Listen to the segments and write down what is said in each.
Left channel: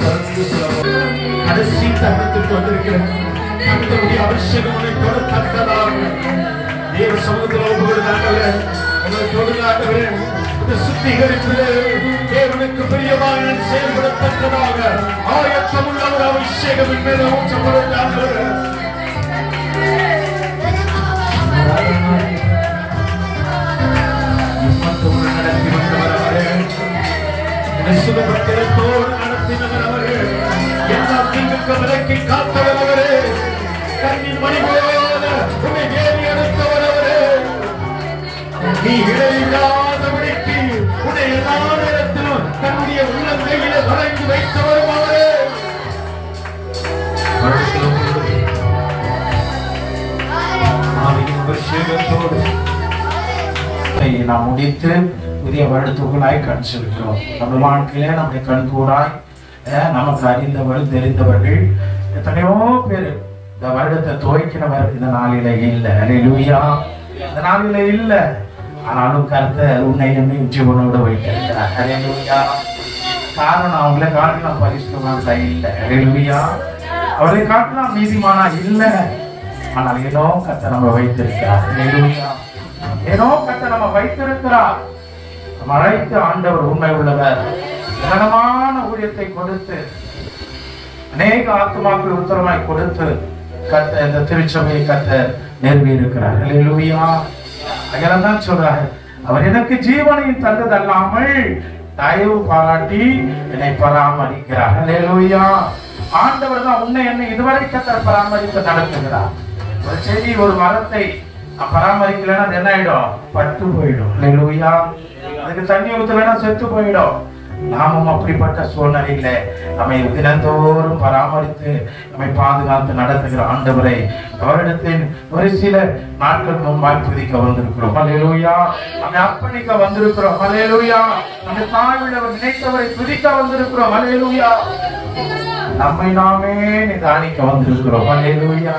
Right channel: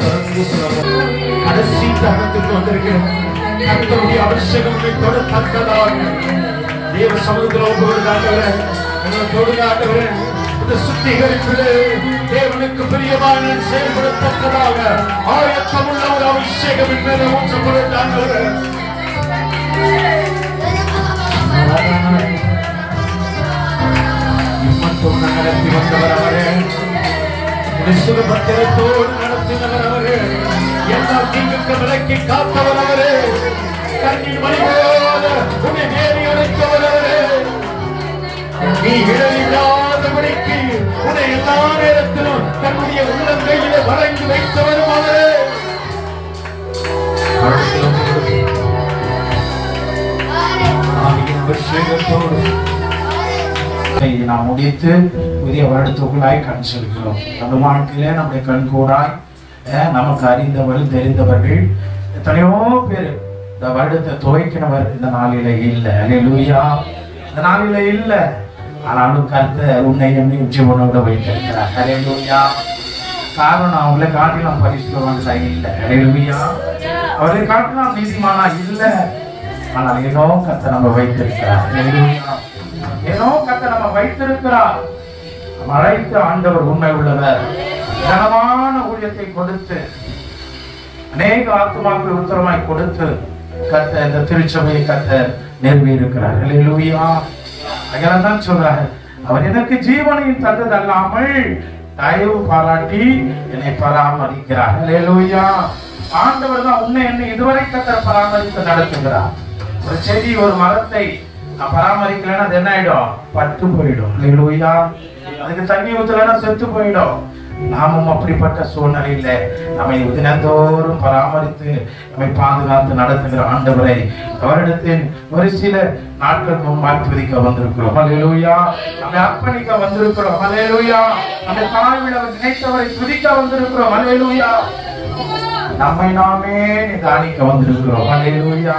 திறந்து சொல்லுவோம். கடைசி தருணத்துக்கு வந்திருக்கிறோம். கர்த்தருடைய அபிஷேகங்களை தொடர்ந்ததாக தேவ சமூகத்தோடு ஆண்டவரே, உங்களோடு ஆண்டவரே, இந்த சுத்திகரிப்பிலே தேவனுக்கு பிரியமான செயல்படத்தக்கதாக ஆயத்தமுள்ள ஒரு அபிஷேகம் மேலே ஊற்றப்படும் ஆண்டவரே. இம்மட்டும் நடத்தி வந்தவர் அவரே, சுகபத்திரத்தோடு நடத்தினவர் அவரே, எல்லா தீங்குக்கு விலக்கி காத்தவர் அவரே, கண்ணின் மணிகளோடு உன்னை வேலி அடைத்தவர் அவரே, நீ இடையில்லாதபடிக்கு உன்னை எல்லா நேரத்திலும் தன்னுடைய உள்ளங்கையிலே வரைந்து வைத்தவரும் அவரே. நாம் முடித்து புதிய வருடத்துக்குள்ளாய் கண் செல்கிறோம். நம்ம வாழ்க்கையிலே நம்முடைய கண் கூடாய் நமக்கு அறிந்தவர்கள் தெரிந்தவர்கள் எத்தனையோ பேர் இந்த வருடத்தை துவைக்கிறவர் இந்த நாளில இல்லை. அல்லேலூயா. இந்த நாளில இல்லை. ஆனாலும் கர்த்தர் உன்னை என்னை ஜீவனோட வைத்திருக்கிறார். அல்லேலூயா. காரணம் அவங்களை காட்டிலாம் பரிசுத்தவான்களா இல்லை. அல்லேலூயா. அவரை காட்டிலாம் நீதிமானா இல்லை. ஆனால் ஏதோ கர்த்தர் நம்ம வைத்திருக்கிறார். அல்லேலூயா. ஏதோ கர்த்தர் நம்ம வைத்திருக்கிறார். அழைத்த ஆண்டவர் உண்மை உள்ளவர். கனமான ஊழியத்தை கொடுத்து அநேக ஆத்துமாக்கள் உத்தரமாய் கொடுத்து கர்த்தர் இந்த திருச்சபையை கர்த்தர் நிறுவி இருக்கிறார். அல்லேலூயா. அதனால்தான் சொல்றாரு, அவர் எனக்கு ஜீவனையும் தந்தது அல்லாமல் தயவு பாராட்டி என்னை பராமரிக்கிறார். அல்லேலூயா. ஆண்டவர் தான் உன்னை என்னை இதுவரை கர்த்தர் பராமரித்து நடத்துகிறார். ஒரு செடி ஒரு மரத்தை பராமரிக்கலன்னா அது என்ன ஆயிடும்? பட்டு போயிடும். அல்லேலூயா. அதுக்கு தண்ணி ஊத்தலன்னா செத்து போயிடும். நாமும் அப்படிப்பட்ட சூழ்நிலையில நம்மை தினந்தோறும் பராமரித்து நம்மை பாதுகாத்து நடத்துகிற ஆண்டவரை அவரிடத்தில் ஒரு சில நாட்களுக்கு முன்பாக துதிக்க வந்திருக்கிறோம். அல்லேலூயா. நம்மை அர்ப்பணிக்க வந்திருக்கிறோம். அல்லேலூயா. நம்ம தாழ்வில் அவர் நினைத்தவரை துதிக்க வந்திருக்கிறோம். அல்லேலூயா. நம்மை நாமே நிதானிக்க வந்திருக்கிறோம். அல்லேலூயா.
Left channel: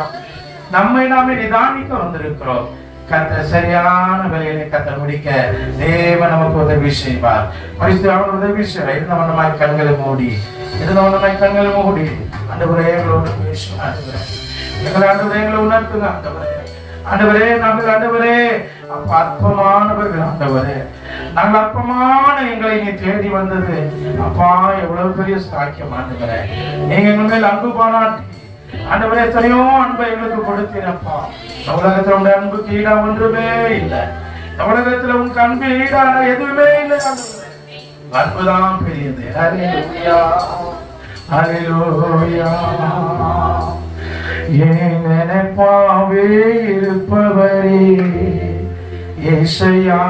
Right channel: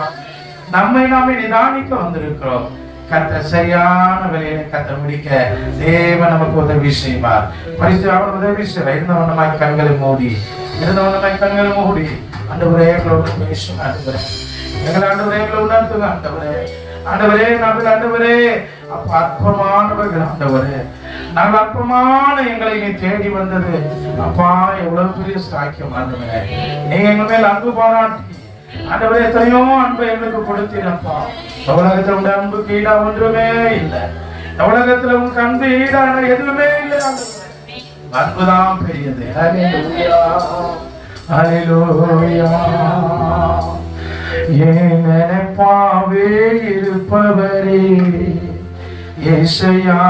நம்மை நாமே நிதானிக்க வந்திருக்கிறோம். கர்த்தர் சரியான வேலையை கர்த்தர் முடிக்க தேவன் நமக்கு உதவி செய்வார். பரிசுத்தவான் உதவி செய்வார். இருந்தவனமாய் கண்களை மூடி ஆண்டவரே எங்களோட பேசும். ஆண்டவரே எங்கள் ஆண்டவரே எங்களை உணர்த்துங்க. ஆண்டவரே ஆண்டவரே நாங்கள் ஆண்டவரே அப்ப அற்பமானவர்கள். ஆண்டவரே நாங்கள் அற்பமான எங்களை நீ தேடி வந்தது அப்பா எவ்வளவு பெரிய சாக்கியம். ஆண்டவரே நீங்க எங்க மேல் அன்பு பாராட்டி ஆண்டவரே எத்தனையோ அன்பை எங்களுக்கு கொடுத்தீரப்பா. உலகத்துல உங்க அன்புக்கு ஈடா ஒன்றுமே இல்லை. உலகத்துல உங்க அன்பு ஈடான எதுவுமே இல்லை. அன்புதான் பெரியது. அல்லேலூயா. அல்லேலூயா. என் நினைப்பாவே இருப்பவரே இயேசுயா,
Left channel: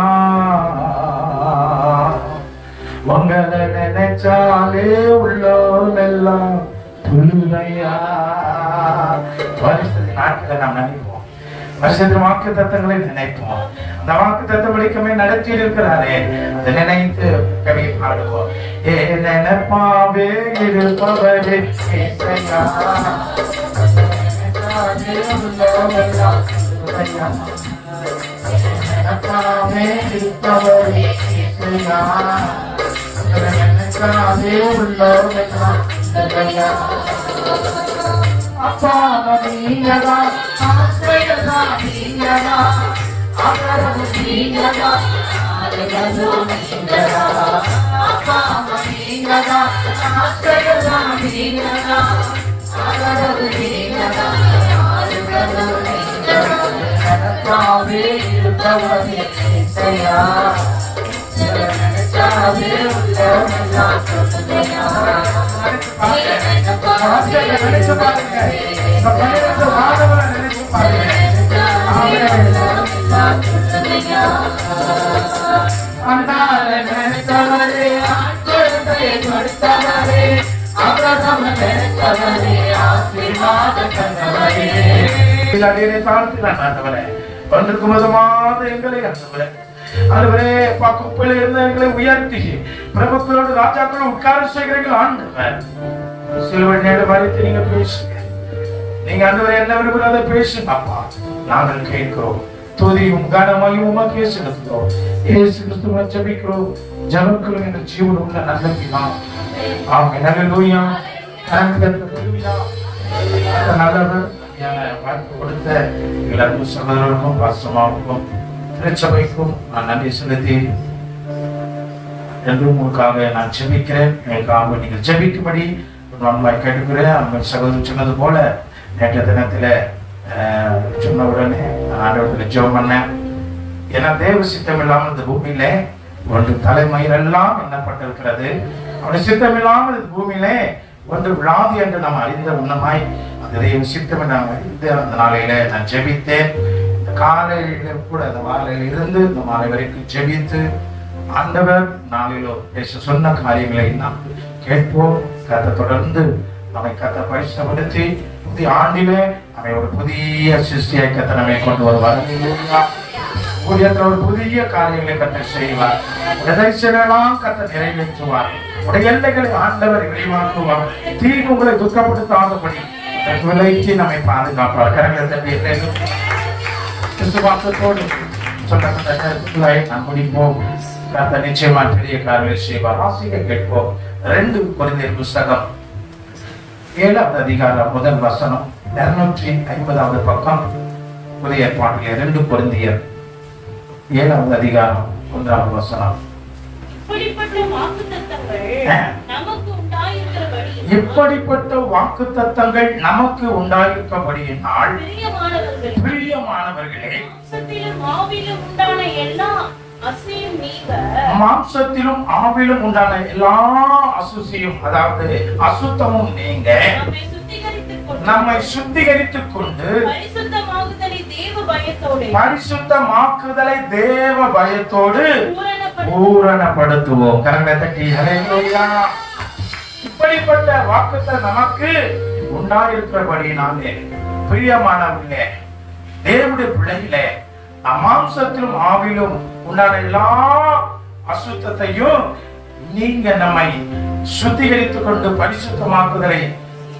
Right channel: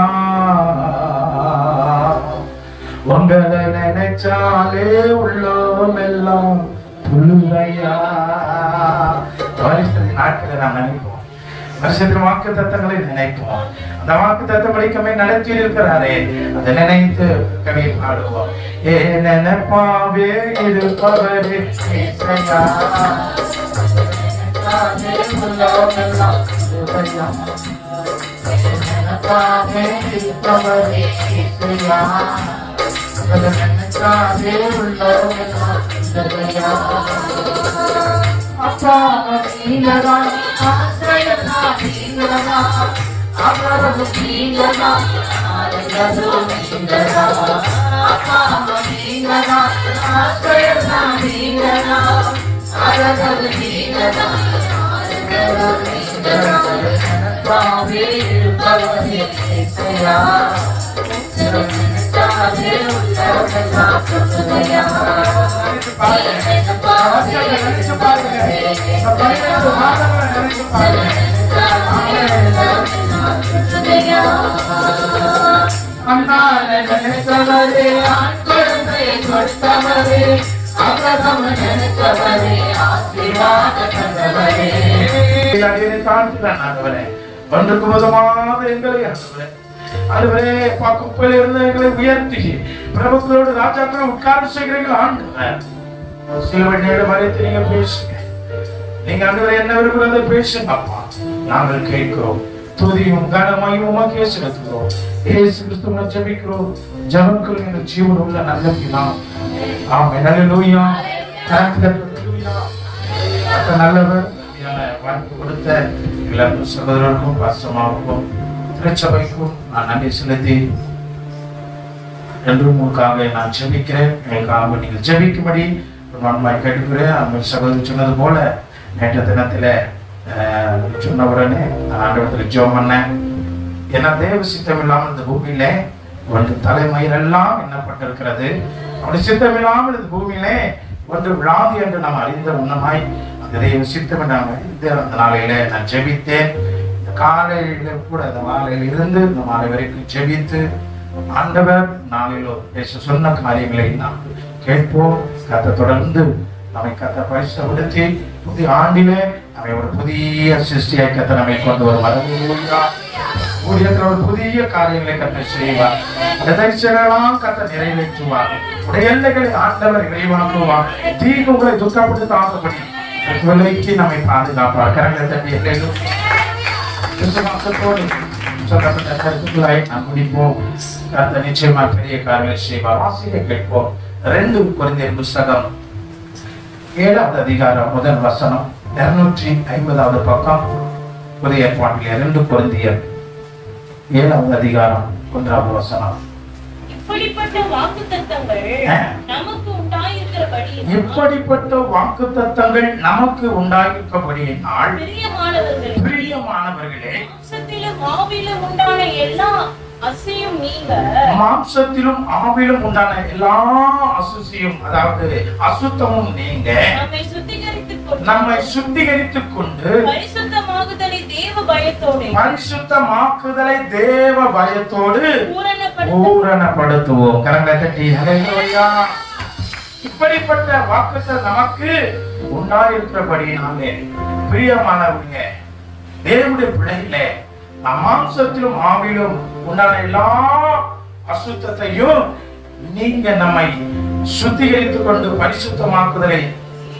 உங்களை நினைச்சாலே உள்ளோம் எல்லாம் துளுவையா. நாட்களை நாம் நினைப்போம். வருஷத்தின் வாக்கு தத்தங்களை நினைப்போம். அந்த வாக்கு தத்தப்படிக்கமே நடத்தி இருக்கிறாரே அதை நினைத்து கவியை பாடுவோம். ஏ நினைப்பாவே இருப்பவரே இயேசுயா, நினைப்பாவே இருப்பவரே இயேசுயா, நினைச்சாவே உள்ளோம் எல்லாம் துளுவையா. அப்பா நீங்கதா ஆசிரியதா நீங்கதா அவரது நீங்கதா ஆலயது நீங்கதா. அப்பா நீங்கதா ஆசிரியதா நீங்கதா அவரது நீங்கதா ஆலயது நீங்கதா. நினைத்தாவே இருப்பவரே இயேசுயா, நினைத்தாவே உள்ளவெல்லாம் துளுவையா. ஒன்றுக்கு மதமான எங்களை ஆண்டவரே குப்பையில இருந்த எங்களை உயர்த்தி பிரபுக்களோடு ராஜாக்களோடு உட்கார செய்கிறீர்கள். ஆண்டவர் சிலுவை நேரம் வரைத்து நீங்க பேசுங்க. நீங்க ஆண்டவரே என்ன விரும்புறதை பேசுங்க அப்பா. நாங்கள் கேட்கிறோம். துதியும் கனமையும் உமக்கே செலுத்துகிறோம். இயேசு கிறிஸ்துவை ஜெபிக்கிறோம். ஜெபங்களும் என்ற ஜீவன் உள்ள நல்ல பிதா. ஆமென். அல்லேலூயா. நல்லவர் வாய்ப்பு கொடுத்த எல்லாருக்கும் சகோதரருக்கும் பாஸ்டமாவுக்கும் திருச்சபைக்கும் நான் நன்றி செலுத்தி என்றும் உங்களுக்காக நான் ஜெபிக்கிறேன். எங்களுக்காக நீங்கள் ஜெபிக்கும்படி நன்மாய் கேட்டுக்கிறேன். அந்த சகோதரர் சொன்னது போல நேற்ற தினத்துல சொன்ன உடனே நான் ஆண்டவரத்துல ஜெபம் பண்ணேன். ஏன்னா தேவ சித்தம் இல்லாமல் இந்த பூமியில ஒன்று தலைமயிரெல்லாம் எண்ணப்பட்டிருக்கிறது. அவருடைய சித்தம் இல்லாமல் இந்த பூமியிலே ஒன்று விழாது என்று நாம் அறிந்த உன்னமாய் அந்த தெய்வ சித்தம் நாம் அறிந்து அந்த நாளையில நான் ஜெபித்தேன். இந்த காலையில கூட அந்த மாலையில இருந்து இந்த மாலை வரைக்கும் ஜெபித்து ஆண்டவர் நாளிலோ பேச சொன்ன காரியங்களை நாம் கேட்போம். கத்தை தொடர்ந்து நம்மை கத்தை பரிசுத்தப்படுத்தி புதிய ஆண்டிலே நம்மை ஒரு புதிய சிருஷ்டியை கத்தை நம்மை கொண்டு வருவார். ஊழியத்தில் ஒரு புதிய காரியங்களை கத்தை செய்வார். எல்லாம் கத்தை நிறைவேற்றுவார். உடைய எல்லைகளை ஆண்டவர் விரிவாக்குவார். தீர்வு உங்களை துக்கப்படுத்தாதபடி விலைக்கு நம்மை பாதுகாப்பார். கரங்களை விசுவாசத்தோடு நாம் முடிப்போம். கர்த்தர் நிச்சயமா பெரிய காரியங்களை செய்வார். வாசிக்க கேட்போம். 2 கொரிந்தியர் புத்தகம் 7வது அதிகாரம் முதல் வசனம் 250வது பக்கம். புதிய ஏற்பாட்டிலே 2 கொரிந்தியர் 7வது அதிகாரம் 1வது வசனம். இப்படிப்பட்ட வாக்குத்தத்தங்கள் நமக்கு உண்டாயிருக்கபடியினால் பிரியமானவர்களே மாம்சத்திலும் ஆவிலும் உண்டான எல்லா அசுசியும் அதாவது அசுத்தமும் நீங்க நம்மை சுத்திகரித்துக் கொண்டு பரிசுத்தமாக்குதலை தேவ பயத்தோடு பூரணப்படுத்துவோம். இப்படிப்பட்ட வாக்குத்தத்தம் நமக்கு உண்டாயிருக்கிறபடியினாலே பிரியமானவர்களே தேவனுடைய பிள்ளைகளே மாம்சத்திலும் ஆவிலும் உண்டான எல்லா அசுத்தத்தையும் நீங்க நம்மை சுத்திகரித்துக் கொண்டு பரிசுத்தமாக்குதலை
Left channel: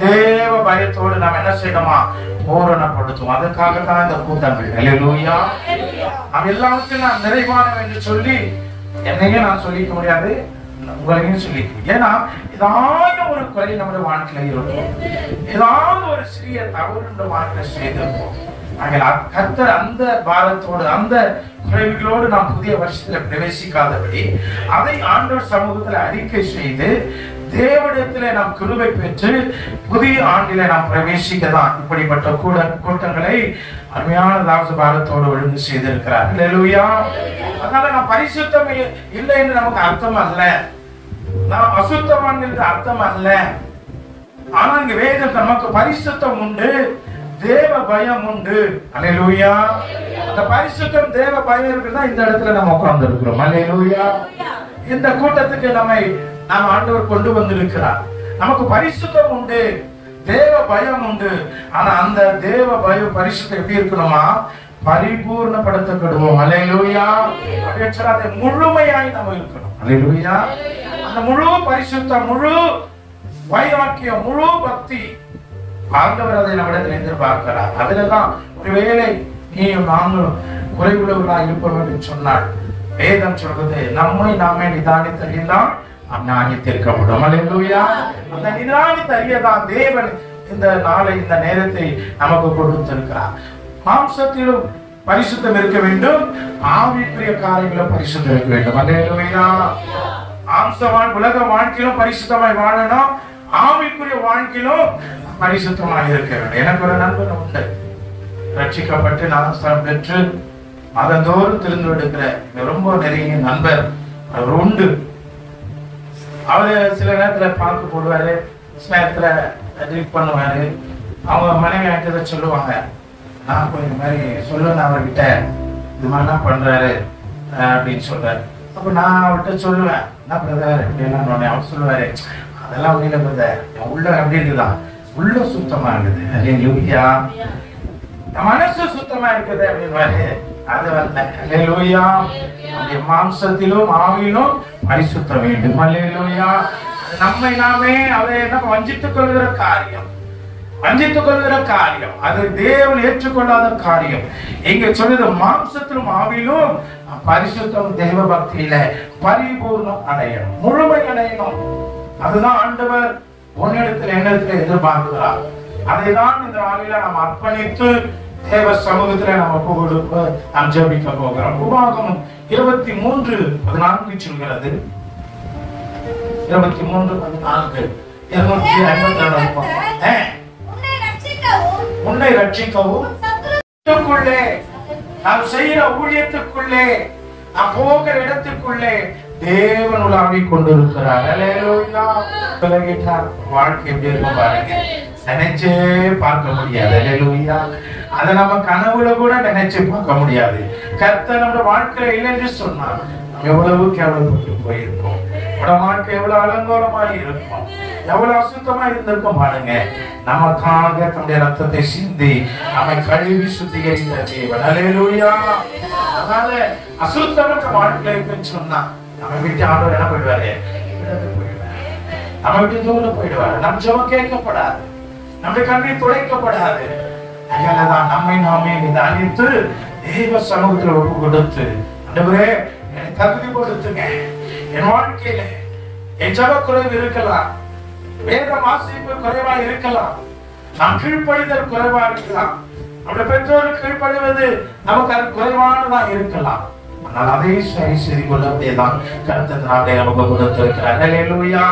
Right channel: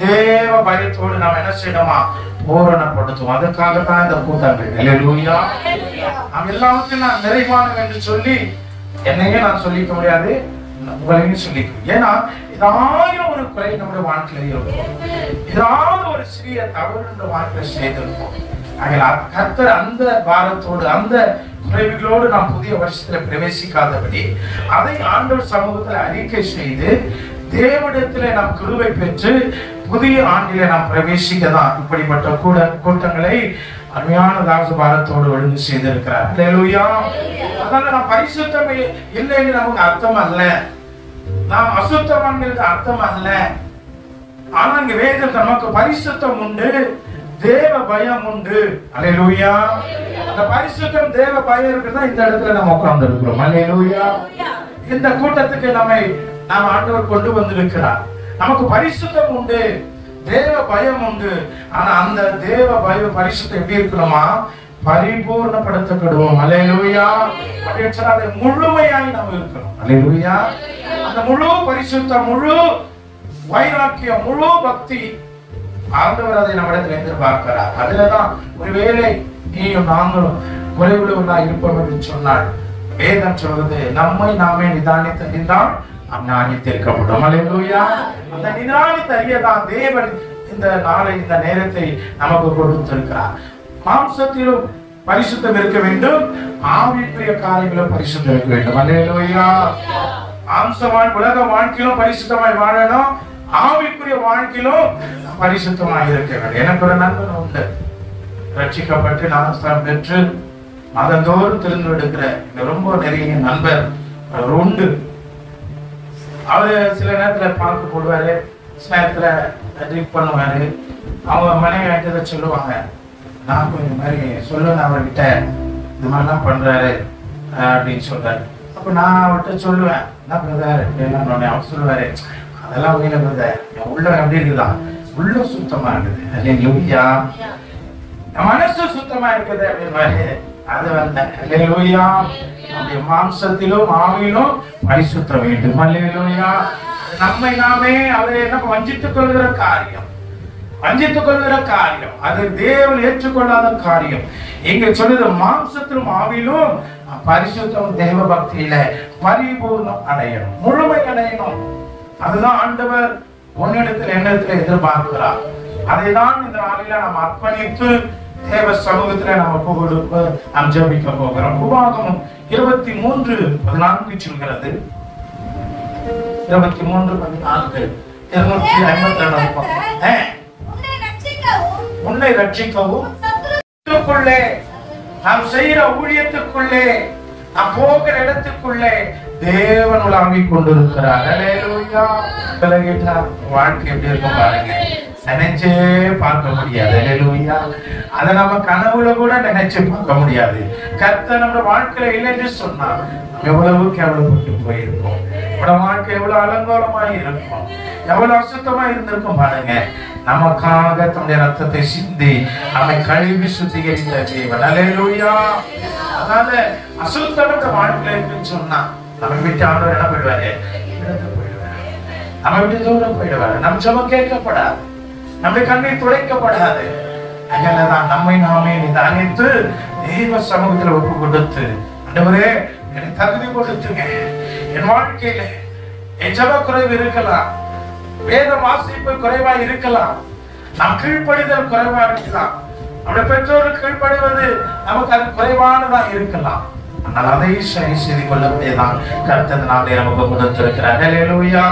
தேவ பயத்தோடு நாம் என்ன செய்யணுமா பூரணப்படுத்தும். அதுக்காகத்தான் இந்த கூட்டங்கள். அல்லேலூயா. நாம் எல்லாத்தையும் நான் நிறைவானவன் என்று சொல்லி என்னையே நான் சொல்லிக்க முடியாது, உங்களையும் சொல்லிக்க. ஏன்னா ஏதாவது ஒரு குறை நம்முடைய வாழ்க்கையில இருக்கும், ஏதாவது ஒரு சிறிய தவறு இந்த வாழ்க்கையில செய்திருப்போம். கர்த்தர் அந்த பாரத்தோடு அந்த குறைவுகளோடு நாம் புதிய வருஷத்துல பிரவேசிக்காதபடி அதை ஆண்டவர் சமூகத்தில் அறிக்கை செய்து தேவனிடத்திலே நாம் கிருபை பெற்று புதிய ஆண்டிலே நாம் பிரவேசிக்கதான் இப்படிப்பட்ட கூட்டங்களை அருமையான தாசபாரத்தோடு ஒழுங்கு செய்திருக்கிறார். அல்லேலூயா. அதனால நாம் பரிசுத்தம் இல்லைன்னு நமக்கு அர்த்தம் அல்ல, நாம் அசுத்தமானது அர்த்தம் அல்ல. ஆனா இங்க வேதத்தில் நமக்கு பரிசுத்தம் உண்டு, தேவ பயம் உண்டு. அல்லேலூயா. இந்த பரிசுத்தம் தேவ பயம் இருக்குதான் இந்த இடத்துல நம்ம உட்கார்ந்து இருக்கிறோம். அல்லேலூயா. இந்த கூட்டத்துக்கு நாம் ஆண்டவர் கொண்டு வந்திருக்கிறார். நமக்கு பரிசுத்தம் உண்டு, தேவ பயம் உண்டு. ஆனா அந்த தேவ பயம் பரிசுத்தம் எப்படி இருக்கணுமா? பரிபூர்ணப்படுத்தப்படுவோம். அல்லேலூயா. அதை முழுமையாய் நம்ம இருக்கணும். அல்லேலூயா. அந்த முழு பரிசுத்தம், முழு வைராக்கியம், முழு பக்தி ஆண்டவர் அதை நம்மிடத்தில் எதிர்பார்க்கிறார். அதுலதான் ஒருவேளை நீயும் நாங்களும் குறைவுள்ளவர்களா இருப்போம் என்று சொன்னாள். வேதம் சொல்றது நம்மை நாமே நிதானித்தறிந்தால் அந்நாணித்திருக்கப்படும். அல்லேலூயா. அந்த நிதானித்தறியதான் தேவன் இந்த நாளை இந்த நேரத்தை நமக்கு கொடுத்திருக்கிறார். மாம்சத்திலும் பரிசுத்தம் இருக்க வேண்டும், ஆவிக்குரிய காரியங்களும் பரிசுத்தம் இருக்க வேண்டும். அல்லேலூயா. மாம்சமான உலக வாழ்க்கையிலும் பரிசுத்தமாய் வாழணும், ஆவிக்குரிய வாழ்க்கையிலும் பரிசுத்தமாய் இருக்க வேண்டும். எனக்கு ஒரு நண்பன் உண்டு, ரட்சிக்கப்பட்டு ஞானஸ்தானம் பெற்று மதந்தோறும் திருந்து எடுக்கிற ரொம்ப நெருங்கிய நண்பர் அவர் உண்டு. அவரு சில நேரத்துல பாக்கு போடுவாரு, சில நேரத்துல ட்ரிப் பண்ணுவாரு. அவங்க மனைவி ஆகிட்ட சொல்லுவாங்க, நான் போய் இந்த மாதிரி சொல்லுவேன் அவர்கிட்ட, இது மாதிரிலாம் பண்றாரு அப்படின்னு சொல்றாரு. அப்ப நான் அவர்கிட்ட சொல்லுவேன், என்ன பிரதர் அப்படின்னு. அவர் சொல்லுவாரு, அதெல்லாம் ஒண்ணு பிரதர், என் உள்ள எப்படி இருக்கலாம், உள்ள சுத்தமா இருக்குது. அல்லேலூயா. மனசு சுத்தமா இருக்குது அப்படின்னு. அது வந்து அல்லேலூயா. மாம்சத்திலும் ஆவியிலும் பரிசுத்தம் வேண்டும். அல்லேலூயா. நம்மை நாமே அவரை என்ன வஞ்சித்துக் கொள்கிற காரியம். வஞ்சித்துக் கொள்கிற காரியம், அதை தேவன் ஏற்றுக்கொள்ளாத காரியம். இங்க சொல்லுது மாம்சத்திலும் ஆவிலும் பரிசுத்தம் தெய்வ பக்தியில பரிபூர்ணம் அடையணும், முழுமை அடையணும். அதுதான் ஆண்டவர் உன்னிடத்தில் எண்ணத்துல எதிர்பார்க்கிறார். அதைதான் இந்த நாளில நாம் அர்ப்பணித்து தேவ சமூகத்துல நம்ம கொடுக்க நாம் ஜெபிக்க போகிறோம். உபாகமம் 23:14 சொல்கிறது. 23:14 உன்னை ரட்சிக்கவும் நாம் செய்யற ஊழியத்துக்குள்ளே நாம் போகிற இடத்துக்குள்ளே தேவன் உலாவி கொண்டிருக்கிறார். அல்லேலூயா. வாழ்க்கை எப்படி இருக்கும் பாருங்க, நினைச்சே பார்க்க முடியாது. அல்லேலூயா. அதை நம்ம கனவுல கூட நினைச்சு பார்க்க முடியாது. கர்த்தர் நம்ம வாழ்க்கையில இல்லை என்று சொன்னார் எவ்வளவு கேவலப்பட்டு போயிருக்கும், வாழ்க்கை எவ்வளவு அலங்கோலமாக இருக்கும், எவ்வளவு அசுத்தமா இருந்திருக்கும் பாருங்க. நமக்காக தன்னுடைய ரத்தத்தை சிந்தி நம்மை கழுவி சுத்திகரித்த தேவன். அல்லேலூயா. அதனால அசுத்தம் நம்ம வாழ்க்கையில இருக்குன்னு சொன்னா நம்ம விட்டு ஆண்டவர் என்ன போயிடுவாரு, நம்ம விட்டு தூரம் போயிடுவாரு. நம் ஜெபம் கேட்கப்படாது, நம்முடைய கண்ணீர் துடைக்கப்படாது. அதனாலதான் நம்மை நாமே நிதானித்து தெய்வ சமூகத்துல ஒப்பு கொடுத்து, ஆண்டவரே எனக்கு தகுதி கொடுத்துங்க. என் வாழ்க்கையில என் ஜெப குறைவு இருக்கலாம், வேத வாசிப்பு குறைவா இருக்கலாம், நம் கீழ்ப்படிதல் குறைவா இருக்கலாம், நம்முடைய பெற்றோருக்கு கீழ்ப்படிவது நமக்கு அது குறைவானதா இருக்கலாம். ஆனால் அதை சரி செய்து கொள்ளக்கூடியதான் கர்த்தர் நாளை நமக்கு கொடுத்திருக்கிறார். அல்லேலூயா.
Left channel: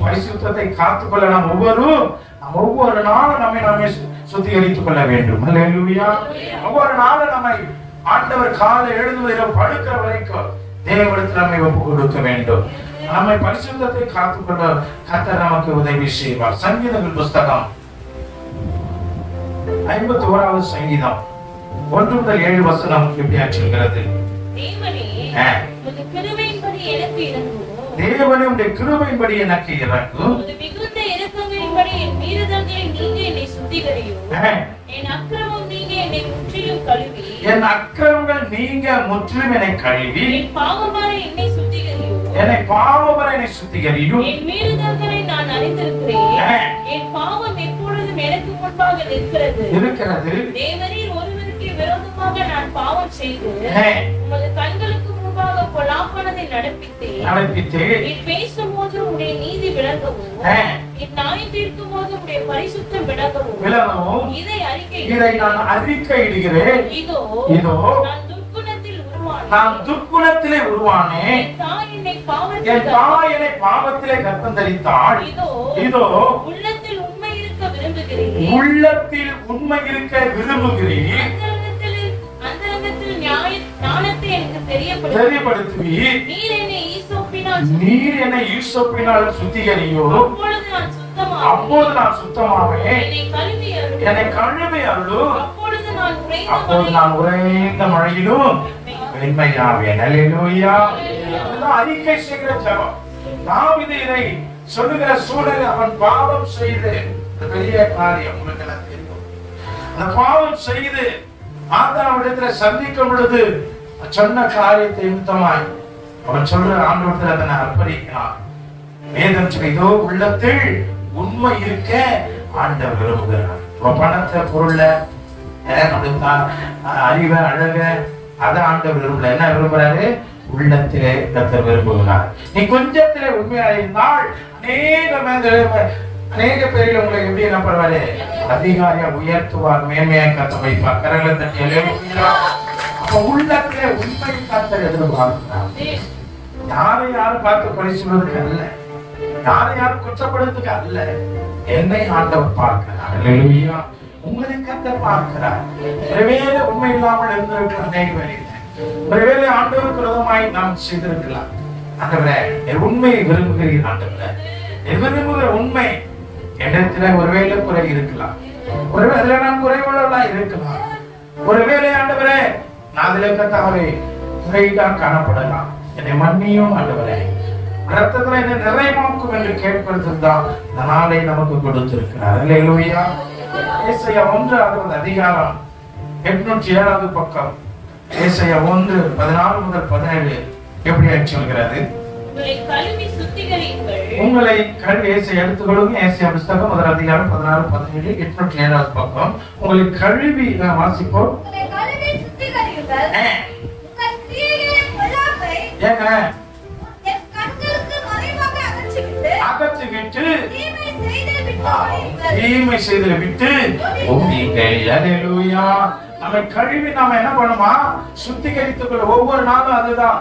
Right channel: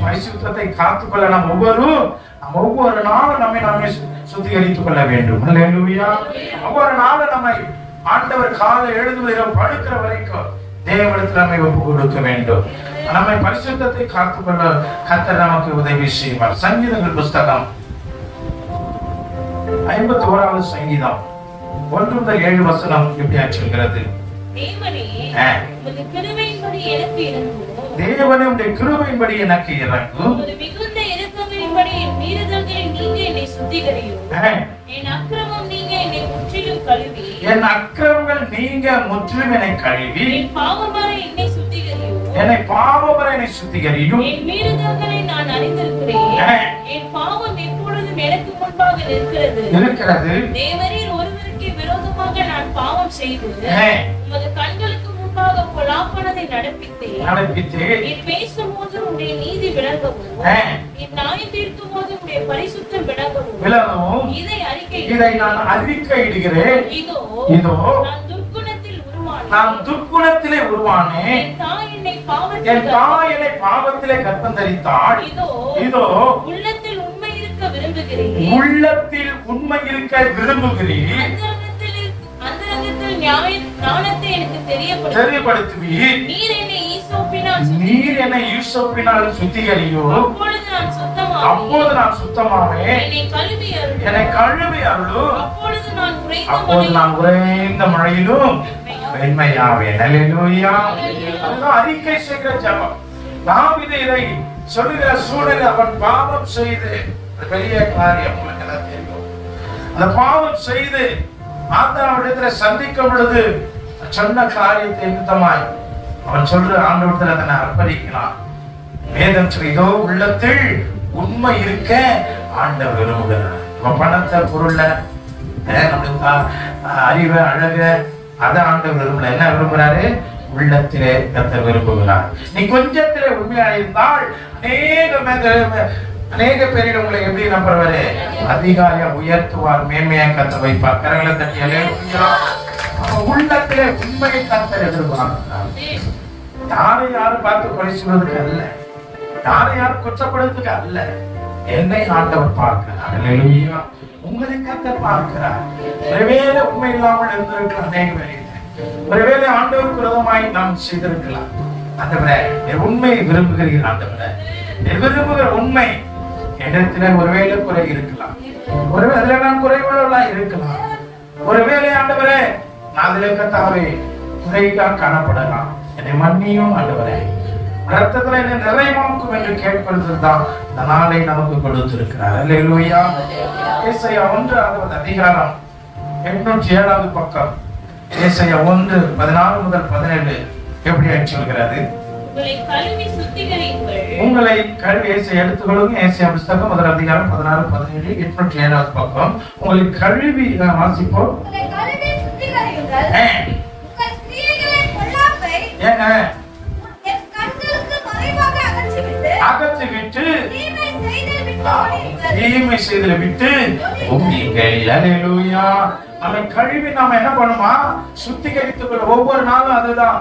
பரிசுத்தத்தை காத்துக்கொள்ள நாம் ஒவ்வொரு நாளும் நம்மை நாமே சுத்திகரித்துக் கொள்ள வேண்டும். அல்லேலூயா. ஒவ்வொரு நாளும் நம்மை ஆண்டவர் காலை எழுதுவதில படுக்கிற வரைக்கும் தேவனிடத்தில் நம்மை ஒப்பு கொடுக்க வேண்டும். நம்மை பரிசுத்தத்தை காத்துக்கொள்ள கர்த்தர் நமக்கு உதவி செய்வார். சங்கீதங்கள் புஸ்தகம் 51வது சங்கீதம் 1 முதல் 7 வசனம் இப்படி சொல்கிறது. தேவனே உம்முடைய கிருபையின்படி எனக்கு இறங்கும், மிகுந்த இரக்கங்களின்படி என் மீறுதல்களை நீங்க என்னை சுத்திகரியும், என் அக்கிரமங்கள் நீங்க என்னை முற்றிலும் கழுவி, என் பாவமற என்னை சுத்திகரியும், என் மீறுதல்களை நான் அறிந்திருக்கிறேன், என் பாவம் எப்பொழுதும் எனக்கு முன்பாக இருக்கிறது. தேவரீர் ஒருவருக்கு விரோதமாக நான் பாவம் செய்து உமது கண்களுக்கு முன்பாக பொல்லாப்பானதை நடப்பித்தேன். நீர் பேசும்போது உடைய நீதி விளங்கவும், என் நியாயம் தீர்க்கும் போது உடைய பரிசுத்தம் விளங்கவும் இதை நான் அறிக்கையிடுகிறேன். இதோ நான் துர்க்குணத்திலே உருவானேன், என் தாய் என்னை பாவத்திலே கர்ப்பம் தரித்தாள். இதோ உள்ளத்தில் உண்மை இருக்க விரும்புகிறேன், தெரியப்படுத்துவீர். நீர் என்னை ஈசோப்பினால் சுத்திகரியும், அப்போது நான் சுத்தமாவேன். என்னை கழுவி அருளும், அப்போது நான் உறைந்த மழையிலும் வெண்மையாவேன். அல்லேலூயா. அறிக்கை செய்கிற ஜெபம். தாவீது இதை சொல்லுகிற சூழலில் அவன் பாவம் செய்து, பெரிய காரியம் உங்களுக்கு எல்லாம் தெரியும், அந்த பாவம் செய்து ஆதாமிடத்துல சந்திக்கும் பொழுது சொன்ன காரியத்தை நிமித்தமாய் அவன் சொல்ற ஆண்டவரத்தில் அதனை அர்ப்பணிக்கிறான். வேதம் சொல்லிதோ உள்ளத்தில் உண்மை இருக்க ஆண்டவர் விரும்புகிறார். பணத்தை பொருள அறிவை அழக அதை ஆண்டவர் விரும்பல. என்ன விரும்புறாரு? உள்ளத்திலே கர்த்தர் விரும்புகிறார். நீ கொஞ்சத்திலே உண்மையாயிருந்தால் அநேக பேரில் உங்களை எப்படி நம்புறாரு? அதிகாரியா உயர்த்துவார், மேன்மையா கத்த வைப்பார். கரங்களை தட்டியலே. உள்ளத்திலே உண்மையை கர்த்தர் எதிர்பார்க்கிறார். யாரும் பார்த்து பரிசுவதற்கு அல்ல, யாரும் குற்றப்படுறதுக்கு அல்ல. என்னை ஆண்டவர் பார்க்கிறார். அல்லேலூயா. உங்களை கர்த்தர் பார்க்கிறார். ஒருவேளை உண்மை இல்லாமல் இருந்திருக்கலாம், அநேக வேலையில ஒருவேளை ஆண்டவருக்கு விரோதமாய் நாம் செய்திருக்கலாம். ஆண்டவரே உண்மை விரும்புகிறீர். ஆண்டவரே விரும்புகிற உண்மை இடத்துல ஒருவேளை குறை இருக்கலாம், ஒருவேளை அதுல நான் குறைவுள்ளவர்களா இருக்கலாம். ஒருவேளை ஆண்டவரே நான் அதுல கத்தாவே குறைதான் காணப்படலாம். என்னை மன்னியும் ஆண்டவரே, ரத்தத்துல என்ன நிறைவாக்கும் என்று கேட்பதுதான் இந்த நாளை நமக்கு கொடுத்திருக்கிறார். அல்லேலூயா. ஏசாயா 1 அதிகாரம் 807 பக்கம். ஏசாயா 1:14 முதல் 17 எப்படி சொல்கிறது? உங்களை கழுவி எடுத்துக்கொள்ளுங்க. ஏசியா புஸ்தகம் 1 அதிகாரம் 16, 17, 807 பக்கம். உங்களை கழுவி வாசிப்போம். அகற்றிவிட்டு தீமை செய்தலை விட்டு நம்மை கழுவி நாம என்ன பண்ணுமா? சுத்திகரித்துக் கொள்ள ஒவ்வொரு நாளும். அதுதான்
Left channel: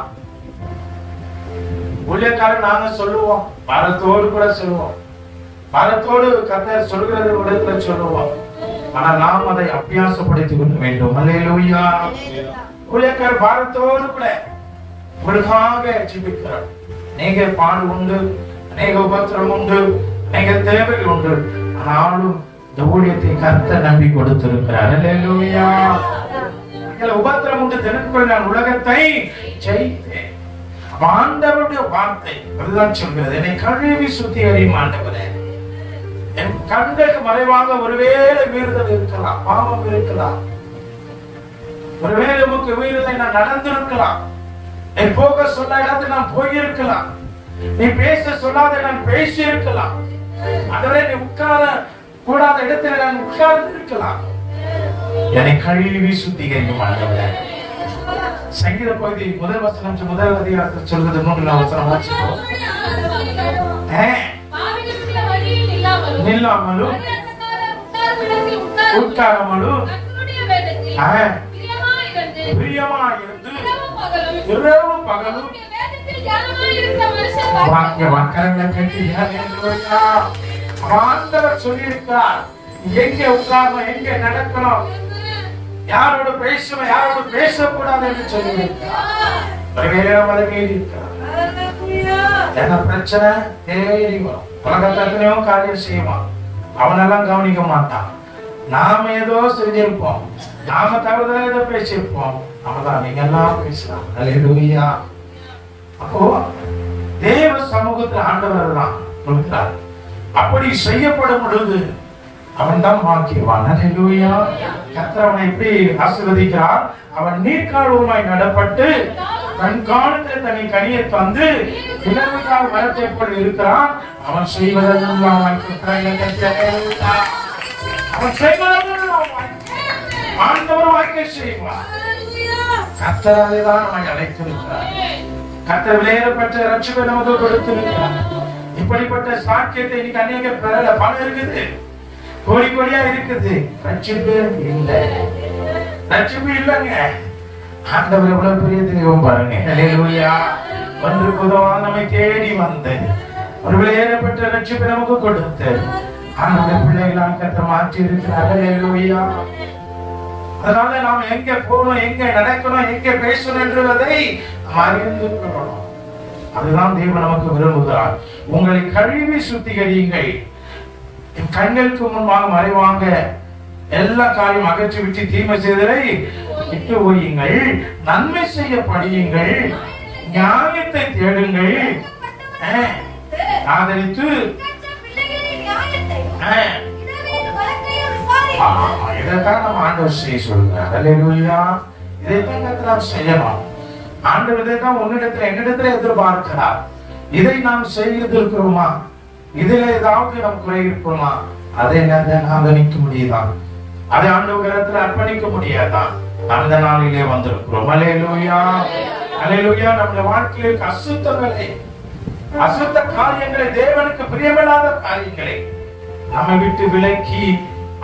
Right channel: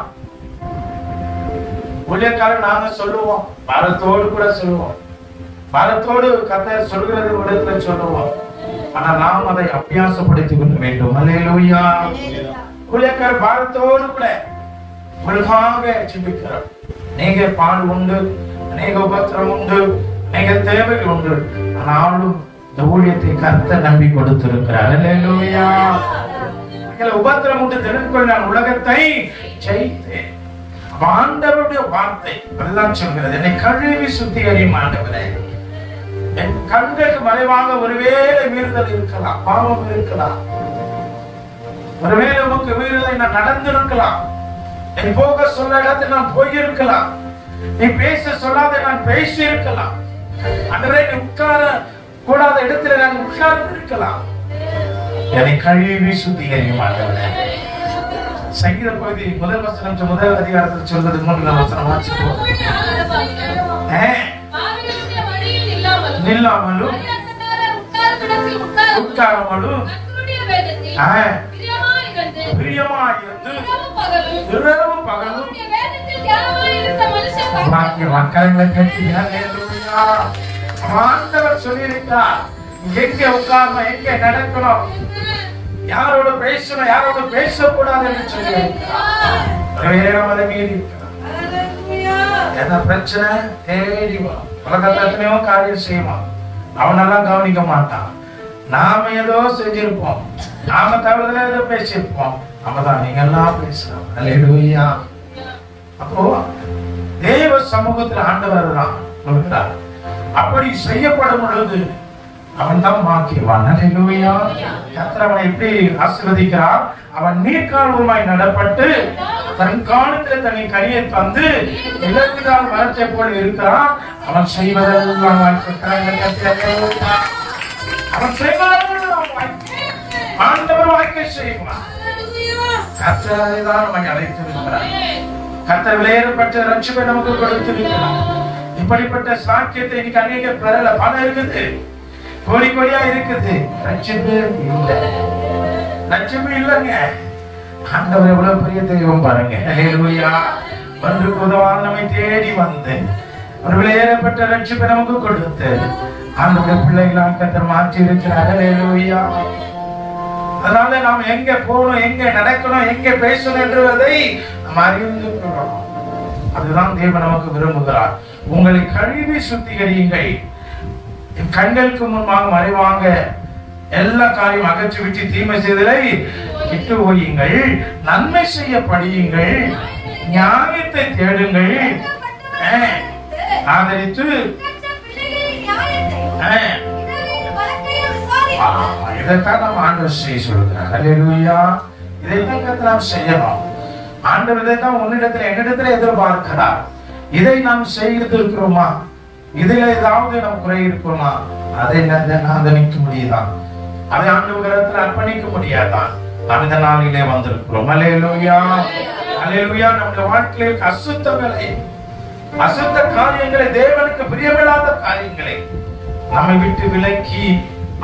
ஊழியக்காரன் நாங்க சொல்லுவோம், பாரத்தோடு கூட சொல்லுவோம், பாரத்தோடு கர்த்தர் சொல்கிறது இடத்துல சொல்லுவோம். ஆனா நாம் அதை அபியாசப்படுத்திக் கொள்ள வேண்டும். அல்லேலூயா. ஊழியக்காரர் பாரத்தோடு கூட உங்களுக்காக ஜெபிக்கிறார். நீங்க பாடு உண்டு, அநேக உபத்திரம் உண்டு, அநேக தேவைகள் உண்டு. ஆனாலும் இந்த ஊழியத்தை கர்த்தர் நம்பி கொடுத்திருக்கிறார். அல்லேலூயா. உபத்திரம் உண்டு தெரிந்து நான் உலகத்தை ஜெயித்தேன். ஆண்டவருடைய வார்த்தை அதுதான் சொல்கிறது, என்னை கழுவி சுத்திகரியும் ஆண்டவரே. என் கண்களுக்கு மறைவாக ஒருவேளை மீறுதல் இருக்கலாம், பாவம் இருக்கலாம், ஒருவேளை உமக்கு மீறுதலை நான் நடந்திருக்கலாம், என் போக சொன்ன இடத்தில் நான் போயிருக்கலாம், நீ பேச சொல்லாத நான் பேசி இருக்கலாம், ஆண்டவரே நீ உட்கார கூடாத இடத்துல நான் உட்கார்ந்து இருக்கலாம். என்னை கழுவி சுத்திகரியும் ஆண்டவரே. சங்கீத பகுதி முதல் வசனம் முதல் அதிகாரத்தில் சொல்வது 3 வசனம் வாசிப்போம். நில்லாமலும் உட்காராமலும் பிரியமாயிருந்து இரவும் பகலும் மக்களங்களை கட்டினார். ஆண்டவர் சொல்லியிருக்கிறார், எங்கே உட்காரணும், எங்கே நடக்கணும், யாரோட பேசணும், யாரோட பேசக்கூடாது என்று சொல்லி என்ன பிரச்சனை தேடி உலகத்திலேயோ காரியம் செய்வான், அவனெல்லாம் கவனிக்க மாட்டான். நாம ஏதோ செஞ்சிருப்போம், நாம தவறுதலா ஏதோ பேசியிருப்போம், நம்மதான் நீங்க எல்லாம் பேசலாம். அல்லேலூயா. அப்போ தேவ சமூகத்தில் ஆண்டவர் தான் சொல்கிறார். அப்படி செய்யப்படும் பொழுது அவன் தான் பாக்கியவான். அல்லேலூயா. கர்த்தர் அவனை எப்படி ஆசீர்வதிக்கிறார்? அவன் நீர்க்கால்வாய் நடப்பட்டு தன் காலத்தில் தன்னை கனியை தந்து இளவிடால் மரத்தை போல் இருக்கிறான். அவன் செய்வதெல்லாம் ஆண்டவர் வாய்க்கை செய்வான். கர்த்தர் அதைதான் நம்மை அழைத்திருக்கிறார். கர்த்தர் விலையேறப்பட்ட ரட்சிப்பை நமக்கு கொடுத்திருக்கிறார். இப்படிப்பட்ட சாக்கியத்தை இன்னைக்கு அநேக பெறல. பணம் இருக்குது, கோடி கோடியா இருக்குது, ரட்சிப்பு இல்லை. ரட்சிப்பு இல்லைங்க. ஆண்டவர் எவ்வளவு பெரிய தெய்வம் பாருங்க. அல்லேலூயா. ஒன்றுக்கு உதவாத நம்மை தேடி வந்து ஒரு விலையேறப்பட்ட ரட்சிப்பை நமக்கு கொடுத்து ஆண்டவருடைய பிள்ளைகளாக கர்த்தர் மாற்றி இருக்கிறார். அல்லேலூயா. அதனால நாம் எங்க போகணும், எங்க நடக்கணும், எங்க பேசணும் என்றதை நாம் அறிந்து கொள்ளணும். அதுதான் தேவன் நமக்கு விரும்புகிறார். உங்களை கழுவி சுத்திகரியுங்கள், என் கண்களுக்கு முன்பாக மறைவாங்க எல்லா காரியம் அகற்றி விட்டு தீமை செய்தலை விட்டு ஒய்யுங்கள், நன்மை செய்ய படியுங்கள், ஞானத்தை தேடுங்கள், ஆதரித்து இதைத்தான் நம்ம ஆண்டவர் செய்ய சொல்கிறார். அல்லேலூயா. இதைத்தான் கர்த்தர் செய்யணும். ஆண்டவர் இதைத்தான் உன்னிடத்தில் என்னிடத்தில் எதிர்பார்க்கிறார். இதை நாம் செய்திருக்கிறோமா? இதுல ஏதாவது நம் குறை இருக்குமா? அதை நிக்க முடியுதான்? அதை ஆண்டவரிடத்தில் அர்ப்பணிக்க முடியாதா? அந்த நாளிலே வந்திருக்கிறோம். அல்லேலூயா. அல்லேலூயா. நம்முடைய வாழ்க்கையில் அசுத்தங்களை, அசுத்த காரியங்களை, தேவனுக்கு பிரியமில்லாத காரியங்களை நம்மை விட்டு விலக்கி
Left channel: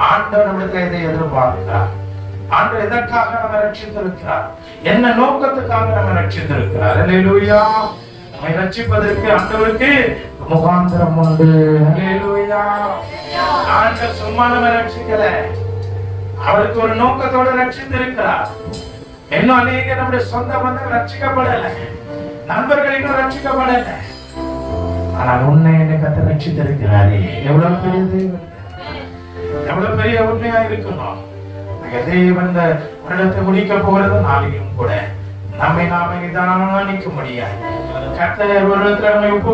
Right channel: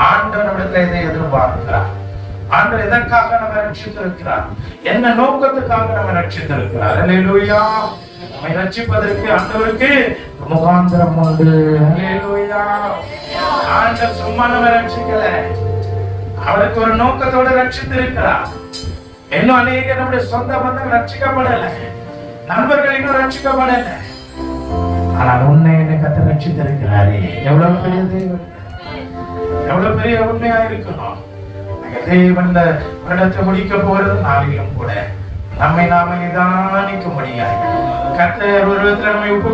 ஆண்டவரிடத்தில் இதை எதிர்பார்க்கிறார். ஆண்டவர் எதற்காக நம்ம ரட்சித்திருக்கிறார்? என்ன நோக்கத்துக்காக நம்ம ரட்சித்திருக்கிறார்? அல்லேலூயா. நம்மை ரட்சிப்பதற்கு ஆண்டவருக்கு முகாந்திரம் உண்டு. அல்லேலூயா. ஆண்டவர் சும்மா நம்ம ரட்சிக்கல, அவருக்கு ஒரு நோக்கத்தோட ரட்சித்திருக்கிறார். இன்னும் அநேக நம்முடைய சொந்த பந்தம் ரட்சிக்கப்படல, நண்பர்கள் இன்னும் ரட்சிக்கப்படல. ஆனால் உன்னை என்னை கர்த்தர் ரட்சித்திருக்கிறாரே, எவ்வளவு பெரிய தேவன், எவ்வளவு பெரிய உண்மையா இருக்கணும். தேவன் இந்த வருடத்தை முடிக்க போறது நாளிலும் கூட நம்மை நாம நிதானிக்க முடியாது. கர்த்தர் ஒரு விதத்துல நம்மை ஒப்பு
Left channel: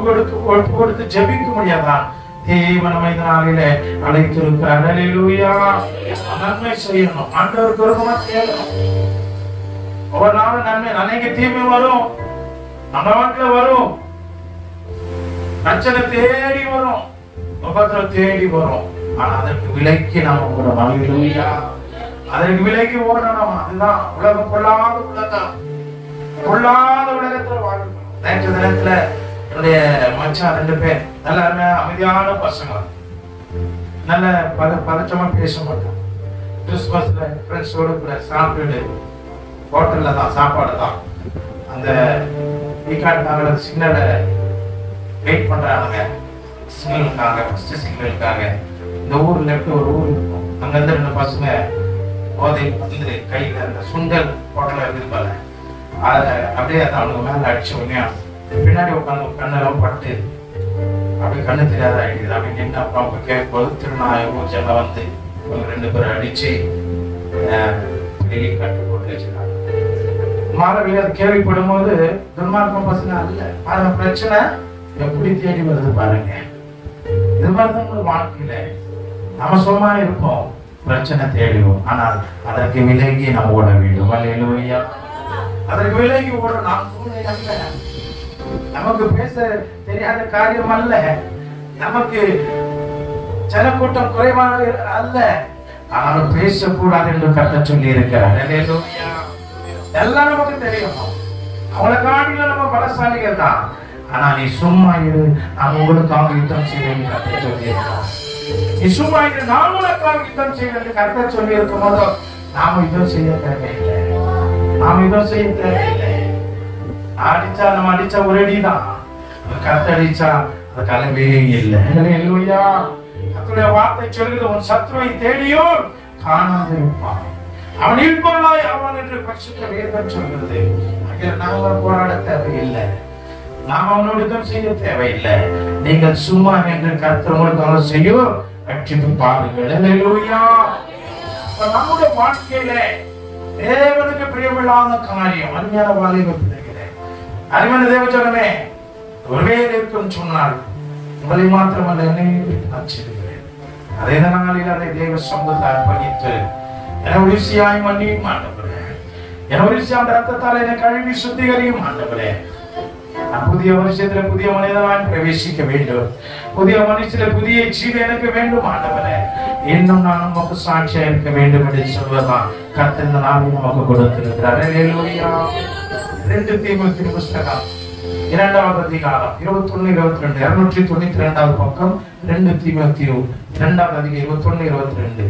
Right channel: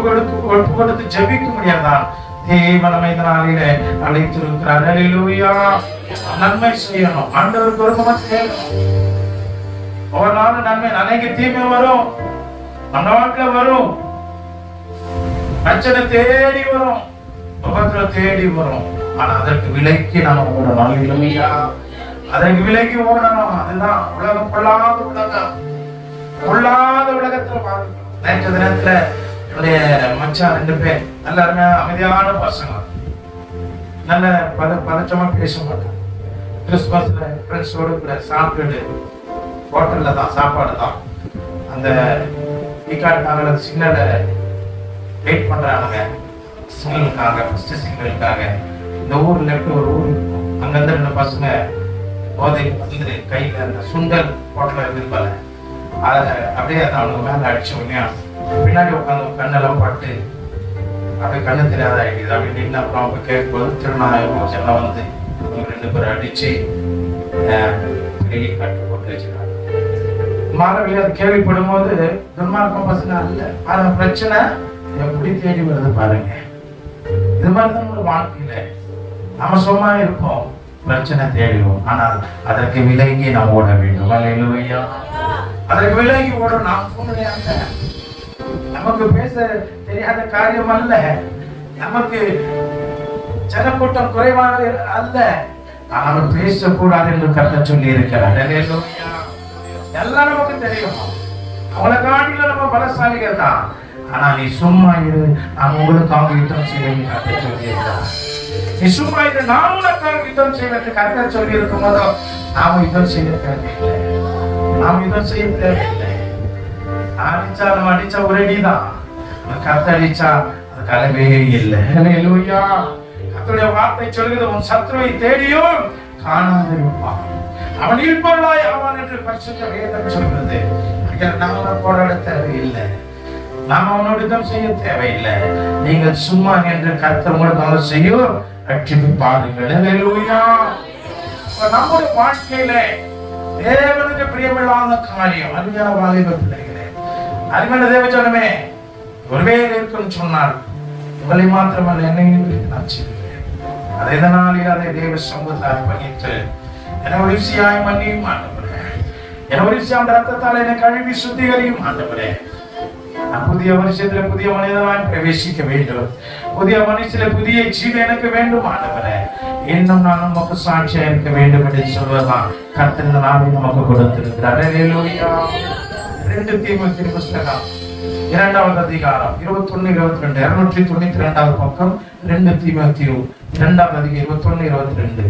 கொடுத்து ஜெபிக்க முடியாதான். தேவன் நம்மை இந்த நாளில அழைத்திருக்கிறார். அல்லேலூயா. நன்மை செய்யணும், ஆண்டவருக்கு விருப்பமா செய்யணும். ஒவ்வொரு நாளும் நன்மை, அநேக தீமை வரும், நம்ம வாழ்க்கையில வரும். பிரச்சனை தேடி வரும், உபத்திரம் தேடி வரும். ஆனா அதற்கு விலைக்கு நாம ஓடணும். இல்லையா? அதற்கு விலைக்கு ஓடணும். அதுதான் உலகம், பொல்லாத உலகம், பொல்லாத உலகத்துல வாழ்க்கை. நேற்று தினத்துல என்னுடைய மச்சான் 2 பேர் நல்ல அமைதியான பசங்க, நல்ல பதற்றமா பேச மாட்டோம். கிறிஸ்துமஸ்ல ஃப்ரெண்ட்ஸோடு கூட சாப்பிட்டு ஹோட்டல்ல தான் சாப்பாடு தான். அந்த டிகாட்னால சிக்னல வெயிட் பண்றாங்க, சிக்னலுக்காக, ஃபர்ஸ்ட் சிக்னலுக்காக. இந்த ஊர்ல இருந்து ஒரு ஊர், அங்க இருந்து 2 பசங்க போதை வந்து கையில அந்த சுண்டல் ஹோட்டல்ல இருந்திருப்பாங்க. அதை அப்படியே அவங்க மேல அடிச்ச உடனே பின்னாடி உட்காந்து கண்ணெல்லாம் பட்டு அப்படியே கண்ணு தெரியாத ஆயிடுது. அப்படி நின்று அப்புறம் அவங்க கேட்கும்போது திருநாயகம் எல்லாம் வந்து 2 பேரை அடிச்சு காட்டு போட்டு வச்சுக்கிறாங்க. மாணவர்கள் அது கேள்விப்படும் போது துன்மார்க்கம் பசங்க அல்ல, ஆனா பிரச்சனை எப்படி தேடி வருது பாருங்க. இது மாதிரிதான் வாழ்க்கையில நாம சும்மா இருப்போம், பிரச்சனை தேடிவோம். ஆனால் அதற்கு விலகி நாம் ஓட வேண்டும். அல்லேலூயா. அதற்கு விலகி ஓட நாம் நமக்கு பேச தெரியாத காரியம் அல்ல, நமக்கு ஜனக்கூட்டம் குறைவாக அல்ல, ஆனாலும் பேசக்கூடாது என்று கர்த்தர் சொல்லி இருக்கிறார். எல்லாம் நமக்கு தெரியும், அவளை காட்டில நம்ம பலசாலிகள் தான். ஆனா நீ சும்மா இரு, நான் உங்களுக்காக யுத்தம் செய்வேன் கர்த்தர் சொல்லி இருக்கிறார். நீ சும்மா இரு, நான் உனக்காக யுத்தம் செய்வேன் கர்த்தர் சொல்லி இருக்கும் போது நாம யுத்தம் செய்ய தேவையில்லை. நாம் யுத்தம் செய்ய தேவையில்லை. அடிச்சா நம்ம அடிச்ச ஒரு அடிதான், கர்த்தர் அடிச்சா அது கலவே இல்லை. அல்லேலூயா. கர்த்தருடைய வார்த்தை சொல்கிறது, உன் சத்துருவை தேடியும் காணாதிருப்பான், அவன் இல்பொருளாய் ஆவான் என்று பரிசுத்த வேதம் சொல்கிறது. நாம போராட தேவையில்லை, நாம் அவனோடு யுத்தம் செய்ய தேவையில்லை. நீங்கள் சும்மா என்று கர்த்தர் உங்களுக்கு செய்யும் ரட்சிப்பு பாருங்கள். அல்லேலூயா. நம்முடைய வாழ்க்கையில தேவனுக்கு பிரியமில்லாத காரியம், அருமையான வாலிப பிள்ளைகளே, அருமையான தேவஜனமே, ஒருவேளை இருக்கும் சொன்னால் உங்களை மாத்திரமல்ல என்னையும் நான் செய்கிறேன். அதே நாளில் அதை தேவ சமூகத்தை அர்ப்பணித்து என ஒளிசியாய் மன்னியும் ஆண்டவரே, என ஒளிசியாம் ரத்தத்தால் என்னை கழுவி சுத்திகரியும் ஆண்டவரே. நான் புதிய வருஷத்துல புதிய மனிதனாய் பிரவேசிக்க வேண்டும், புதிய மனுஷத்துல புதிய ஜீவி எனக்கு வேண்டும் ஆண்டவரே. இன்னும் நான் நமக்கு சாட்சியா இருக்க வேண்டும் என்று சொல்வதுதான் கர்த்தர் இந்த நாளில் நமக்கு கொடுத்திருக்கிறார். அல்லேலூயா. 2 தீமோத்தேயு புத்தகம் 2வது அதிகாரம் 21-22, 292வது பக்கம். 2 தீமோத்தேயு 2வது அதிகாரம் 21-22.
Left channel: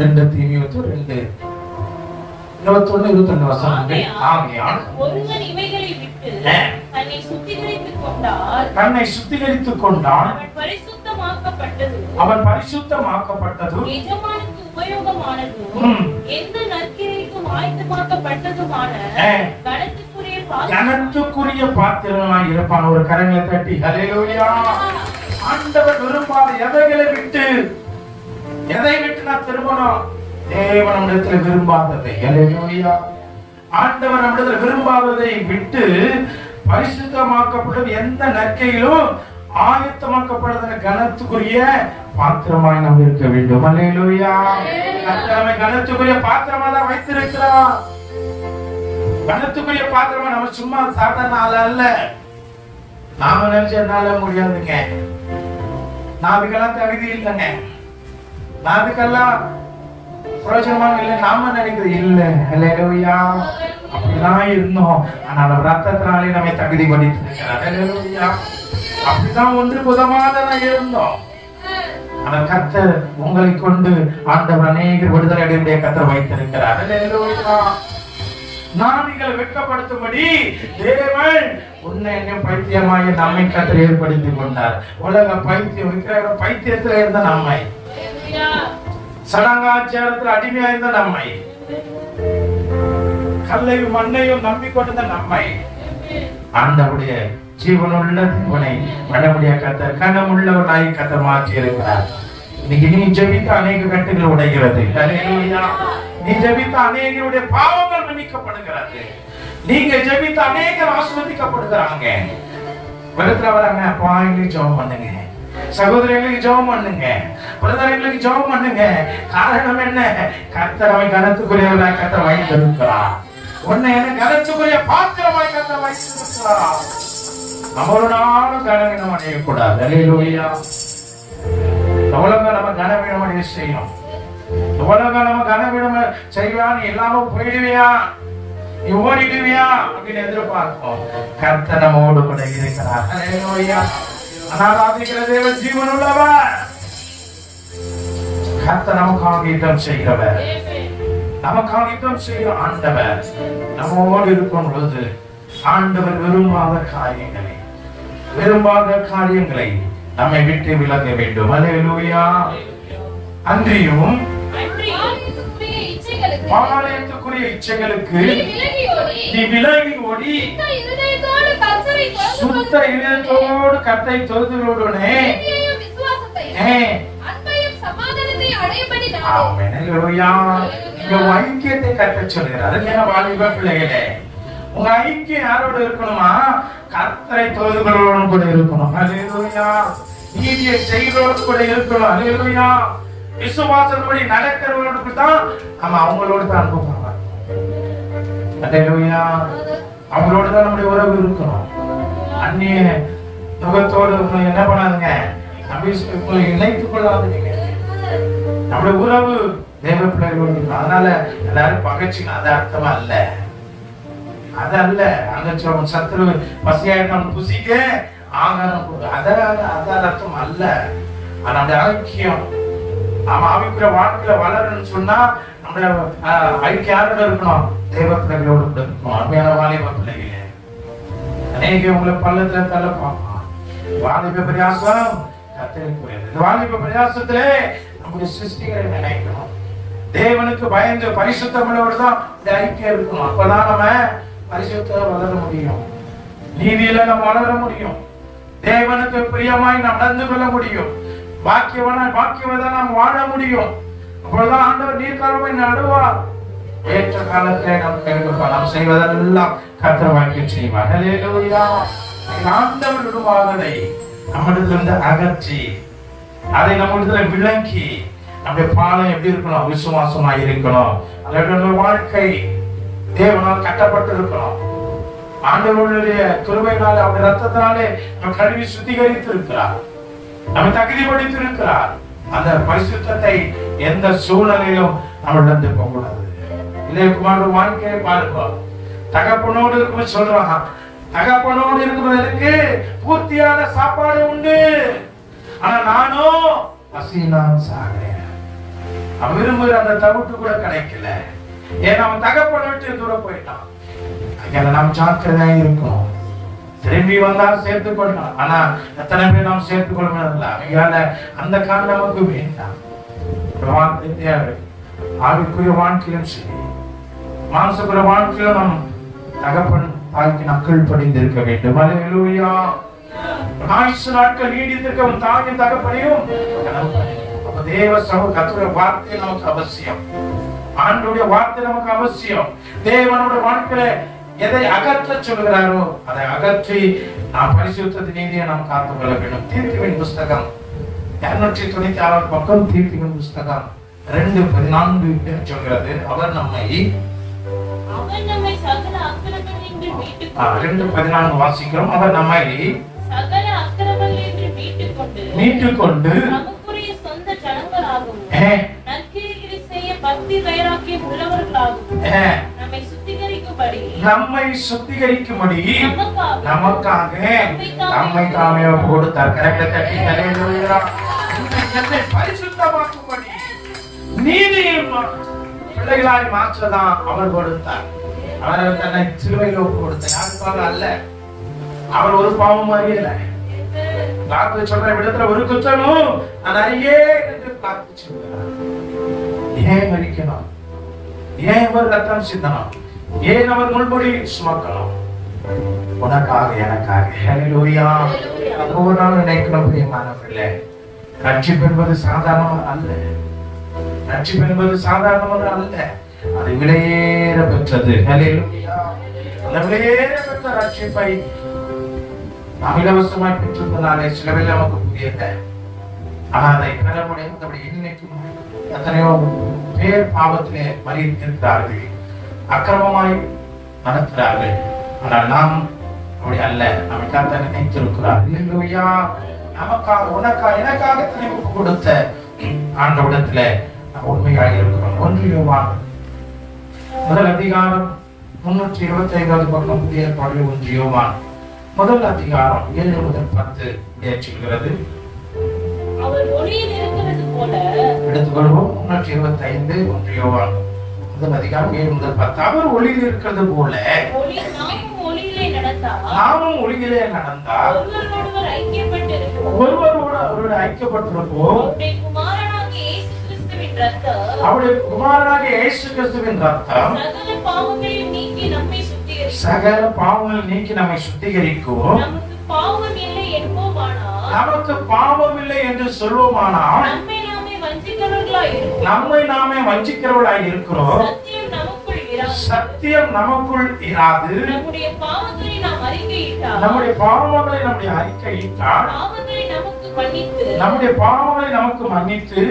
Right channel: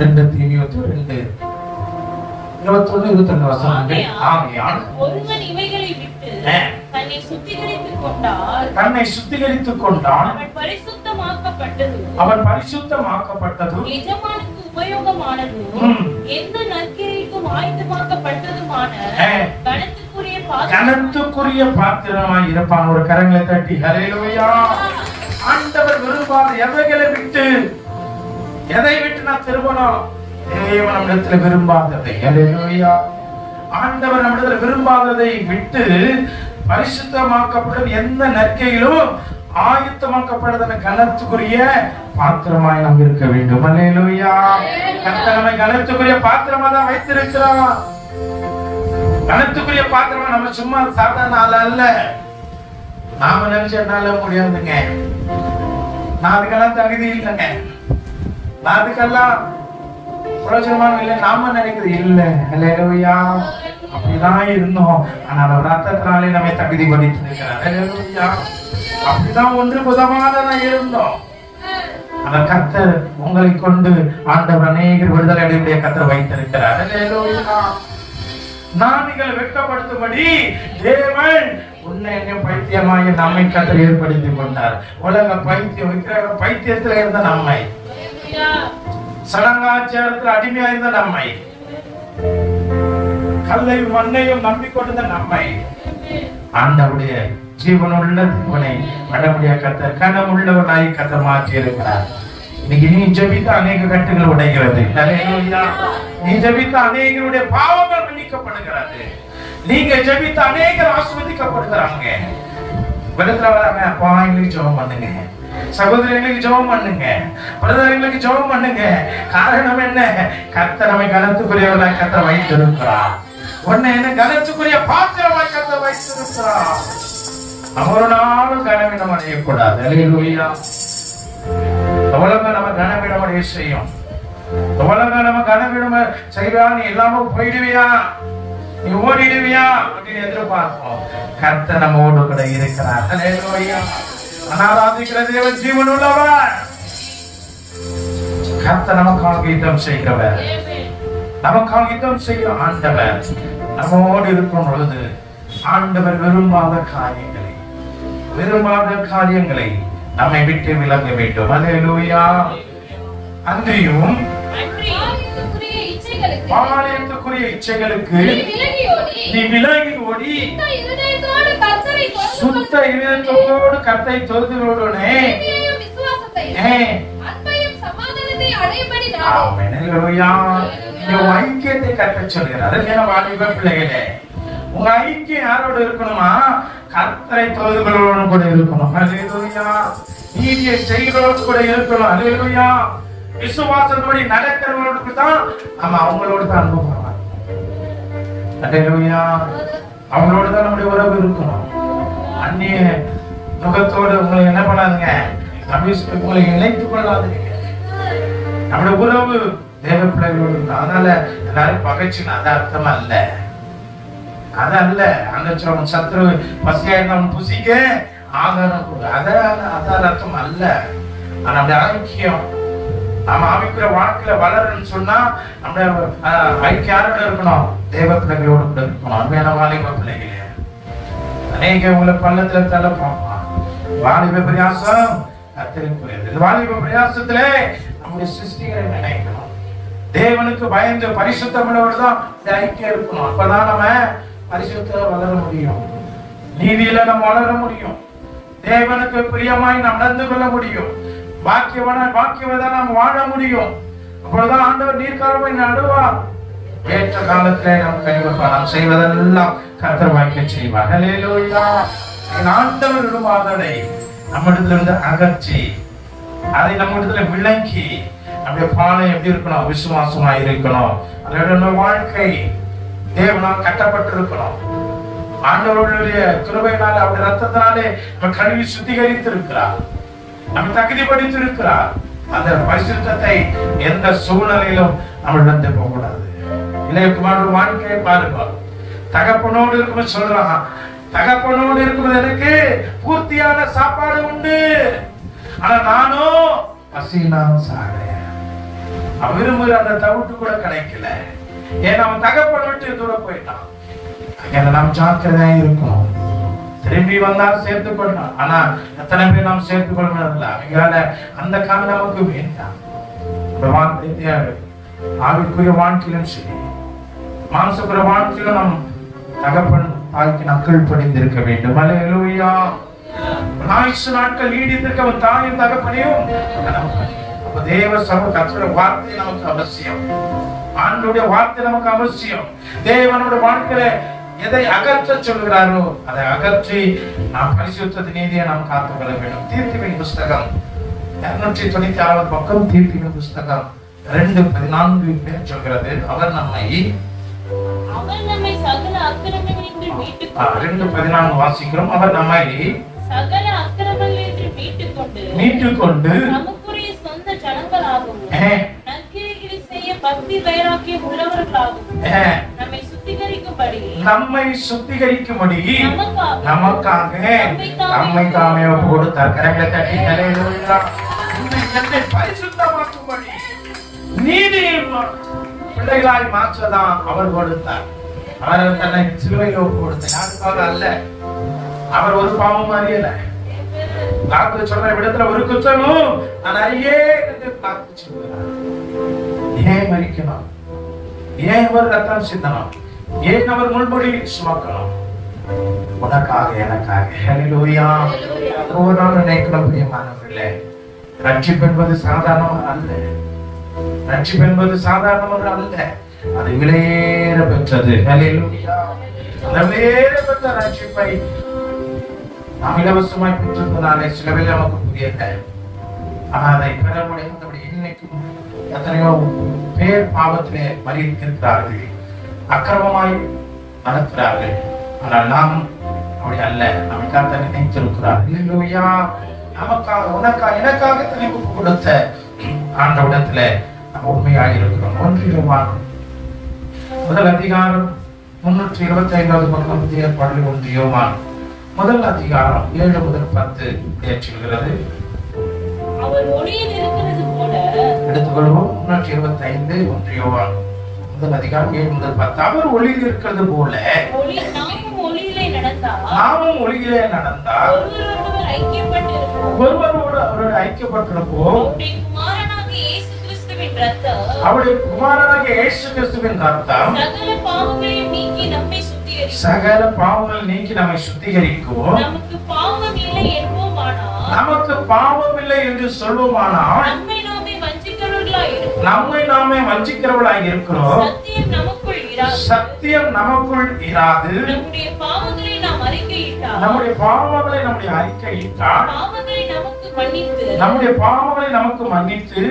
2 தீமோத்தேயு 2:21-22 வசனங்கள். ஆகையால் ஒருவன் இவைகளை விட்டு தன்னை சுத்திகரித்துக் கொண்டால் அவன் பரிசுத்தமாக்கப்பட்டது எஜமானுக்கு உபயோகமானதும் எந்த நற்கிரியைக்கும் ஆயத்தமாக்கப்பட்டதுமான கனத்துக்குரிய பாத்திரமாய் இருப்பான். ஒரு கரங்களை தட்டி ஹல்லேலூயா. ஆண்டவர் விரும்பாத எதை விட்டு நான் திரும்பணும்? தேவன் நம்மிடத்தில் விரும்பாததை. ஹல்லேலூயா. ஆண்டவர் நம்மிடத்தில் விரும்பாததை விட்டு பரிசுத்தமாக்கப்படும் எந்த நற்கையிலும் ஆயத்தமாக்கப்படுகிற கனத்துக்குரிய பாத்திரமாய் நாம் இருக்க வேண்டும். அல்லேலூயா. கர்த்தர் நம்மை கனத்துக்குரிய பாத்திரமா தான் வைத்திருக்கிறார். கனத்துக்குரிய பாத்திரமா நம்ம சும்மா சாதாரண ஆள் அல்ல. நாம நினைச்சனால முடியாதுங்க, நான் அதுக்கெல்லாம் தகுதி இல்லைங்க, நான் அதுக்கெல்லாம் பிரயோஜனமாக இல்லை, நாம நினைக்கிறது இல்லை. அல்லேலூயா. அப்படிதான் இருந்தோம், ஆனால் ரத்தத்தினாலே நம்மை தகுதி பண்ணித்திருக்கிறார். அல்லேலூயா. அப்படிதான் ஒன்றுக்கு உதவாததான் இருந்தோம். அந்த கர்த்தர் உங்களை கொண்டு ஆண்டவர் அநேகர் விடுதலை அடைய கர்த்தர் வைத்திருக்கிறார். அல்லேலூயா. நாங்கள் வெட்கப்படுத்தும்படி தேவன் உன்னை பைத்தியமாகிய நம்மை கர்த்தர் ஏற்படுத்திக் கொண்டார். உலக பைத்தியம் விக்கிரக பைத்தியத்தில் இருந்த நம்மை, சடங்காச்சாரத்தில் அடிமையா இருந்த நம்மை, கல்லையும் மண்ணையும் நம்பிக்கொண்டிருந்த நம்மை ஆண்டவருடைய ஜீவனுள்ள தேவனை வடமுடிய கர்த்தர் கனமுள்ளவனாய் கர்த்தர் மாற்றி இருக்கிறார். இன்னைக்கு நீ ஜெபித்த அநேக கட்டுகள் உடைகிறது. அல்லேலூயா. நீ ஜெபித்த அநேகருடைய பாவங்கள் மன்னிக்கப்படுகிறது. நீங்க ஜெபித்த அநேகர் ஆசீர்வதிக்கப்படுகிறாங்க. வெளுத்துல வராங்க, பாயிண்ட் ஜெபம் பண்ணுங்க. சகோதரர்களுக்கு ஜெபம் பண்ணுங்க, பிரதர்களுக்கு ஜெபம் பண்ணுங்க. காரணம் என்ன? கர்த்தர் நம்மை கனத்துக்குரியவராய் கர்த்தர் வைத்திருக்கிறார். உன்னை என்ன கனத்துக்குரிய பாத்திரமாய் கர்த்தர் வைத்திருக்கிறார். ஒரு நாளும் கனவீனம் அடையக்கூடாது. அல்லேலூயா. உலகம் நம்ம கனவீனம் அடைய செய்யும். உலகம் நம்ம கனவீனம் செய்வா, நீ இல்லாம போயிடுவியா, நீ ஓடிடுவியா அப்படின்னு எதிர்பார்ப்போம். கர்த்தர் நம்மோடு கூட இருக்கிறார். அல்லேலூயா. ஆராதிக்கிற தேவன் ஜீவன் உள்ளவர். கர்த்தர் நமக்காக யுத்தம் செய்கிறவர், நமக்காக யுத்தம் செய்கிற ஆண்டவர் நம்மோடு இருக்கும் பொழுது ஆண்டவர் விரும்பாத காரியங்களை நம்மை விட்டு விலக வேண்டும். அல்லேலூயா. அன்றியும் பாளையத்துக்குரிய இச்சைகளுக்கு நீ விலகி ஓடி சுத்த இதயத்தோடு கர்த்தரை தொழுதுகொள்ளுடனே ஐக்கியத்தை கற்க சொல்கிறார். வாலிப பிள்ளைகளே, உங்க ஐக்கியம் யாரோட இருக்கணுமா? கர்த்தரை தொழுதுகளோடு கூட இருக்கணும். அல்லேலூயா. நீதியை செய்கிறோடு கூட இருக்கணும். அல்லேலூயா. விசுவாசப்படி நடக்கிறவர்களுக்கு தான் நம்ம அவங்களோட தான் அனுபவம். அல்லேலூயா. அவங்களோட தான் நம்முடைய உறவு இருக்கணும். அந்நிய முகத்தோடு என்ன பண்ணாதுங்க, உங்களை இணைத்துக் கொள்ளாதீங்க. நம்முடைய உறவு தேவ பிள்ளைகளோடு. அதனால எல்லாரும் பகைச்சுன்னு அது அர்த்தம் அல்ல, அது அல்ல. அந்த சத்ரு பசியாயிரம் புசிக்க ஆகாரம் அதான் அர்த்தம் அல்ல. நம்முடைய ஐக்கியம், நாம ஆவிக்குற வாழ்க்கையில வளரணும்னு சொன்னா நம்ம ஐக்கியம் யாரோட இருக்கணும்? தேவ பிள்ளைகளோடு கூட இருக்கணும். அருமையான வாலிப பிள்ளைகளே, அநேக உங்களை பள்ளத்துல தள்ள பார்க்கலாம். வாலிப பிரயாசம் கர்த்தருக்குரியது. வாலிப பிரயாசத்திலே நம்முடைய சிருஷ்டிகளை நினைக்கணும். தேவனுக்கு பயந்து பரிசுத்தமுள்ளவர் தான் ஐக்கியம் இருக்கணும். அப்பதான் நம்ம பரிசுத்தம் வளர முடியும், நீதியில நம்ம வளர முடியும், தேவனுக்கு பிரியமாய் நாம் நடந்து கொள்ள முடியும், பாக்கியவதான் நம்ம வாழ முடியும். அப்பொழுதுதான் ஆண்டவர் நீர்க்காலமாய் நடுவார். ஏற்ற காலத்திலே நாம் கைவிடுவார். நாம் செய்வதெல்லாம் கர்த்தர் வாய்க்க செய்வார். அல்லேலூயா. ஆண்டவர் விடுவாததை நம்மிடத்திலிருந்து அகற்றி அதை நம்மிடத்துல விளங்கி நம்முடைய பானை எப்படி இருக்கணும்? விசுவாசமா இருக்கணும். அதோட வாழ்க்கை தேவனால் கட்டப்பட்டிருக்கணும். ஆண்டவருடைய கிருபையினாலே அவருடைய ரத்தத்தினாலே நம்ம கழுவி சுத்திகரித்து இருக்கிறார், நம்ம தகுதிப்படுத்தி இருக்கிறார். அந்த பரிசுத்தத்தை எந்த சூழ்நிலையிலும் நம்ம இழந்து போகக்கூடாது. இளைய குமாரோட வாழ்க்கையை பாருங்க. தகப்பனோடு இருக்கும் சொல்றாங்க, தகப்பனோடு இருக்குவதற்கு பூர்த்தியான சாப்பாடு உண்டு, ஆனா நானும் பசியினால் சாகிறேன். விரும்புகிற அந்த தவிட்டு கூட கிடைக்கல. ஏன் நம்ம தகப்பனை விட்டு தூர போயிட்டான். அங்க நாம் ஜாக்கிரதையா இருக்கணும். திரும்பி வந்தாலும் சேர்த்துக் கொள்ளலாம். ஆனா எத்தனை பேர் நாம் சேர்த்துக் கொள்ள முடியல. அவங்களால அந்த காலம் நமக்கு வேண்டாம். ஆவிக்குரிய வாழ்க்கையிலும் சரி, மாம்சக்குரிய வாழ்க்கையிலும் நம் தகப்பன் தாய்க்கு நக்கல் படிந்திருக்க வேண்டும். அல்லேலூயா. ஆயுசு நாட்கள் நீடித்திருக்க அவன் தாயும் தகப்பனையும் தேவ சமூக கர்த்தருடைய வார்த்தை நமக்கு அவசியம். ஆண்டுடைய வார்த்தை நமக்கு அவசியம். தேவனுடைய வாழ்க்கையில எதை அகற்ற சொல்கிறாரோ அதை அகற்றி நாம் பரிசுத்த நீதியை நாம் காத்துக்கொள்ள வேண்டும். தீர்ப்பின் புஸ்தகம் 296 பக்கம், தீர்ப்பின் புஸ்தகம் 2:14 சொல்கிறது, அவர் நம்மை 2:14 வாசிக்கிறோம். அவர் நம்மை மீட்டுக் கொண்டு நம்மை சுத்திகரிக்கும்படி நமக்காக நம்மை கொடுத்தார். பரிசுத்தமாக்கும்படி நீதியும் பிள்ளைகளாய் மாற்றதான் அவர் கொடுத்தார். அவர் தன்னை சிலுவையில் ஒப்பு கொடுத்தார் அல்ல. அவர் ஒரு பாவம் அறியல. சொல்ற விடத்துல ஒரு குற்றமும் நான் அறியே என்று பார்த்து சொல்கிறார். ஏன் மறிக்கணும்? ஏன் அவர் ரத்தம் சிந்தனம்? ஏன் அவர் முள்முடி சுமக்கணும்? உனக்காக எனக்காக. ஹல்லேலூயா. ஒரு நாள் நினைக்கணும் பிரியமானவர்களே, ரட்சிப்பு என்பது சாதாரணமாக அல்ல. ரட்சிப்பு என்பது சாதாரணமாக அல்ல, அது விலையேற பெற்றது. ஹல்லேலூயா. அந்த விலையேற பெற்ற ரட்சிப்பை நாம் இலவசமாய் பெற்றிருந்தனாலே சிலவில் நமக்கு புரியல. ஆனால் அதை பெற முடியாதபடி இன்னைக்கும் எத்தனையோ பேர் பாவத்திலே மறித்திருக்கிறார்கள், அக்கிரமமாய் நடக்கிறார்கள். ஆனால் நாம் அப்படி அல்ல. நம்ம கர்த்தர் நினைத்திருக்கிறார். அல்லேலூயா. நமக்காக, உனக்காக, எனக்காக திருப்பி கொடுத்த ஆண்டவரிடத்துல நாம் உண்மையாக இருக்கிறோம். 1 யோவான் முதல் அதிகாரம் 325வது பக்கம், புதிய ஏற்பாடு 1 யோவான் முதல் அதிகாரம் 7 முதல் 10 ஏற்றுகிறது. எடுத்துக்கொள்வோம். 325 1 யோவான் முதல் அதிகாரம் 7 முதல் 10. அவர் ஒளியில் இருக்கிறது போல நாமும் ஒளியிலே நடந்தால் ஒருவரோடு ஐக்கியப்பட்டிருப்போம். அவருடைய குமாரனாக இயேசு கிறிஸ்துவின் ரத்தம் சகல பாவங்கள் நீக்கி நம்மை சுத்திகரிக்கும். நமக்கு பாவம் இல்லை என்று சொல்வோமானால் நம்மை நாமே வஞ்சிக்கிறவர்களாக இருக்கிறோம். சத்தியம் நமக்குள் இராது. நம்முடைய பாவங்களை நம்முடைய அறிக்கையிட்டால் நம்முடைய பாவங்களை நமக்கு மன்னித்து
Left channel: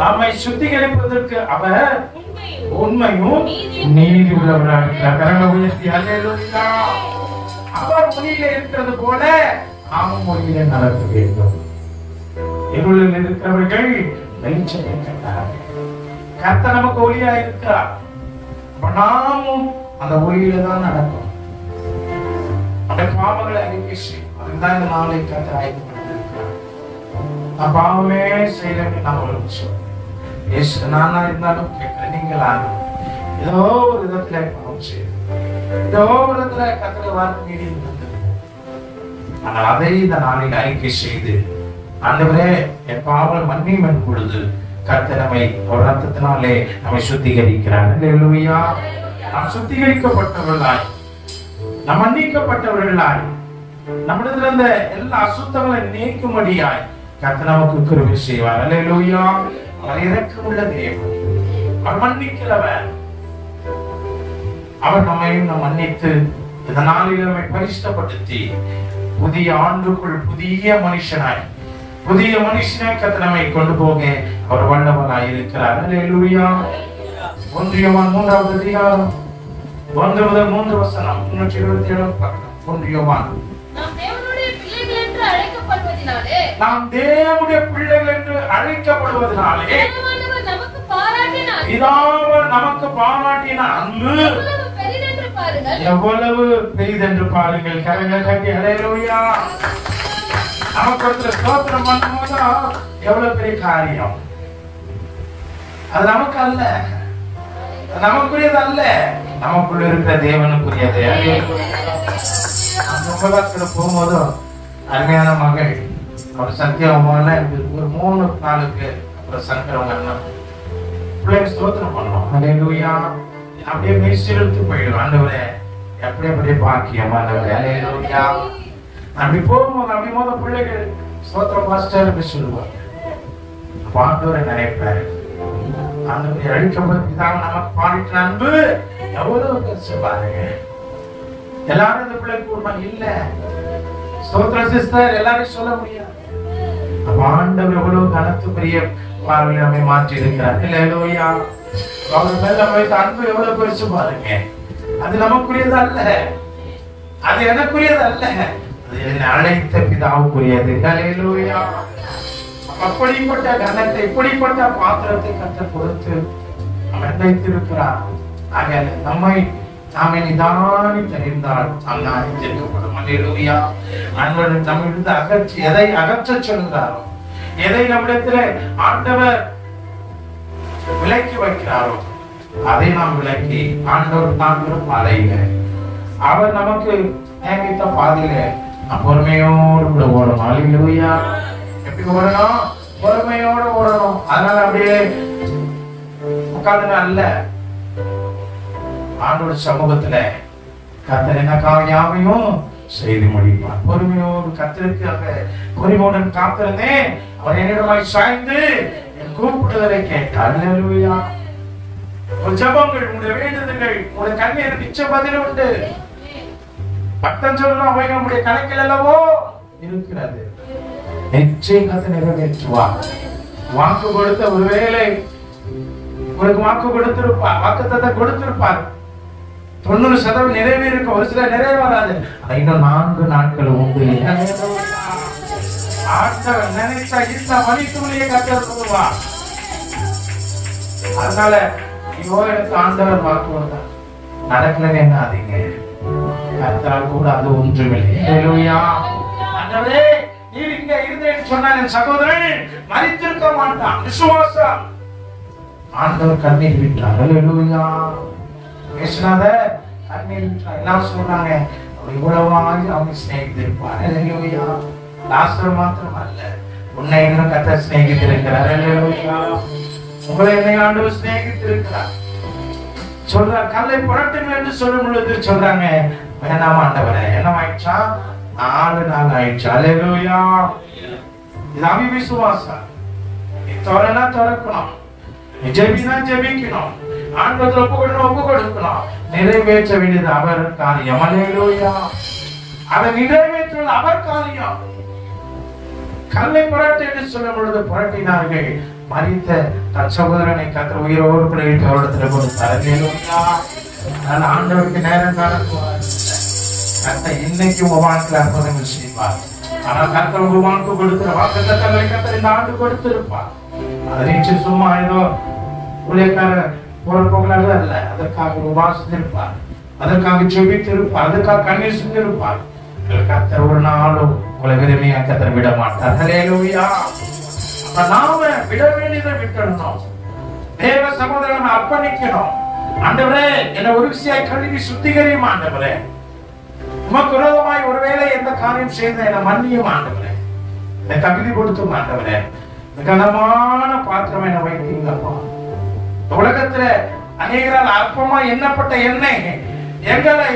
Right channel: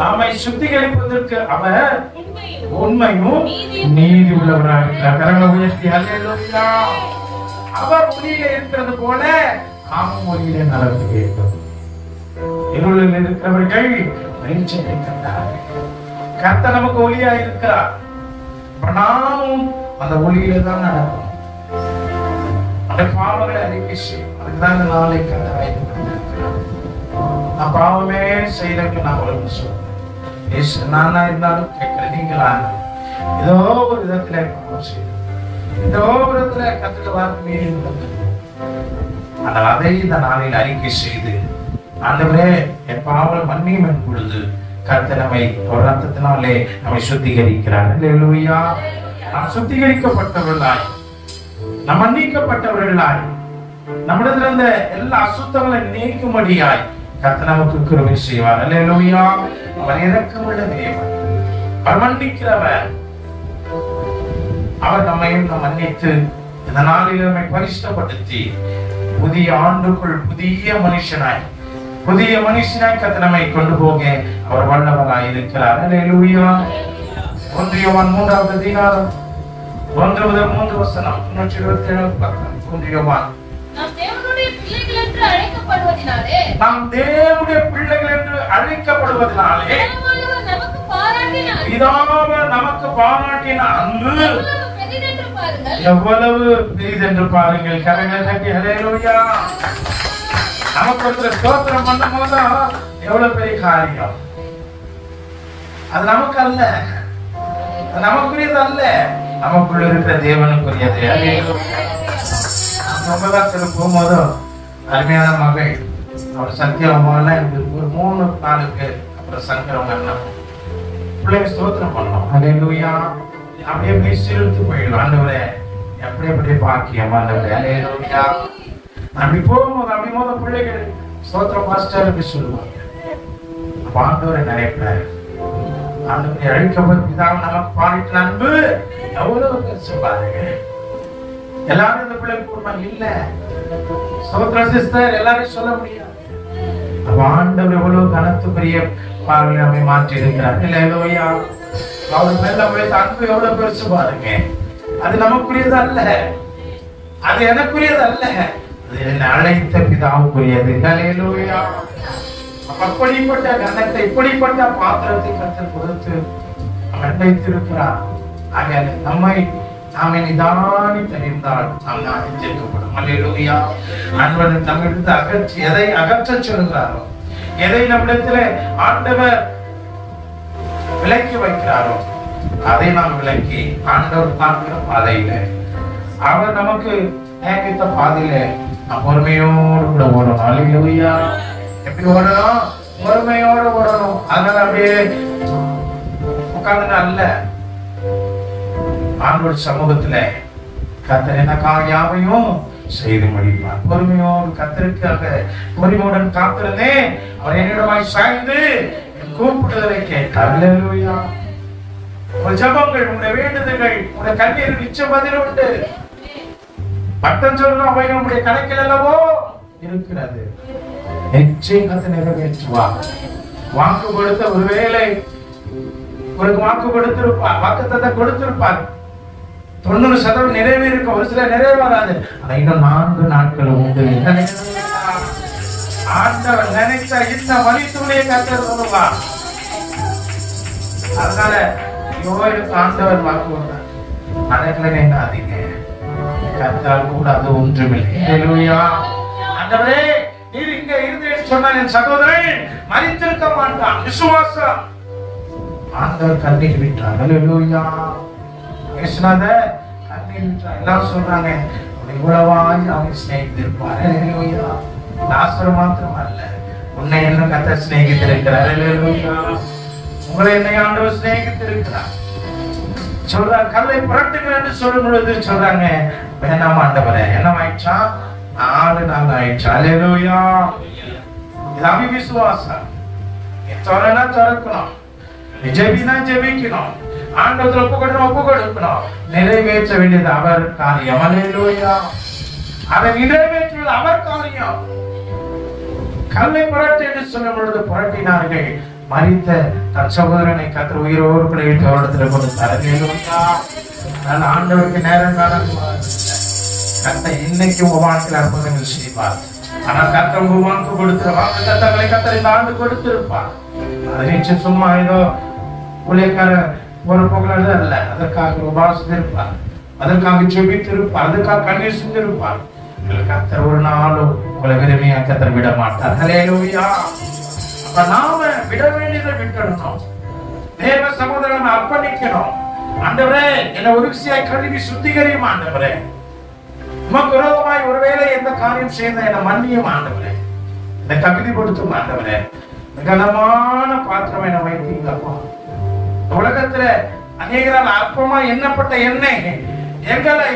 நம்மை சுத்திகரிப்பதற்கு அவர் உண்மையும் நீதி உள்ளவராக இருக்கிறார். அவர் ஒளியிலே இருக்கிறது போல நாமும் ஒளியிலே நடக்க வேண்டும். இருளில் இருக்கிறவர்கள் வெளிச்சத்தை கண்டார்கள். கர்த்தர் நமக்கு ஒளியா இருக்கிறார். நாமும் அந்த ஒளியில தான் நடக்கும். அந்த பாவங்களை அறிக்கை செய்யும். அதுதான் இந்த நாளை ஆயத்தப்பட்டிருக்கிறார். நான் பாவமே செய்யறேன்னு நான் உங்களுக்கு சொல்றேன். நானா இருந்தாலும் கேட்கல, நீங்களா ஏதோ ஒரு விதத்துல பாவம் செய்யும், ஏதோ ஒரு விதத்துல கர்த்தர் வார்த்தை மீறி வந்தது. ஆனால் அதை இந்த நாளில் அறிக்கை செய்து, ஆண்டவரே என் பாவங்களை மன்னியும் என் பொழுது கர்த்தர் நம்மை ரத்தத்தினாலே நம்மை சுத்திகரிக்கிறார். அல்லேலூயா. நாம் சுத்திகரிக்கப்பட்டவர்களாய், நாம் மன்னிக்கப்பட்டவர்களாய், நம்மிடத்தில் இருந்த எல்லா அசுத்தங்களை நீக்கும்படியாய் கர்த்தர் நமக்கு கிருபை செய்வார். அல்லேலூயா. அவர் இரக்கமுள்ள தேவன், அவர் மன்னிக்கிறவர். அவர் நம்மையும் மன்னித்து இந்த நாளில் நம்மை பரிசுத்தப்படுத்தி புதிய ஆண்டுக்குள் புதிய மனுஷனாய் கர்த்தர் நம்மை கொண்டு போக அவர் வல்லவராய் இருக்கிறார். அல்லேலூயா. 1 யோவான் 3வது அதிகாரம் 1 முதல் 3 வசனம் 327 பக்கம். 1 யோவான் நாம் தேவனுடைய பிள்ளைகள் என்று அழைக்கப்படுவதினாலே பிதாவர் நமக்கு பாராட்டின அன்பு எவ்வளவு பெரிதென்று பாருங்கள். கரங்களை தட்டி அல்லேலூயா. நமக்கு ஒருத்தர் ஸ்தோத்திரம் பண்ணும் போது எவ்வளவு பெரிய காரியம். அது நமக்கு அல்ல, நமக்குரியது அல்ல, நமக்குள்ள இருக்கிற தேவனுக்குரியது. அந்த போகும்போது அருமையான மகள் அவர் சத்தியமான ஒரு 3-4 பேர், அப்புறம் சங்கரம் அண்ணா பிள்ளைங்க ஸ்தோத்திரம் பண்ணோம். அல்லேலூயா. அப்படியே மிஸ்டிருத்து போயிடும். ஆண்டவரே எப்படி பாக்கியம். ஆண்டவரே அல்லேலூயா. அப்படி போகும்போது அப்படி பிள்ளைகள் ஸ்தோத்திரம் மாஸ்டர் சொல்லுவாங்க. ஆண்டவரை நினைப்பாரு. ஆண்டவரை அழிக்கப்பட்டு நமக்கு பாடிட்டு அன்பு எவ்வளவு பெருசு பாருங்க. எல்லாரும் இந்த பிள்ளை கூடுமா இல்ல. ஸ்தோத்திர சிஸ்டர் எல்லாரும் சொல்ல முடியாது. ஆண்டவர் எவ்வளவு கனத்து பெரிய பார்வை நம்மை மாற்றி இருக்கிறார். அல்லேலூயா. அவர் மேல நம்ம வைத்த அன்பு எவ்வளவு பெருசு பாருங்க. அது நமக்குரியது அல்ல, அது எனக்குரியது அல்ல, அது என்னை அழைத்த பிதாவுக்குரியது. அல்லேலூயா. அப்படிப்பட்ட கனத்தை, இப்படிப்பட்ட பாத்திரத்தை கர்த்தர் கொடுத்து வைத்திருக்கிறார். ஆக நாம நிதானி தெரிந்தால் நாம் ஜெயிக்கப்படும். அல்லேலூயா. ஆண்டவர் நம்மிடத்து அகற்றி எதை அகற்ற சொல்கிறாரோ, எதை நம்மிடத்துல ஆண்டவர் விலக்கி வைக்கிறாரோ அதை நாம் விலக்கி ஆண்டவர் பார்க்கிற பாதையில, அவர் நமக்கு நியமித்த பாதையில பொறுமையோடு கூட ஓடணும். அல்லேலூயா. எப்படி ஓடணும்? பொறுமையோடு ஓடணும். அதனால அப்படியே உட்கார்ந்து அல்ல, ஆண்டோட சமூகத்துல கர்த்தர் என்ன யாவையும் செய்து முடிப்பார். பொறுமையோடு கர்த்தருக்காக பொறுமையுடன் காத்திருந்தே அவர் என்னிடமாய் சாய்ந்து கூப்பிடுதலை கேட்டார். அல்லேலூயா. ஒரு ஜபங்கள், உங்களுடைய வேண்டுதல்கள், உங்களுடைய கண்ணீருக்கு நிச்சய பதில் உண்டு. பக்தன் சொல்றான் அவைகள் நம்முடைய கணக்கில் அல்லவோ இருக்கிறது. நிச்சயம் கர்த்தர் நிறைவேற்றுவார். வாக்கு கொடுத்த ஒருவேளை உங்களுக்கு வாக்கு கொடுத்திருப்பார், வாக்குத்தத்தத்தை கொடுத்திருப்பார். 90% நிறைவேறும், ஒரு சில நிறைவேறாது. இன்னும் 4 நாட்கள் உண்டு. ஆண்டவர் நினைச்சா இந்த வழித்துணையை கர்த்தர் சொல்லுவார். அதனால ஐயோ எனக்கு ஆண்டவர் வாக்கு நடக்கலன்னு என்னாதீங்க, கர்த்தரால் கூட அது ஒன்றுமில்லை. ஹல்லேலூயா. ஆண்டவரே நீர் இங்க இருந்தேன்னு சொன்னா என் சகோதரன் மரித்திருக்க மாட்டான். விசுவாசம். ஆண்டவர் கண்ணீர் விட்டார். ஹல்லேலூயா. பேசினாத கண்ணீர் விட்டார். எல்லாம் சொல்றாங்க இவ்வளவாய் அவங்க சிநேகித்திருப்பார். ஹல்லேலூயா. லாசர் மாத்திரம் அல்ல, உன்னை இன்னும் கர்த்தர் சிநேகித்திருக்கிறார். ஹல்லேலூயா. உங்களை என்னை ஆண்டவர் சிநேகித்திருக்கிறார். சொல்றார் கல்லை புரட்டுங்கள் என்று சொல்லும் பொழுது சொல்றாங்க வேணாம் ஆண்டவரே. என்ன ஆயிடுச்சா? 4 நாள் ஆயிடுச்சு. ஹல்லேலூயா. இது அவிசுவாசம். திறனா திறக்கணும், ஜெபினா ஜெபிக்கணும், ஆண்டவரை ஒப்பு கொடுக்கணும். நிறைவேற்ற வேண்டியது அவர் காரியம். ஹல்லேலூயா. அதை நிறைவேற்றுவது அவர் காரியம். கல்லை புரட்டு என்று சொல்லும் பொழுது புரட்டினார்கள். மரித்த தன் சகோதரனை கர்த்தர் உயிரோடு கூட இடத்துல கொடுத்தார். ஆண்டவருக்கு நேரம் கர்த்தர் இன்னைக்கு வாழ்க்கை அற்புதங்கள் செய்வார். ஆனா கர்த்தர் ஒரு வாக்கு கொடுக்கிற வாக்கு தத்தங்களை கர்த்தர் இந்த ஆண்டு கொடுத்திருப்பார். அதை நிச்சயம் சும்மா ஏதோ ஊழியக்கார பொறுப்புகள் அல்ல, அதற்காக உபாசித்திருப்பார், அதற்காக ஜெபித்திருப்பார், அதற்காக கண்ணீர் சிந்திருப்பார். கர்த்தர் ஒரு நாளும் உங்களை விரும்பிய கர்த்தர் விட மாட்டார். ஹல்லேலூயா. நாம விட வேண்டியதை விட்டுடணும். தேவ சகோதரனை அர்ப்பணிக்கணும். ஆண்டவரே என்னை ஒருசியாய் கழுவி சுத்திகரியும் ஆண்டவரே. உமக்கு விரோதமாய் ஒருவேளை எந்த காரியம் செய்த என்னை மன்னியும் ஆண்டவரே. என்னை தகுதிப்படுத்தும் ஆண்டவரே. கனமான பாத்திரம் என வைத்தீங்கப்பா. உலகத்துல அநேகரால் அற்பமா எண்ணப்பட்ட எண்ணெய் எங்களை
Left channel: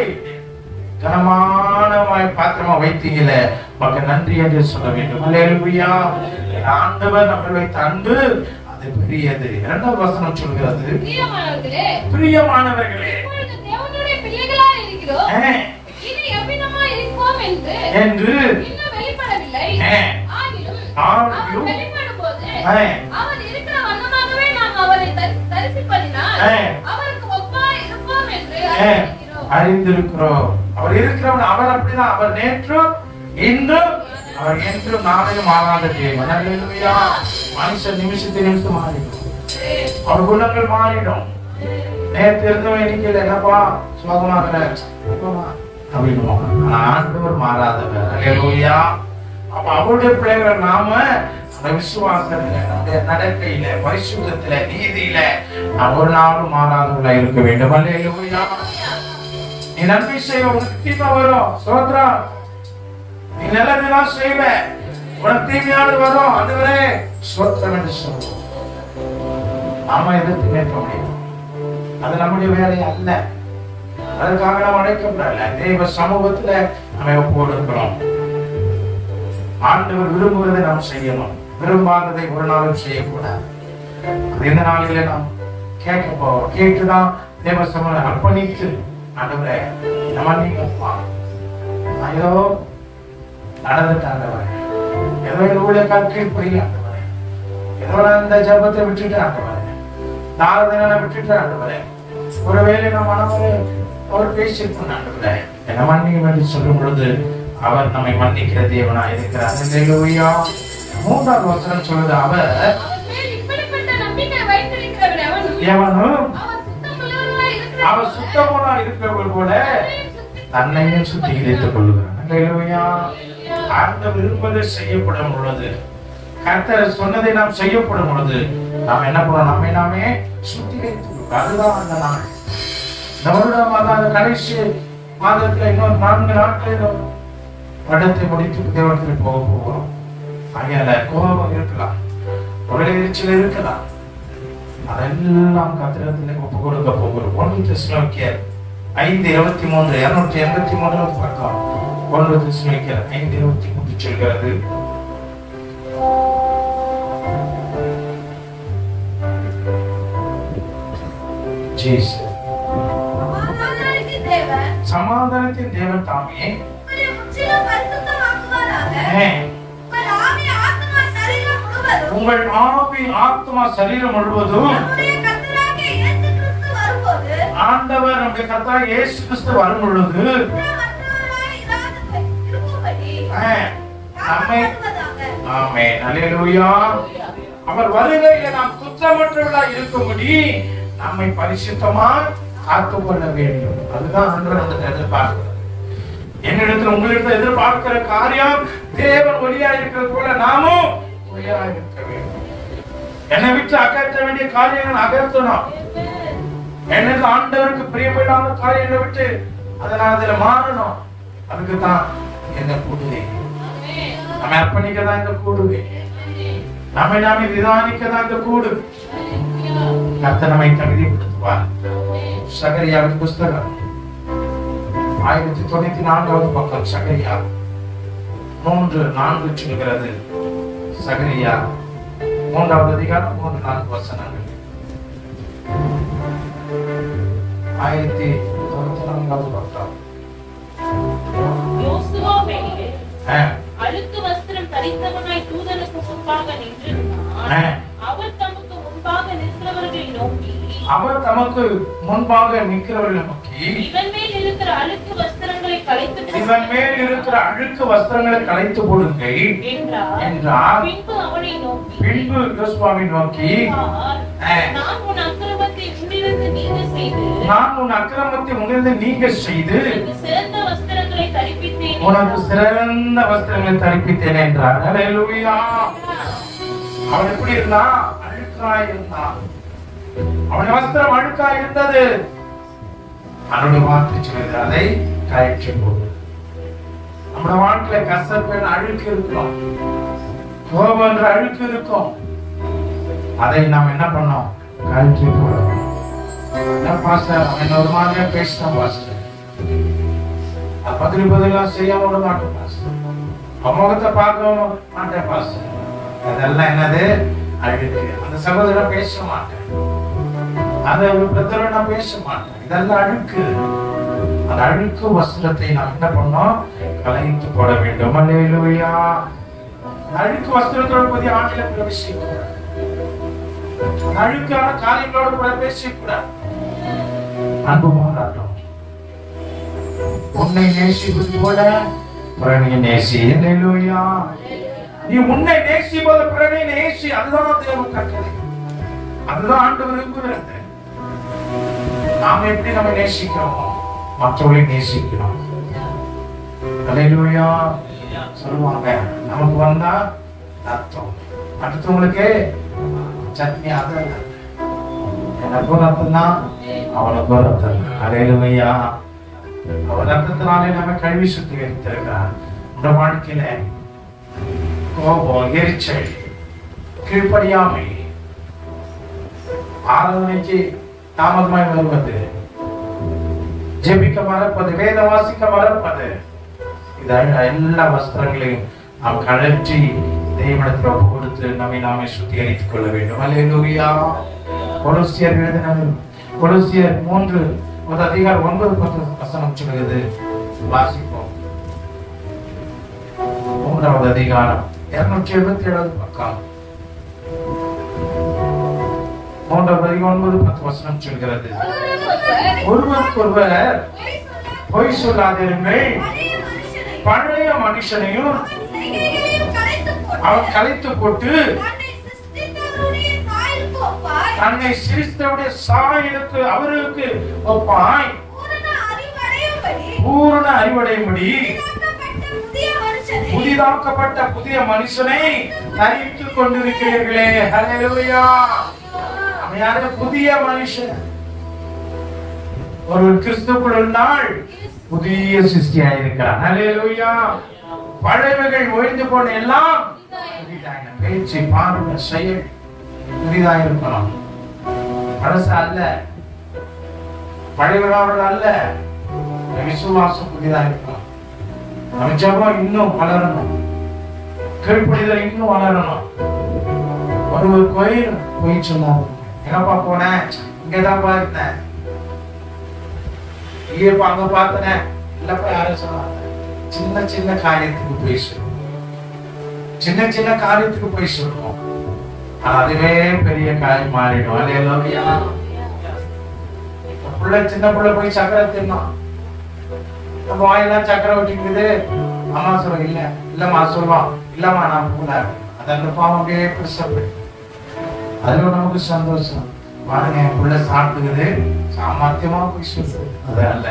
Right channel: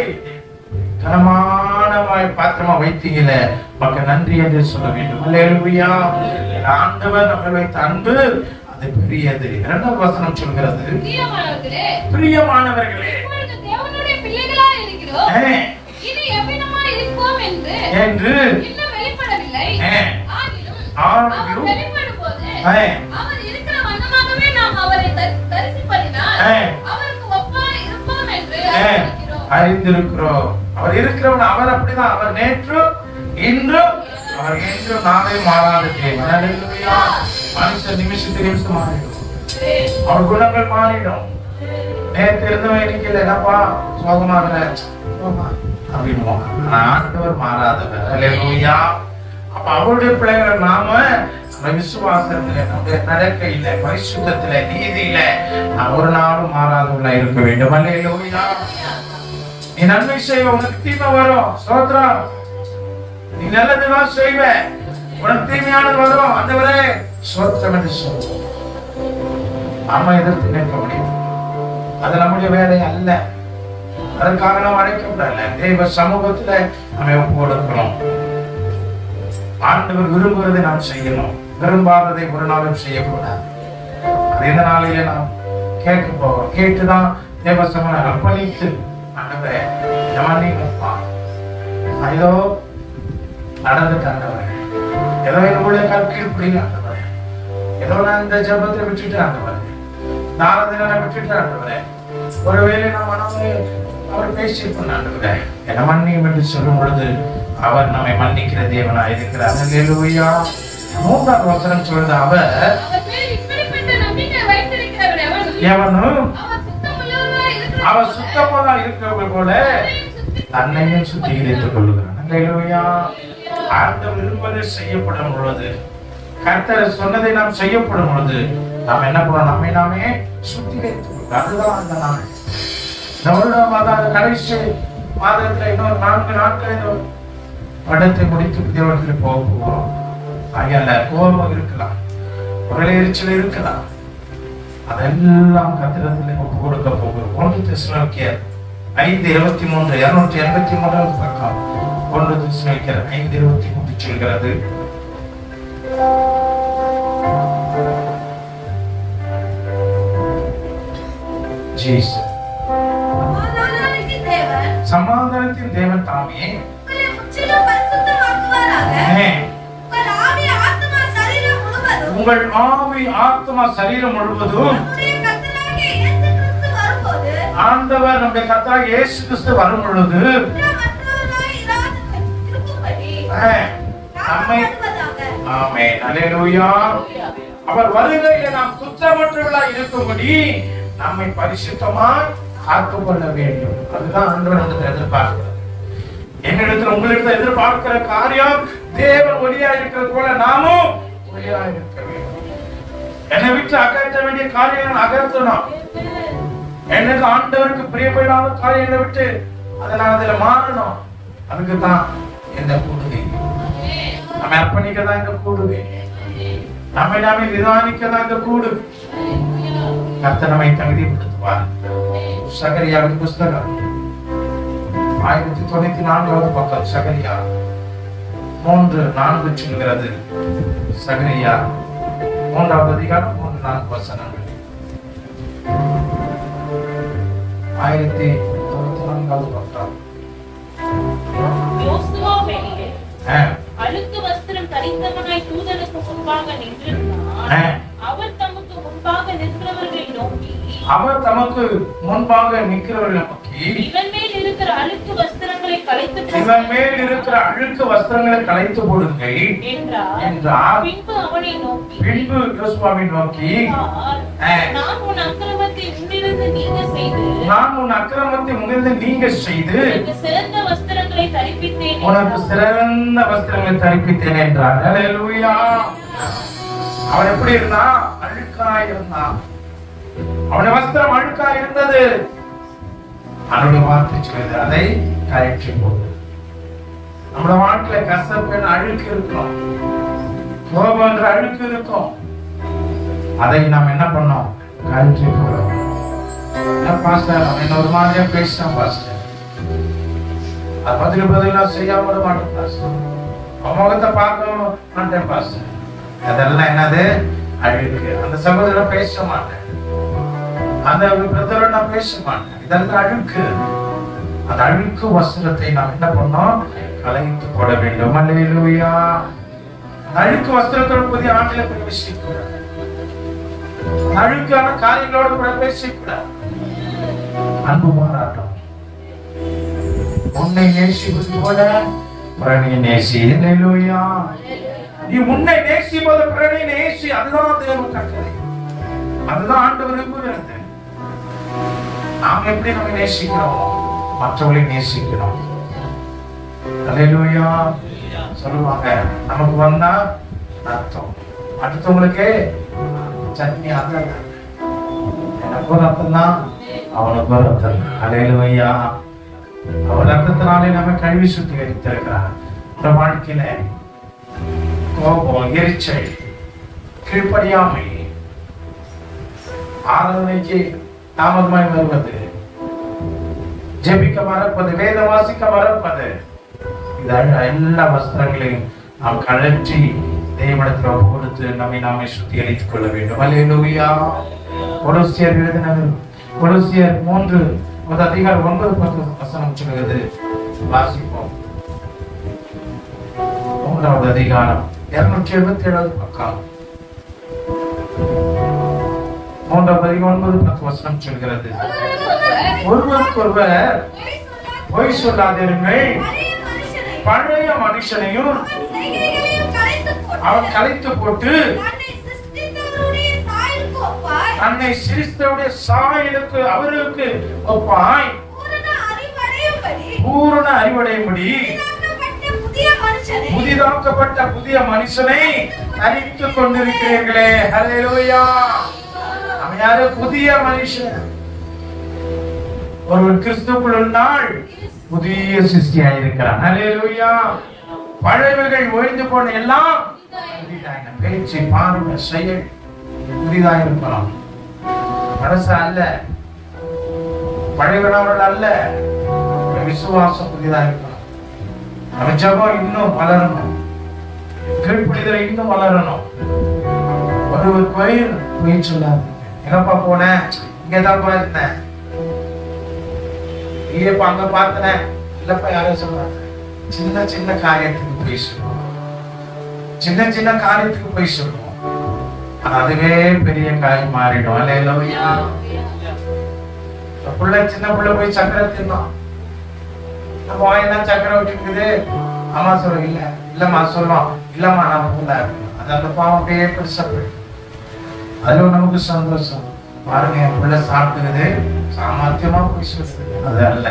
கனமான பாத்திரமா வைத்தீங்கள, மக்கள் நன்றி என்று சொல்ல வேண்டும். ஹல்லேலூயா. ஆண்டவர் நம்ம வைத்த அன்பு அது பெரியது. 2வது வசனம் சொல்கிறது பிரியமானவர்களே என்று அறிந்திருக்கிறோம். அவர் இருக்கிறவன் அவர் அப்படிதான். அவர் நேற்று இன்று அவர் என்று நாளை மாறாத தேவன். ஹல்லேலூயா. மனுஷன் நிமிஷம் மாறிடும், அவர் குணங்கள் மாறிடும். நேற்று இருந்தவன் இன்னைக்கு என்னப்பா சோகமாக அப்படின்னு ஆண்டவர் மாறாதவர். ஹல்லேலூயா. அப்ப அவருடைய பிள்ளைகள் நாம விசுவாசத்துல, நம்முடைய நடக்கையில, பரிசுத்தத்துல, நீதியில நாம் ஒரு நாளும் மாறாதவர்களா இருக்க வேண்டும். ஹல்லேலூயா. நீ நன்மை செய்வ, உனக்கு தீமை வரும். ஸ்தோத்திரம். நீ நல்லதுதான் செய்வ, உனக்கு தீமையானது வரும். ஆண்டவரே ஸ்தோத்திரம் என்று சொல்லுவோம். நாம எதிர்த்து நிற்க முடியும். அது நம்முடைய வேலை அல்ல. அதற்காக நாம் அழைக்கப்படல. தேவ சமூகத்துல நம்ம ஒப்பு கொடுக்கிறோம். ஆண்டவர் விரும்புவதை நாம் செய்யணும், விரும்பாததை ஒரு நாளும் செய்யக்கூடாது. அது இந்த நாளிலே நாம் கேட்க போவோம். கேட்டுதான் தேவ சமூகம் அர்ப்பணித்து ஆண்டவரே ஏதோ நடந்துட்டாண்டவர், ஏதோ என்னுடைய கற்கீழ்படி ஆண்டவர், ஏதோ இந்த ஜபத்தை விட்டுட்டு ஆண்டவர், நாரதினை விட்டுட்டு ஆண்டவரே, ஒருவேளை நம் மனமே அவர் பேசியிருக்கோம் ஆண்டவரே, என்ன மன்னியும் என்று சொல்லும் பொழுது அவர் நம்மை மன்னிக்கிற தேவனாய் இருக்கிறார். ஹல்லேலூயா. 3வது வசனம் சொல்றது அவர் எவனும் அவர் சுத்தமான இருக்கிறவர்கள் போல தன்னையும் சுத்திகரித்துக் கொள்கிறார். ஹல்லேலூயா. ஆண்டவர் விரும்புவதை செய்யப்படும் பொழுது, கர்த்தர் சொன்னதை நாம் செய்யப்படும் பொழுது நாம் என்ன பண்ணோம்? நம்மை நாமே சுத்திகரித்துக் கொள்கிறோம். அதுதான் அந்த நாள். இந்த கடைசி மாதத்துல இன்னொரு 4 நாட்கள் படத்தை முடித்து தேவனத்தில் போக போகிறோம். ஆகையால கோபம் இருக்கலாம், ஒரு எரிச்சல் இருக்கலாம், அதெல்லாம் கர்த்தரிடத்தில் ஒப்பு கொடுக்க போகிறோம். 1 தெசலோனிக்கேயர் 5:23 283 பக்கம் 1 தெசலோனிக்கேயர் 5:23 சொல்கிறது, சமாதானத்தின் தேவன் தாமே உங்கள் ஆவி ஆத்மா சரீரம் முழுவதும் ஆண்டவர் நம்முடைய கர்த்தராகிய இயேசு கிறிஸ்து வரும் பொழுது நம்மை ஆமென் அல்லேலூயா அவர் வருகையிலே நாம் குற்றமற்றவர்களாய் இருக்கும்படி நம்மை பரிசுத்தமாய் காத்துக் கொள்ள வேண்டும். அதுதான் ஆண்டவர் எதிர்பார்க்கிறார். என்னிடத்தில் உங்களுக்கு எதிர்பார்க்கிற காரியம் தேவன் ஒளியா இருக்கிறது போல நாமும் ஒளியா இருக்க வேண்டும். என்னை விட்டு அகற்ற வேண்டிய காரியங்கள் அகற்றணும். எனக்கு ஆண்டவருக்கு பிரியப்படாத காரியங்களை விட்டு அதனால அதுல மாறணும். அதுக்குதான் என்ன கூடுதே நம்ம அர்ப்பணிக்கதான் இங்க கூடுதே நம்மை நாமே நிதானிக்கதான் இங்க கூடு. கர்த்தர் நம்மை தகுதிப்படுத்துவார். சகரியாவின் புஸ்தகம் 1094 பக்கம் சகரியா 3:4 சொல்கிறது. சகரியா 3வது அதிகாரம் 3-4 வசனங்கள். 1094 பக்கம். அழுக்கு வஸ்திரம் தரித்தவனாய் தூதனுக்கு முன்பாக நின்று அவர் தமக்கு முன்பாக நிற்கிறவர்களை நோக்கி இவன் மேல் இருக்கிற அழுக்கு வஸ்திரங்களை களைத்து போடுங்கள் என்றார். பின்பு யோசுவாவை நோக்கி நான் உன் அக்கிரமத்தை உன்னிலிருந்து நீங்க செய்து உனக்கு சிறந்த வஸ்திரங்களை தரிப்பித்தேன் என்றார். அல்லேலூயா. அவன் எப்படி இருந்தா? அழுக்காய் இருந்தான். அவனுடைய வஸ்திரம் அழுக்காய் இருந்தது. அவனுடைய வார்த்தை சொல்லுது அதை கரெக்ட் போடு. நம்முடைய வாழ்க்கையில கசப்பு அழுக்கு இருக்கும், கோபம் என்ற அழுக்கு இருக்கும். அதை நாம் என்ன பண்ணோம்? கரெக்ட் போடுறோம். ஒரு மாதிரியா பேசுறோம் பாஸ்டர், பதிலா செய்யாம விட மாட்டேன் பாஸ்டர், முகத்தை பார்க்க மாட்டேன் பாஸ்டர், அதெல்லாம் என்னது? அழுக்கு. அந்த சகோதரன் பேச மாட்டேன், அந்த பிரதரை நான் பேச மாட்டேன், இதெல்லாம் அழுக்கு. அந்த அழுக்கு வஸ்திரத்தை நாம் என்ன பண்ணோம்? களைத்து போட வேண்டும். அல்லேலூயா. அழுக்கு வஸ்திரத்தோட புதிய ஆண்டில பிரவேசிக்கூடாது. அழுக்கான காரியங்களோட பிரவேசிக்கூடாது. அன்பு மாறாட்டம். உன்னை நேசிப்பது போல பிறனை நேசி. அல்லேலூயா. நீ உன்னை நேசிப்பது பிறனை நேசி. அதுதான் தேவன் கட்டளை. அதுதான் ஆண்டவர் விரும்புகிறது. நாம எப்படி நம்ம நேசிக்கிறோம்? மற்றவர்களை நேசிக்கிறோம். அல்லேலூயா. சொல்லுவாங்க நமக்கு வந்தா ரத்தம், அடுத்தவங்களுக்கு சட்னி. அது எனக்கும் ரத்தம் தான், அவனுக்கும் ரத்தம். அல்லேலூயா. அவர் ரத்தத்தினாலே நம்ம கழுவி சுத்திகரித்திருக்கிறார். இந்த வாழ்க்கையில கோபம், எரிச்சல், கீழ்ப்படியாமை, ஆராதனைக்கு தாமதமாய் வருவது, ஜெபிக்க மறப்பது, வேத வாசிக்க மறப்பது, எல்லா வஸ்திரங்களையும் நாம் கழற்றி தேவனிடத்தில் கொடுத்து நம்மை நாமே சுத்திகரித்துக் கொள்ள வேண்டும். அல்லேலூயா. கொலோசியர் எழுதின கொலோசியர் 3:9-10 வசனம் சொல்கிறது. வாசிப்போம். 3வது அதிகாரம் 277 பக்கம். 3:9-10 வசனம் சொல்கிறது. ஒருவருக்கொருவர் பொய் சொல்லாதிருங்கள், பழைய மனுஷனையும் அவன் கலைத்து போட்டு தன்னை சிரித்தவருடைய சாயலுக்கு அவருக்கு ஒப்பாய் பூரண அறிவடையும்படி புதிதாக்கப்பட்ட புதிய மனுஷனை தரித்துக் கொண்டிருக்கிறீர்களே. அல்லேலூயா. அவன் யாரு? புதிய மனுஷன். ஒரு கிறிஸ்துவுக்குள் இருந்தால் புதிய சிருஷ்டியாயிருக்கிறார். அல்லேலூயா. பழையவைகள் ஒழிந்து போன எல்லாம் புதிதாக. பேச்சு, பார்வை, செயல் புதிதாக இருக்கலாம். பழச அல்ல, பழையவர்கள் அல்ல. விசுவாசம் புதிதாக இருக்கலாம். நம்ம ஜெபம் இன்னும் வளரணும், கீழ்ப்படிதல் இன்னும் வளரணும். ஒரு கோயில் போய் சொல்லாது, எங்கப்பா போனேன், இங்கதான்ப்பா இருந்தேன், இப்ப அங்க பார்த்தனேன் இல்லப்பா யாரும் சொன்னாங்க. சின்ன சின்ன காரியத்துக்கு போய் சொல்லுவோம், சின்ன சின்ன காரியத்துக்கு போய் சொல்லுவோம், அதுவே பெரிய காரியம் மாறிடும். அல்லேலூயா. பிள்ளை சின்ன பிள்ளை போய் சக்கரை தின்னோம், நம்ம வாயினா சக்கரை விட்டுக்குது. அம்மா சொல்றோம் இல்ல இல்லம்மா சொல்றோம் இல்லம்மா நான் போல அது அந்த பாவம் அப்படியே பெருசா போயிடும். அதுல நமக்கு சந்தோஷம். பாருங்க என் பிள்ளை சாப்பிட்டுக்குது, சாமர்த்தியமா போய் சொல்லுது. அது அல்ல.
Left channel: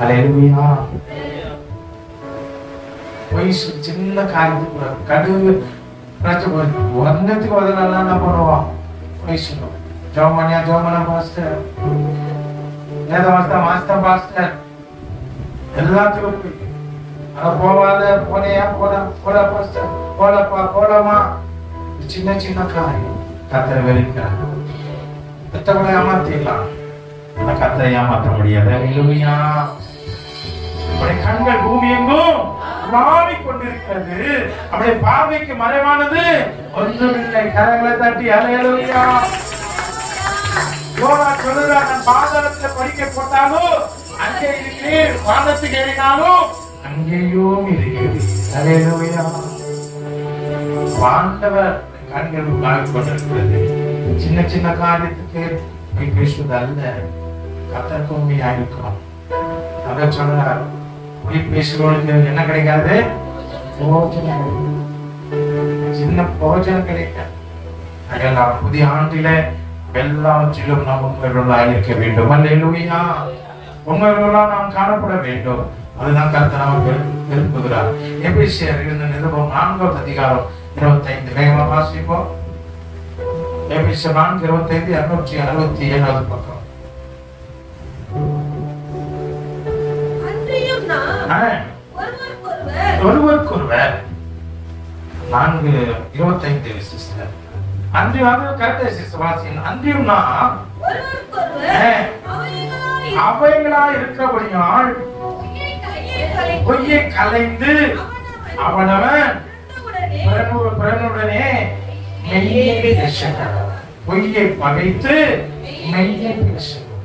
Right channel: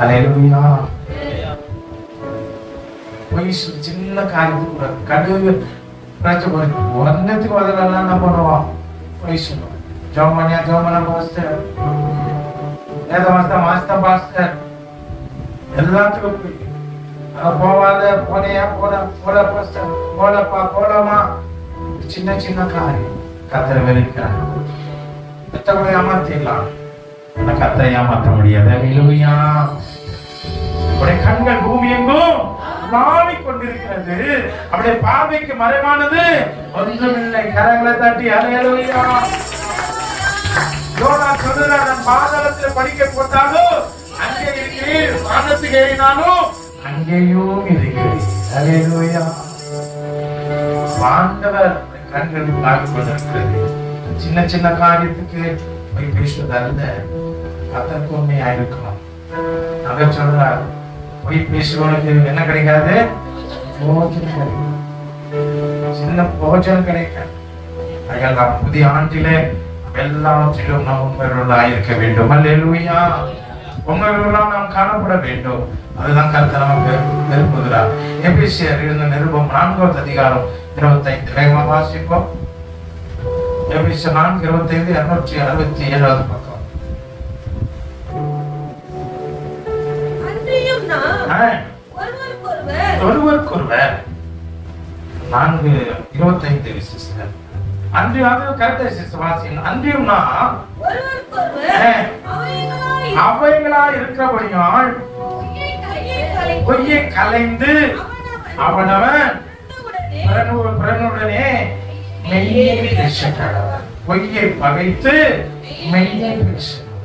அல்லேலூயா. போய் சின்ன காரியத்துக்கு கடுகு பிரச்சனை ஒன்னத்துக்கு வரலாம் என்ன பண்ணுவோம், போய் சொல்லுவோம். ஜோமனியா ஜோமன பாஸ்டர், வேத மாஸ்டர் பாஸ்டர் எல்லாத்துக்கும் போய் போவாத போனியா போட போட பாஸ்டர் போடப்பா போடமா. சின்ன சின்ன காரியம் கத்தரை வெளிக்கிறாங்க. எத்தனை ஏமாத்திடலாம், கத்தரை ஏமாற்ற முடியாது. அல்லேலூயா. கண்கள் பூமி எங்கும் கொண்டிருக்கிறது, அப்படியே பார்வைக்கு மறைவானது ஒன்றுமில்லை. கரங்களை தட்டி அல்லேலூயா. யோனா சொல்லுறான், பாதாளத்தில் படிக்க போட்டாலும் அங்கே இருக்கிறேன், வானத்துக்கு ஏறினாலும் அங்கேயும் இருக்கிறேன். அல்லேலூயா. ஆண்டவர் கண்கள் பார்த்து கொண்டிருக்கிறது. சின்ன சின்ன காரியத்துக்கு போய் பேசுவது அல்ல, கத்தருக்கு உண்மையா இருக்கணும். அத சொல்றார், போய் பேசுவதற்கு என்ன கிடைக்காது, போஜனம், சின்ன போஜனம் கிடைக்காது. அதெல்லாம் புதிய ஆண்டில எல்லாவற்றிலும் நாம் உண்மையுள்ளவர்களாக இருக்க வேண்டும். அல்லேலூயா. உண்மையுள்ளவர்களாக நாம் காணப்பட வேண்டும். அதுதான் கர்த்தர் நமக்கு விரும்புகிறார். எபேசியர் இருந்த நிருபம் 4வது அதிகாரம் 25 வேகமாக வாசிப்போம். எபேசியர் 4:25 267வது பக்கம். ஒருவருக்கொருவர் 4:25 சிஸ்டர். அன்றியும் கரெக்டா சிஸ்டர் வாசிங்க. அன்றியும் நான் அவைகளா இருக்கிறபடியால் பொய்யை கலைந்து அவனவன் பிறனுடனே மெய்யை பேசுகிறான். பொய்யை பகைத்து மெய்யை பேசுகிறான்.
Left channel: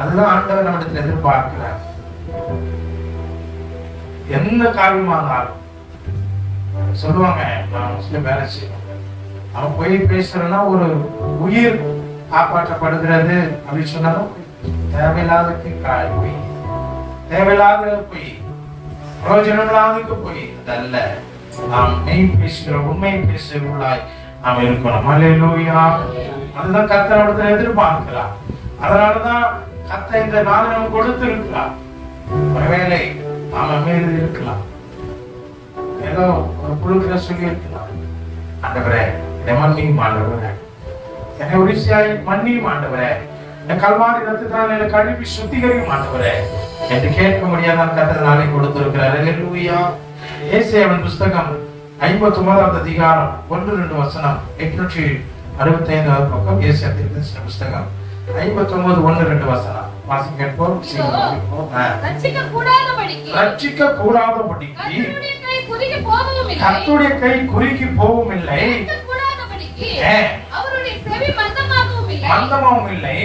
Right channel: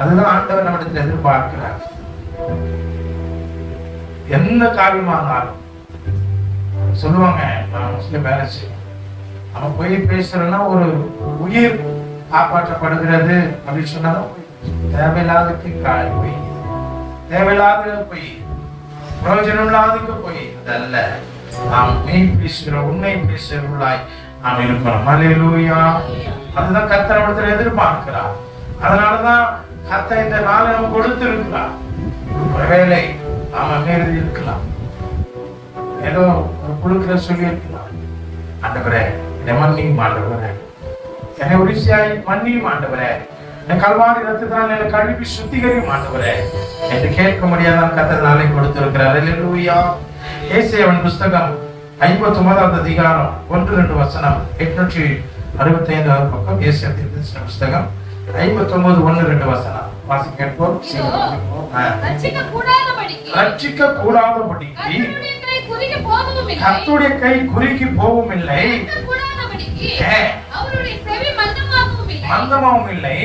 அதுதான் ஆண்டவர் நம்மிடத்தில் எதிர்பார்க்கிறார். எந்த காரியமானாலும் சொல்லுவாங்க, வேலை செய்வாங்க. அவன் போய் பேசுறன்னா ஒரு உயிர் காப்பாற்றப்படுகிறது அப்படின்னு சொன்னாலும் தேவையில்லாததுக்கு போய், தேவையில்லாத போய், பிரயோஜனம் இல்லாததுக்கு போய் அதல்ல. நாம் மெய் பேசுகிற உண்மை பேசுகிறவர்களாய் நாம் இருக்கணும். அல்லேலூயா. அதுதான் கர்த்தர் நம்மிடத்தில் எதிர்பார்க்கிறார். அதனாலதான் கர்த்தர் இந்த நாளை நம்ம கொடுத்து இருக்கிறார். ஒருவேளை நாம மீறி இருக்கலாம், ஏதோ ஒரு குழுக்களை சொல்லி இருக்கலாம். ஆண்டவரே மன்னியும் ஆண்டவரே, என்னை உரிசியாய் மன்னியும் ஆண்டவரே, என் கல்வாரி ரத்தத்தால் என்னை கழுவி சுத்திகரியும் ஆண்டவரே என்று கேட்க முடியாத கர்த்தர் நாளை கொடுத்திருக்கிறார். அல்லேலூயா. ஏசாயாவின் புஸ்தகம் 59வது அதிகாரம் 1-2 வசனம் 865வது பக்கம். ஏசாயாவின் புஸ்தகம் 59:1-2 வசனம் வாசி கேட்போம். ரட்சிக்க கூடாதபடிக்கு கர்த்தருடைய கை குறுகி போகவும் இல்லை, மந்தமாகவும் இல்லை.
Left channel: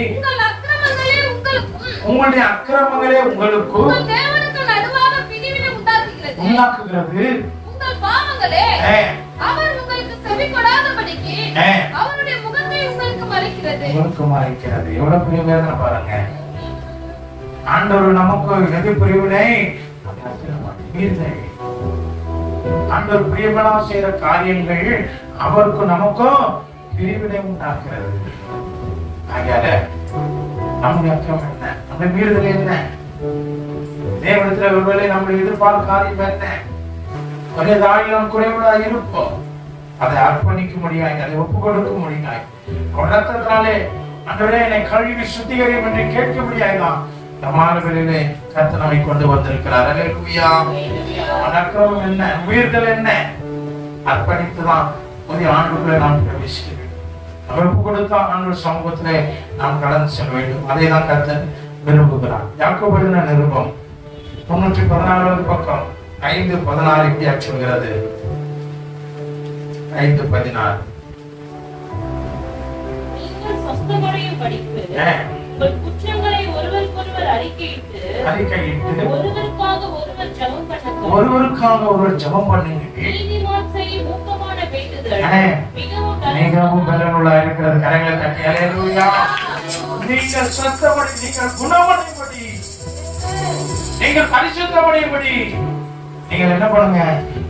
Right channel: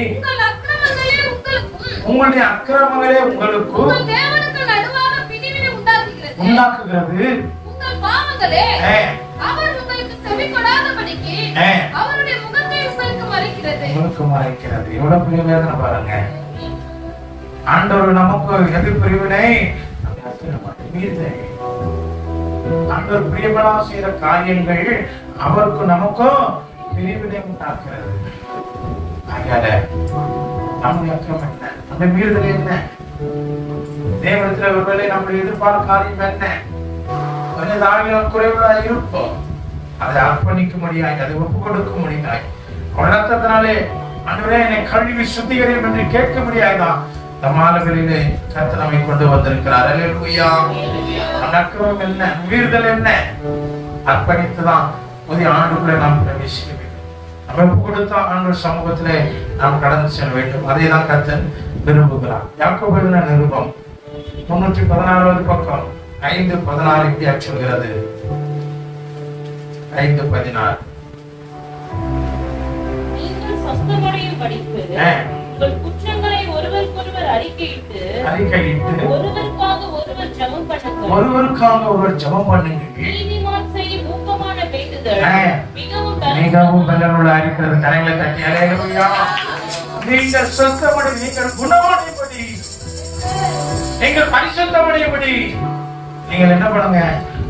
உங்களுடைய அக்கிரமங்களே உங்களுக்கு உண்டாக்குகிறது. எவ்வளவு பிரிவினை பாருங்க. ஆண்டவர் நமக்கு எது பிரிவினை, ஆண்டவர் பிரியமனா செய்யற காரியங்கள் அவருக்கு நமக்கும் பிரிவினை உண்டாக்குறது. நம்முடைய அக்கிரமம் என்ன, நம்முடைய மீறுதல் என்ன, தேவனத்துல ஒருவேளை நம்முடைய எதிர்பார்த்த காரியம் என்ன, தாழ்நிலம் குறைவுகளா இருப்போம். அதை அர்ப்பணிக்க முடியாது, அதை ஒப்பு கொடுக்க முடியாது. ரத்தத்தினாலே ஆண்டவரே என்னை கழுவி சுத்திகரியும் என்று கேட்க முடியாதான். நம்மானவர்களிலே கர்த்தர் நம்மை கொண்டு வந்திருக்கிறார். அல்லேலூயா. அக்கிரமம் என்ன, மீறுதல் என்ன, அர்ப்பணித்துதான் புதிய ஆண்டுக்குள்ளே நாம் பிரவேசிக்க வேண்டும். நம்ம ஒப்பு கொடுத்தா ஆண்டவர் சமூகத்திலே நாம் கடந்து செல்ல வேண்டும். அதே தான் கர்த்தர் விரும்புகிறார். யாக்கோபு எழுதின நிருபம் 314வது பக்கம் 5:14 இப்படி சொல்கிறது. 5:14 குற்றங்களை ஒருவர் அறிக்கையிட்டு ஒருவருக்காக ஒருவர் ஜெபம் பண்ணுங்க. மிகவும் பலனுள்ள அறிக்கிறது. கரைகளை தட்டி அல்லேலூயா. நீங்கள் சுத்தமடை, நீங்கள் குணமடையும்படி, நீங்கள் பரிசுத்தமடையும்படி நீங்கள் என்ன பண்ணுங்க?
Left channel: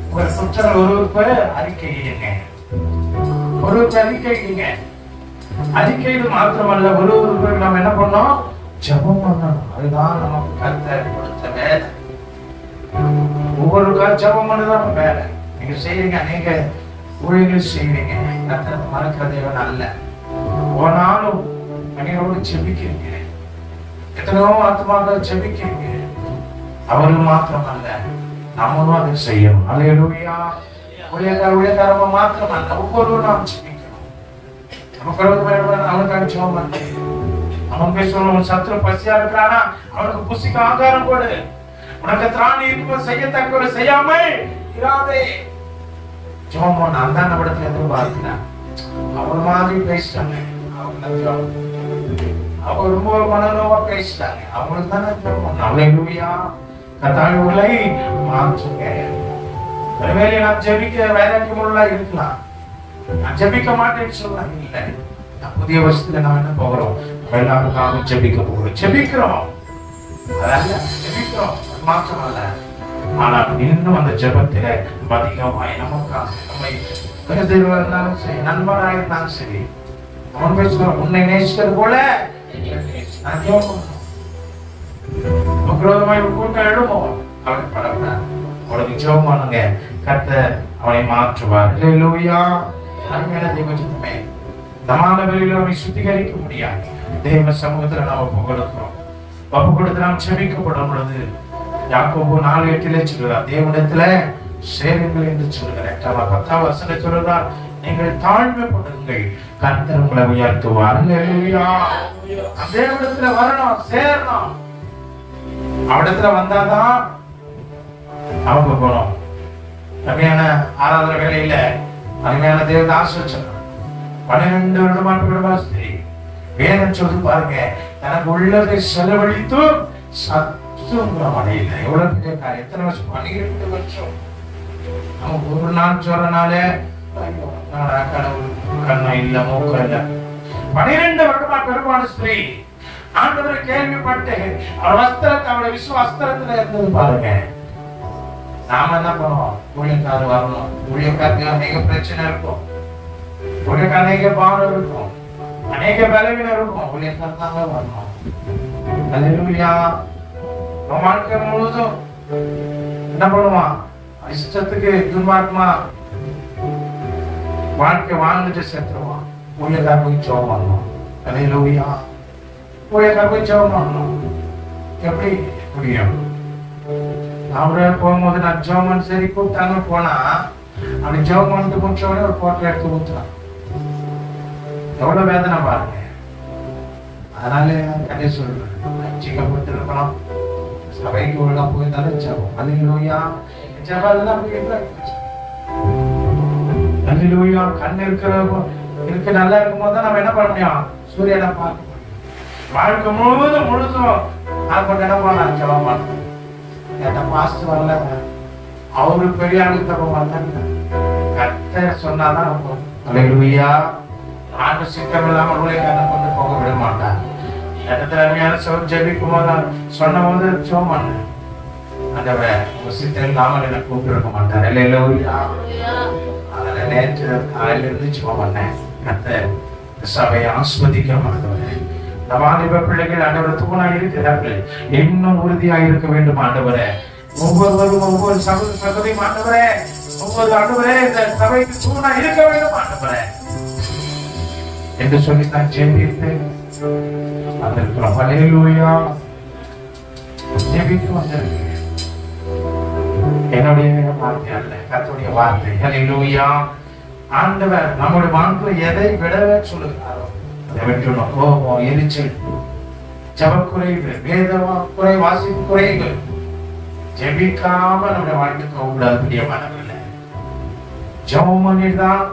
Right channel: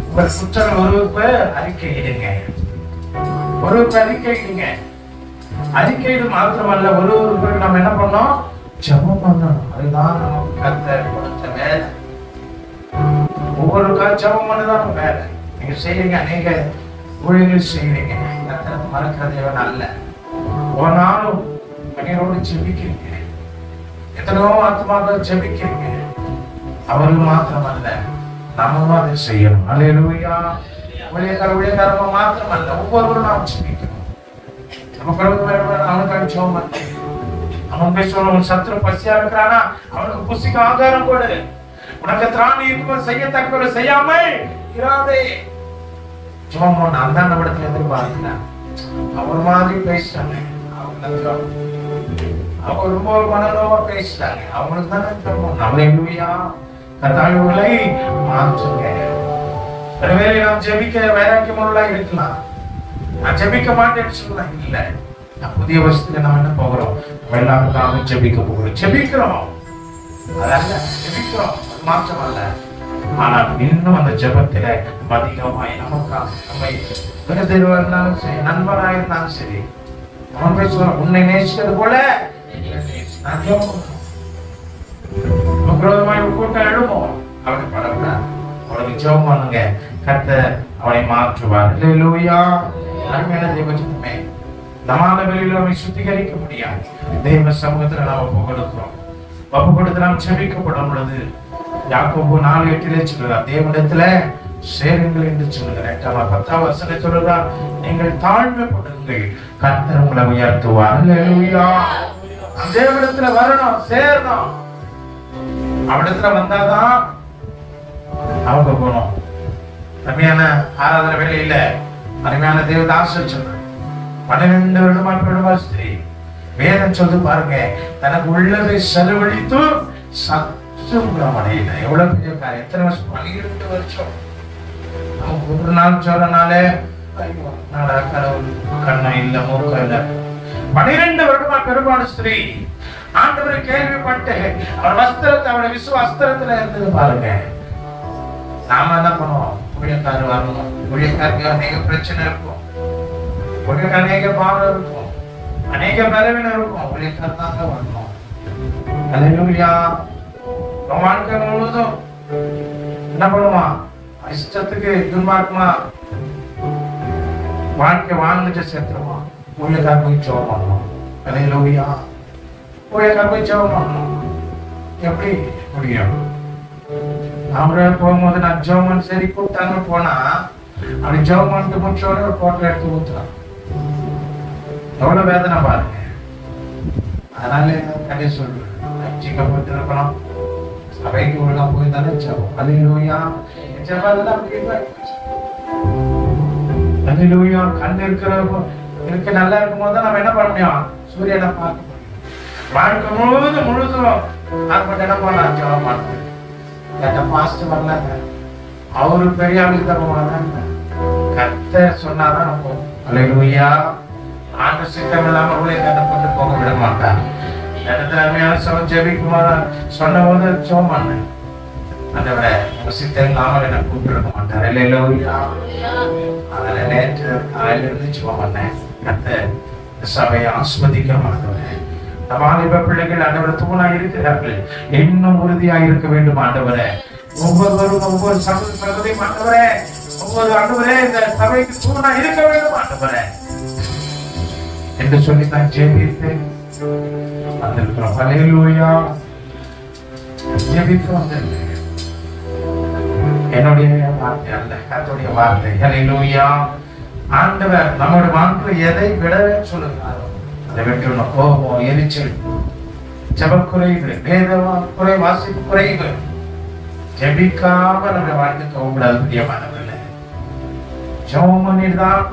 உங்கள் குற்றங்கள் ஒருவருக்கு அறிக்கையிடுங்க. ஒருவருக்கு அறிக்கையிடுங்க. அறிக்கையிடு மாத்திரமல்ல, ஒருவருக்கு நம்ம என்ன பண்ணோம்? ஜெபம் பண்ணணும். அதுதான் நமக்கு கர்த்தர் கொடுத்த வேலை. ஒவ்வொருக்காக ஜெபம் பண்ணதான் வேலை. நீங்க செய்யறீங்க, அநேக ஊழியர்கள் செய்வீங்க. கர்த்தர் மறக்கிறதே அல்ல. ஒரு நாளும் கண்ணீரோடு ஜெபிக்கிறீங்க. எத்தனையோ ஆத்மாக்கள் ஜெபிக்கிறீங்க. அவர்கள் மாத்திரமல்ல, நாமும் அதை செய்யணும். அல்லேலூயா. ஊழியக்காரமா மாத்திரமல்ல, ஒவ்வொருவரும் நாம் ஜெபிக்கணும். அவனுக்காக ஜெபம் பண்ணு. அவன் பேசுவான், சத்துரு பசியா இருக்கிறானா அவனுக்கு புசிக்கு ஆதாரம் போடு. உனக்கு திராணி இருக்கும் செய்யத்தக்க செய்யாமல் இராதே. ஜெபம் பண்ண அந்த இடத்துல எதிர்பார்க்கல. அவர் மாதிரி பேசிட்டாங்க. அவங்க ரொம்ப ஒரு மனநோவா பேசிட்டாங்க. அவங்களுக்கு தானே அல்லேலூயா. கர்த்தாவிகளை மாற்றுங்க. ஒருவேளை நாம் ஜெபிக்க வைராக்கியமுள்ளா இருக்கலாம். நான் ஜெபிக்க மாட்டேன்னு சொல்ல இல்ல. புதிய வருஷத்துல நம்ம என்ன போகிறோம்? எல்லாருக்காக ஜெபிக்க போகிறோம். ஜெபிக்கிறோம், அதனால ஜெபிக்கிறோம், மாற்றம் அல்ல. ஆனால் இன்னும் அந்த ஜெபத்தில அதிகமாய் நமக்காக நம்மை கருதுவா இருந்தாலும் சரி, நண்பராக இருந்தாலும் சரி, அவன் பேசுவான், உன்னை நேசித்தது போல நான் ஜெபம் கூட்டம் எழுமோ அவனுக்கு பரவாயில்ல. அவனுக்கு ஜெபம் பண்ணுங்க. கர்த்தர் அவனை மாற்றுவார். அல்லேலூயா. ஜெபமே நமான வெளியில அவனை சுத்திகரிக்க முடியாது. தேவ சமூகத்துல நாம் ஒப்பு கொடுத்து நாம் செபிக்கப்படும் பொழுது யாக்கோபு 4:8 சொல்லுவார், தேவனிடத்துல சேருங்கள் என்று சொல்லுகிறார். 10ஆம் வசனம் சொல்லுகிறார், நீங்கள் தாழ்மைப்படுங்கள், கர்த்தர் உங்களை உயர்த்துவார். அல்லேலூயா. அந்த தேவனிடத்துல வரணும், சேரணும். அவனிடத்துல வந்தாதான் அவங்க போனோம். அருமையான ஆராதனை வேலையில அருமையான தேவதாசன் சொல்ற 12 வருடமா ஸ்திரீ வேதம் சொல்லு பாருங்க, தனக்கு உள்ளதை செலவழித்து சற்றும் அடையில. எவ்வளவு பெரிய காரியம். எத்தனை வருஷம்? 12 வருஷம். ஒரு நாள் சொல்றனால கண்ணா இல்ல மூக்க இல்ல. 12 வருடமா பெருமான ஸ்திரீ ஆண்டவரை கேள்விப்பட்டு அவர் வஸ்திரத்தை, அவருடைய விசுவாஸ்திரத்துல இருந்தது பாருங்க. நாம என்ன பண்ணுவோம்? ஊழியக்காரர் வரணும். ஊழியக்காரருக்கு அநேக பிரச்சனை இருக்கும், ஊழியக்காரர் அநேக பாவம் இருக்கும், அநேக பலவீனம் இருக்கும். ஊழியக்காரர் தாங்க வரணும். அல்லேலூயா. வாழ்க்கை முழுவதும் என்ன பண்ணுவான்? இஷ்டத்துக்கு எதிர்பார்க்குமா வாழ்க்கை வாழ்ந்துட்டு சேர்த்துருவான். ஊழியக்காரர் போய் ஜெபம் பண்ணணும். அல்லேலூயா. ஊழியக்காரர் போய் ஜெபம் பண்ணணும். எப்படி முடியும்? அவரால் போகும்போது நான் ஜெபம் சரி கூப்பிட்டாங்க போனா அப்படி ஜெபம் பண்ணிட்டு முடிச்சோடனே ஒரு போட்டோ எடுத்து ஊத்துறான். எவ்வளவு வேதனை பாருங்க. அதனால கடையை சொல்றேன், ஜீக்கப்பட்டு இருக்கணும். சபைக்கு ஒழுங்கா போயிருந்தாலும் ஜெபம். அல்லேலூயா. ஜெபம் எல்லாம் அல்லேலூயா. கண் இருக்கு நல்லா இருக்கும் போது நம்ம என்ன பண்ண முடியும்? சூரியனை பார்க்க முடியும். வாழ்க்கை முழுதும் நான் என்ன பண்ண ஜெபம் பண்ண பாஸ்டர் வரல, அவரு பெரிய ஆளுக்கு தருவாங்க. கர்த்தர் சொன்னாதான் அல்லேலூயா. ஆண்டு சித்தம் இல்லாம ஊழியக்காரனை கொண்டு போக விட மாட்டான். இடத்துல அருமையான ஜெபிக்கும் போது சொன்ன போது ஜெபம் பண்ணு. ஆண்டவரே, உங்க சித்தம் இல்லாமல் என்ன கூப்பிட்டு மாட்டார். அல்லேலூயா. அதனால நேற்று காலையில இருந்து ஜெபம் பண்ணேன். கர்த்தர் சபையை ஆஸ்வதிக்க மாட்டேன். வாலிப பிள்ளைகள் அனைவரும் தூணா இருக்கிறார்கள். இன்னும் உறுதியாக இருக்க வேண்டும் ஆண்டவரே. ஒவ்வொருவரும் ஒவ்வொரு சகோதரியும் ஆண்டவரே, ஒவ்வொரு ஆண்டவரே இந்த சபைக்கு தூணா இருக்க வேண்டும் ஆண்டவரே என்று சொல்லி நான் ஜெபித்து வந்திருக்கிறோம். அல்லேலூயா. ஜெபித்து வந்திருக்கிறேன். என்னுடைய வார்த்தை அல்ல, கர்த்தருடைய வார்த்தை. அல்லேலூயா. ஆண்டவர் நம்முடைய வாழ்க்கை எதை விட சொல்லுகிறாரோ அதை விட்டுணும். கோபம், எரிச்சல், ஜெபக்குறைவு, வேதமா குறை, வாசிப்பு குறைவு, ஜெபிக்காம நம்முடைய வாழ்க்கை போகக்கூடாது. பிரியமானவர்களே, ஜெபம் பண்ணிட்டு தான்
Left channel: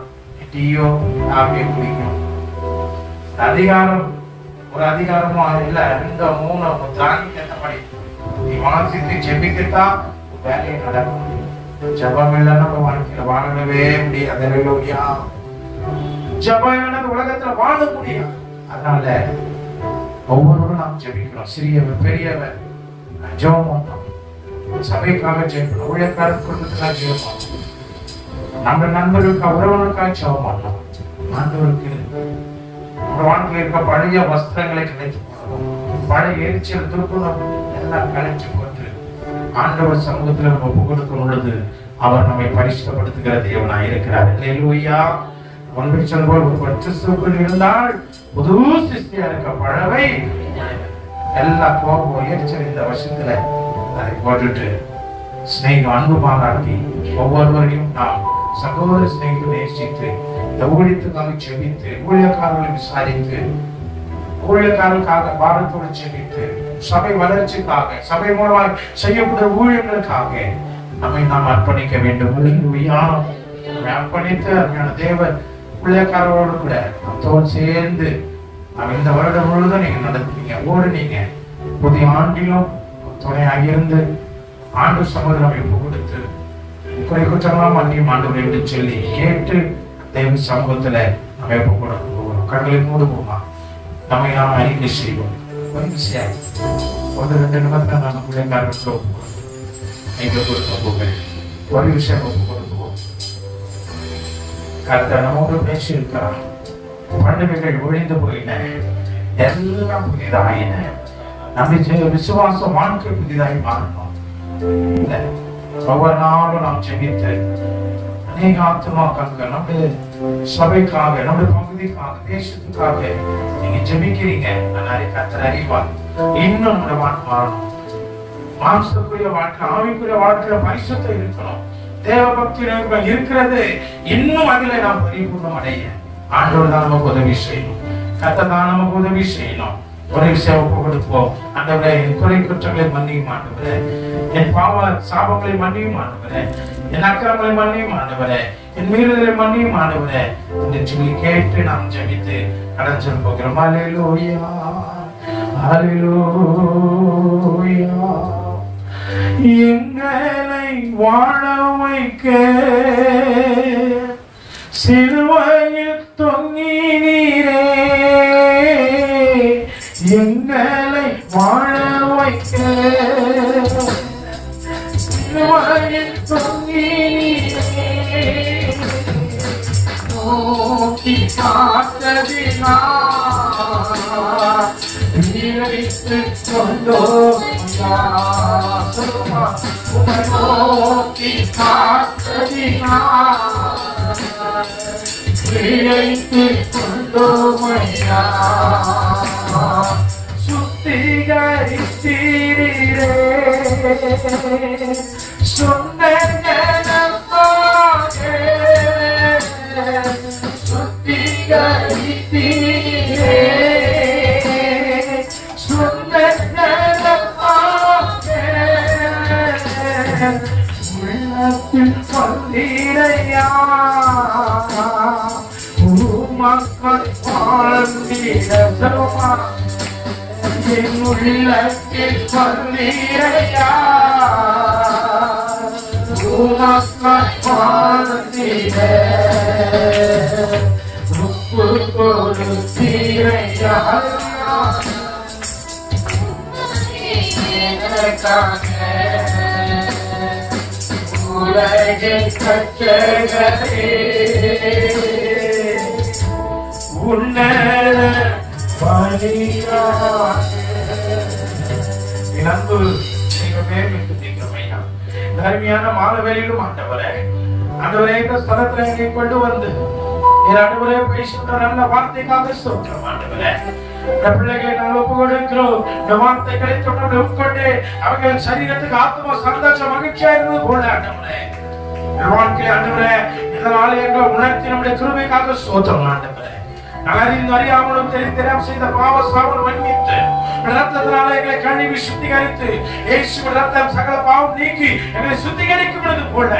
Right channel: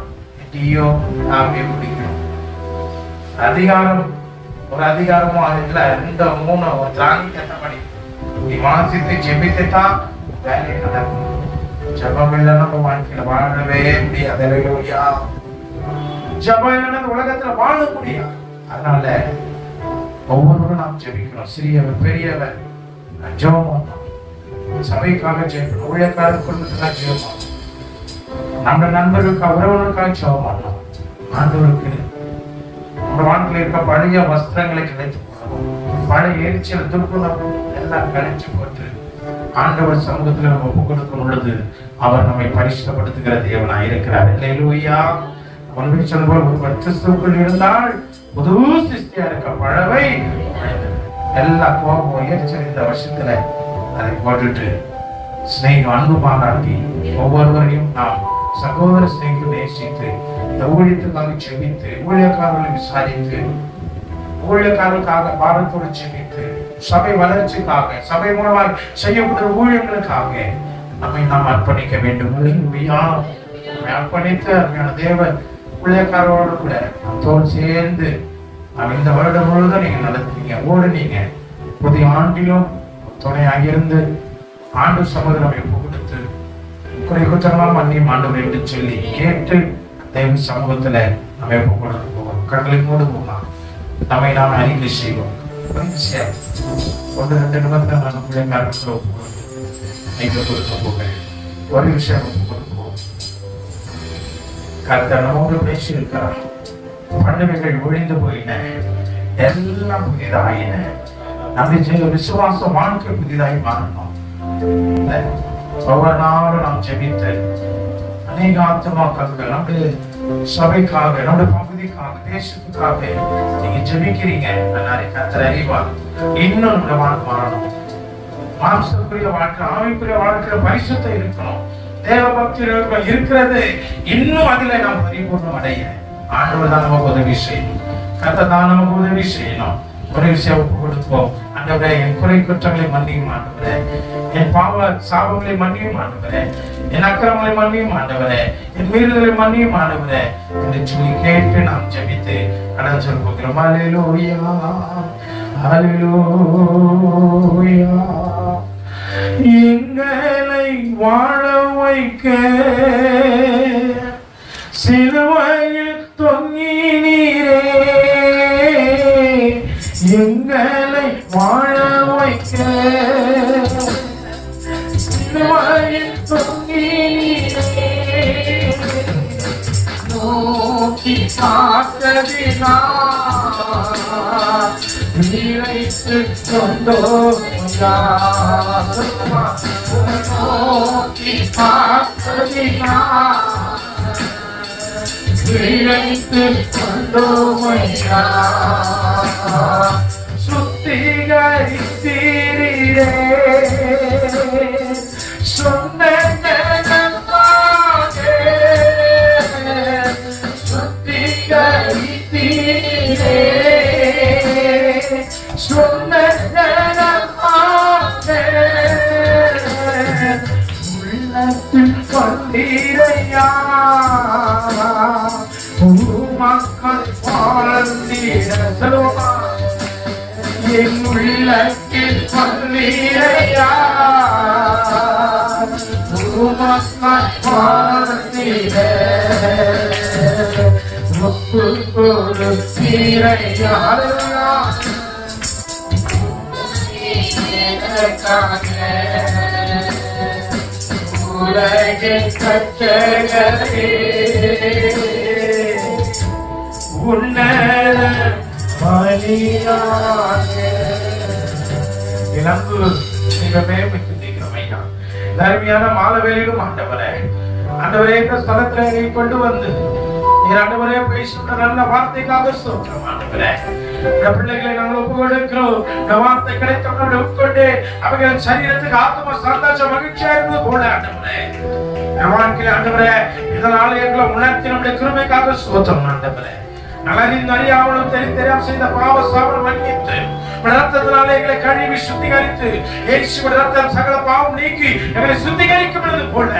டீயோ காஃபியோ குடிக்கணும். அதிகாரம் ஒரு அதிகாரமும் அது இல்ல. இந்த 3 திராணிக்கு ஏற்றபடி நீ வாசித்து ஜெபிக்கத்தான் வேலையை நடக்கும். ஜபம் இல்லைன்னா நம்ம வாழ்க்கையில வாழவே முடியாது. அல்லேலூயா. ஜபம் இல்லைன்னா இந்த உலகத்துல வாழ முடியாது. அதனால ஒவ்வொருவரும் நாம் ஜெபிக்கிறோம். சிறியவர் பெரியவர் ஜெபம், சபைக்காக ஜெபிக்கணும், ஊழியக்காரர் குடும்பத்துக்காக ஜெபம், நம்ம நண்பர்களுக்காக உறவுகளுக்காக ஜெபம் பண்ணணும். ஆண்டவருக்கு நம்ம வாழ்க்கையில் இருக்க பழைய வஸ்திரங்களை கிடைத்து பழைய எரிச்சல் துப்புணர்வு எல்லாம் கழிச்சு போட்டு ஆண்டவர் சமூகத்தில் நம்ம புகழுக்கும் பொழுது அவர் நம்மை பரிசுத்தப்படுத்துகிற தேவனாய் இருக்கிறார். அல்லேலூயா. ஒன்று சொல்வோம், ஒரு கிறிஸ்துவுக்குள் இருந்தால் புது சிருஷ்டியா இருக்க பழவை எல்லா கோபம் எரிச்சல் இந்த வருஷத்துல அதை போட்டுட்டு ஸ்நேகம் அன்பு பாராட்டி ஒவ்வொருவரையும் நாம் சகோதர ஸ்நேகம் நேசித்து இந்த ஊழியத்துக்காக செபித்து ஊழியக்காரர்களை விசாரித்து ஊழியக்காரர்களுக்காக பாரத்தோடு செபித்து சபை வளர்ச்சிக்காக சபை மூலமாய் செய்யக்கூடிய ஊழியர்களுக்காக நம்மை நாம் அர்ப்பணிக்க வேண்டும். அர்ப்பணித்து அருமையான தேவ ஊழியக்காரரோடு கூட நம்மோடு சேர்ந்து இந்த வருடம் முழுவதும் நீங்க நடத்துறீங்க, ஓடுனீங்க. புதிய ஆண்டிலும் துணையாக இருந்து ஆண்டு சமூகம் ஒப்பு கொடுத்து குறை குற்றமாக மன்னியும் ஆண்டு சொல்லி கேட்டு தேவ சமூகத்துல நம்ம ஒப்பு கொடுக்க போகிறோம். கண்களை மூடு போகலாம். நம்மை நாம் அறிக்கை செய்வோம். 1-2 நிமிடம் நம்ம பிள்ளைக்காரர்கள் ஒப்பு கொடுப்போம். ஒரு விஷயம் ஒப்பு கொடுப்போம். கர்த்தர் நம்மோடு பேசியிருக்கிறார். பண்டிகைகள் ஒழிந்து போயின, எல்லாம் புதிதாயின. நம்முடைய விசுவாச வாழ்க்கை புதிதாய் மாறணும். ஒவ்வொரு நாளும் நாம் ஜெபித்து அநேக ஆத்மாக்கள் நம்முடைய சபைக்காக நம்முடைய பகுதிக்காக தேசத்துக்காக நீங்க ஜெபிக்கிறீங்க. கர்த்தர் அறிவார். இன்னும் நம்முடைய வாழ்க்கை மாறணும். மாம்சக்குரிய வாழ்க்கை ஆவிக்குரிய வாழ்க்கையில பரிசுத்தம் இருக்கணும். தேவ பக்தி இருக்கிறது. இன்னும் அதில் நாம் பரிபூர்ணம் அடைய ஆண்டவர் தான் நமக்கு உதவி செய்யணும். கர்த்தர் தான் நமக்கு உதவி செய்யணும். ஒரு விஷயம் ஒப்பு கொடுப்போம். ஆண்டவரே, என் குறை குற்றங்களை மன்னியும் ஆண்டவரே, என் பாவ சாபங்களை மன்னியும் ஆண்டவரே, என் அக்கிரமங்களை மன்னியும் ஆண்டவரே, என் மீறுதலை மன்னியும் ஆண்டவரே என்று சொல்லி கேட்டு நாம் ஜெபித்து கடன் சொல்ல போகிறோம். அல்லேலூயா, அல்லேலூயா. எங்களை வாழ வைக்க சிலுவையில் தொங்கினீரே, எங்களை வாழ வைக்க சிலுவையில் தொங்கினீரே, நோக்கி பார்த்ததினால் நினைத்து கொண்டோம், நோக்கி பார்த்ததினால் நினைத்து கொண்டோமையா, சுத்திகரித்தீரே சொன்னதனமாகே, சுத்திகரித்தீரே சொன்னதனமாகே, உள்ளத்தில் கொண்டீரையா மக்கள் வாழ்ந்திட சொல்லுமா, என் உள்ளத்தில் கொண்டீரையா மக்கள் வாழ்ந்திட முப்பு கொடுத்தீரையா, உலகை கற்றே தர்மியான மாலவேலிலும் ஆண்டவரே, ஆண்டவரே இந்த ஸ்தலத்துல நீ கொண்டு வந்து நீர் ஆண்டவரே பேசுகிற நல்ல வார்த்தைக்காக ஸ்தோத்திரம் ஆண்டவரே. இந்த பிள்ளைகளை நாங்கள் ஒப்பு கொடுக்கிறோம். இந்த வார்த்தை கிடைத்தவர்களை உட்கொண்டு அவர்கள் சரீரத்துக்கு ஆத்மா சந்தோஷம் மகிழ்ச்சியா இருந்தது போல ஆண்டவரே வாழ்க்கையில் ஆண்டவரே இதனால எங்களை உணர்த்தி நம்முடைய கிருபைக்காக ஸ்தோத்திரம் ஆண்டவரே. நலரின் அறியாமலும் தெரியாம செய்த பாவ சாவல் மன்னித்து ரத்தத்தினாலே எங்களை கழுவி சுத்திகரித்து இயேசுவின் ரத்தம் சகல பாவம் நீக்கி எங்களை சுத்திகரிக்கும் போல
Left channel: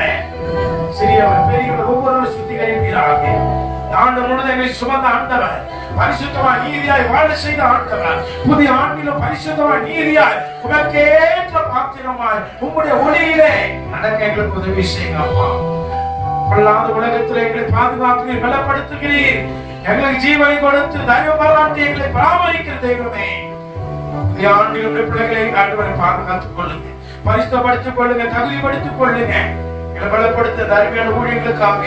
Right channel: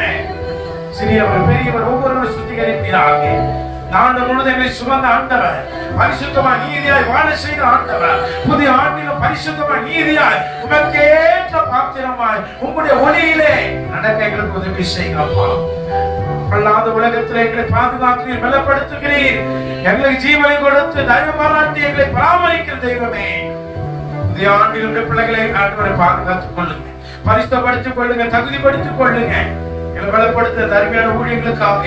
சிறியவர் பெரியவர் ஒவ்வொருவரும் சுத்திகரிப்பீராக. ஆண்டு முழுவதும் எங்களை சுமந்த ஆண்டவர் பரிசுத்தமாய் நீதியாய் வாழ செய்த ஆண்டவர், புதிய ஆண்டிலும் பரிசுத்தமாய் நீதியாய் உமக்கேற்ற பாத்திரமாய் உம்முடைய ஒளியிலே நடக்க எங்களுக்கு உதவி செய்யுங்க அப்பா. பொல்லாத உலகத்தில் எங்களை பாதுகாக்கிறீர், பலப்படுத்துகிறீர், எங்களுக்கு ஜீவனை கொடுத்து தயவு பாராட்டி எங்களை பராமரிக்கிற தெய்வமே. புதிய ஆண்டில் பிள்ளைகளை ஆண்டவரை பாதுகாத்துக் கொள்ளுங்க, பரிசுத்தப்படுத்திக் கொள்ளுங்க, தகுதிப்படுத்திக் கொள்ளுங்க. எங்களை பலப்படுத்த அருமையான ஊழியர்களுக்காக,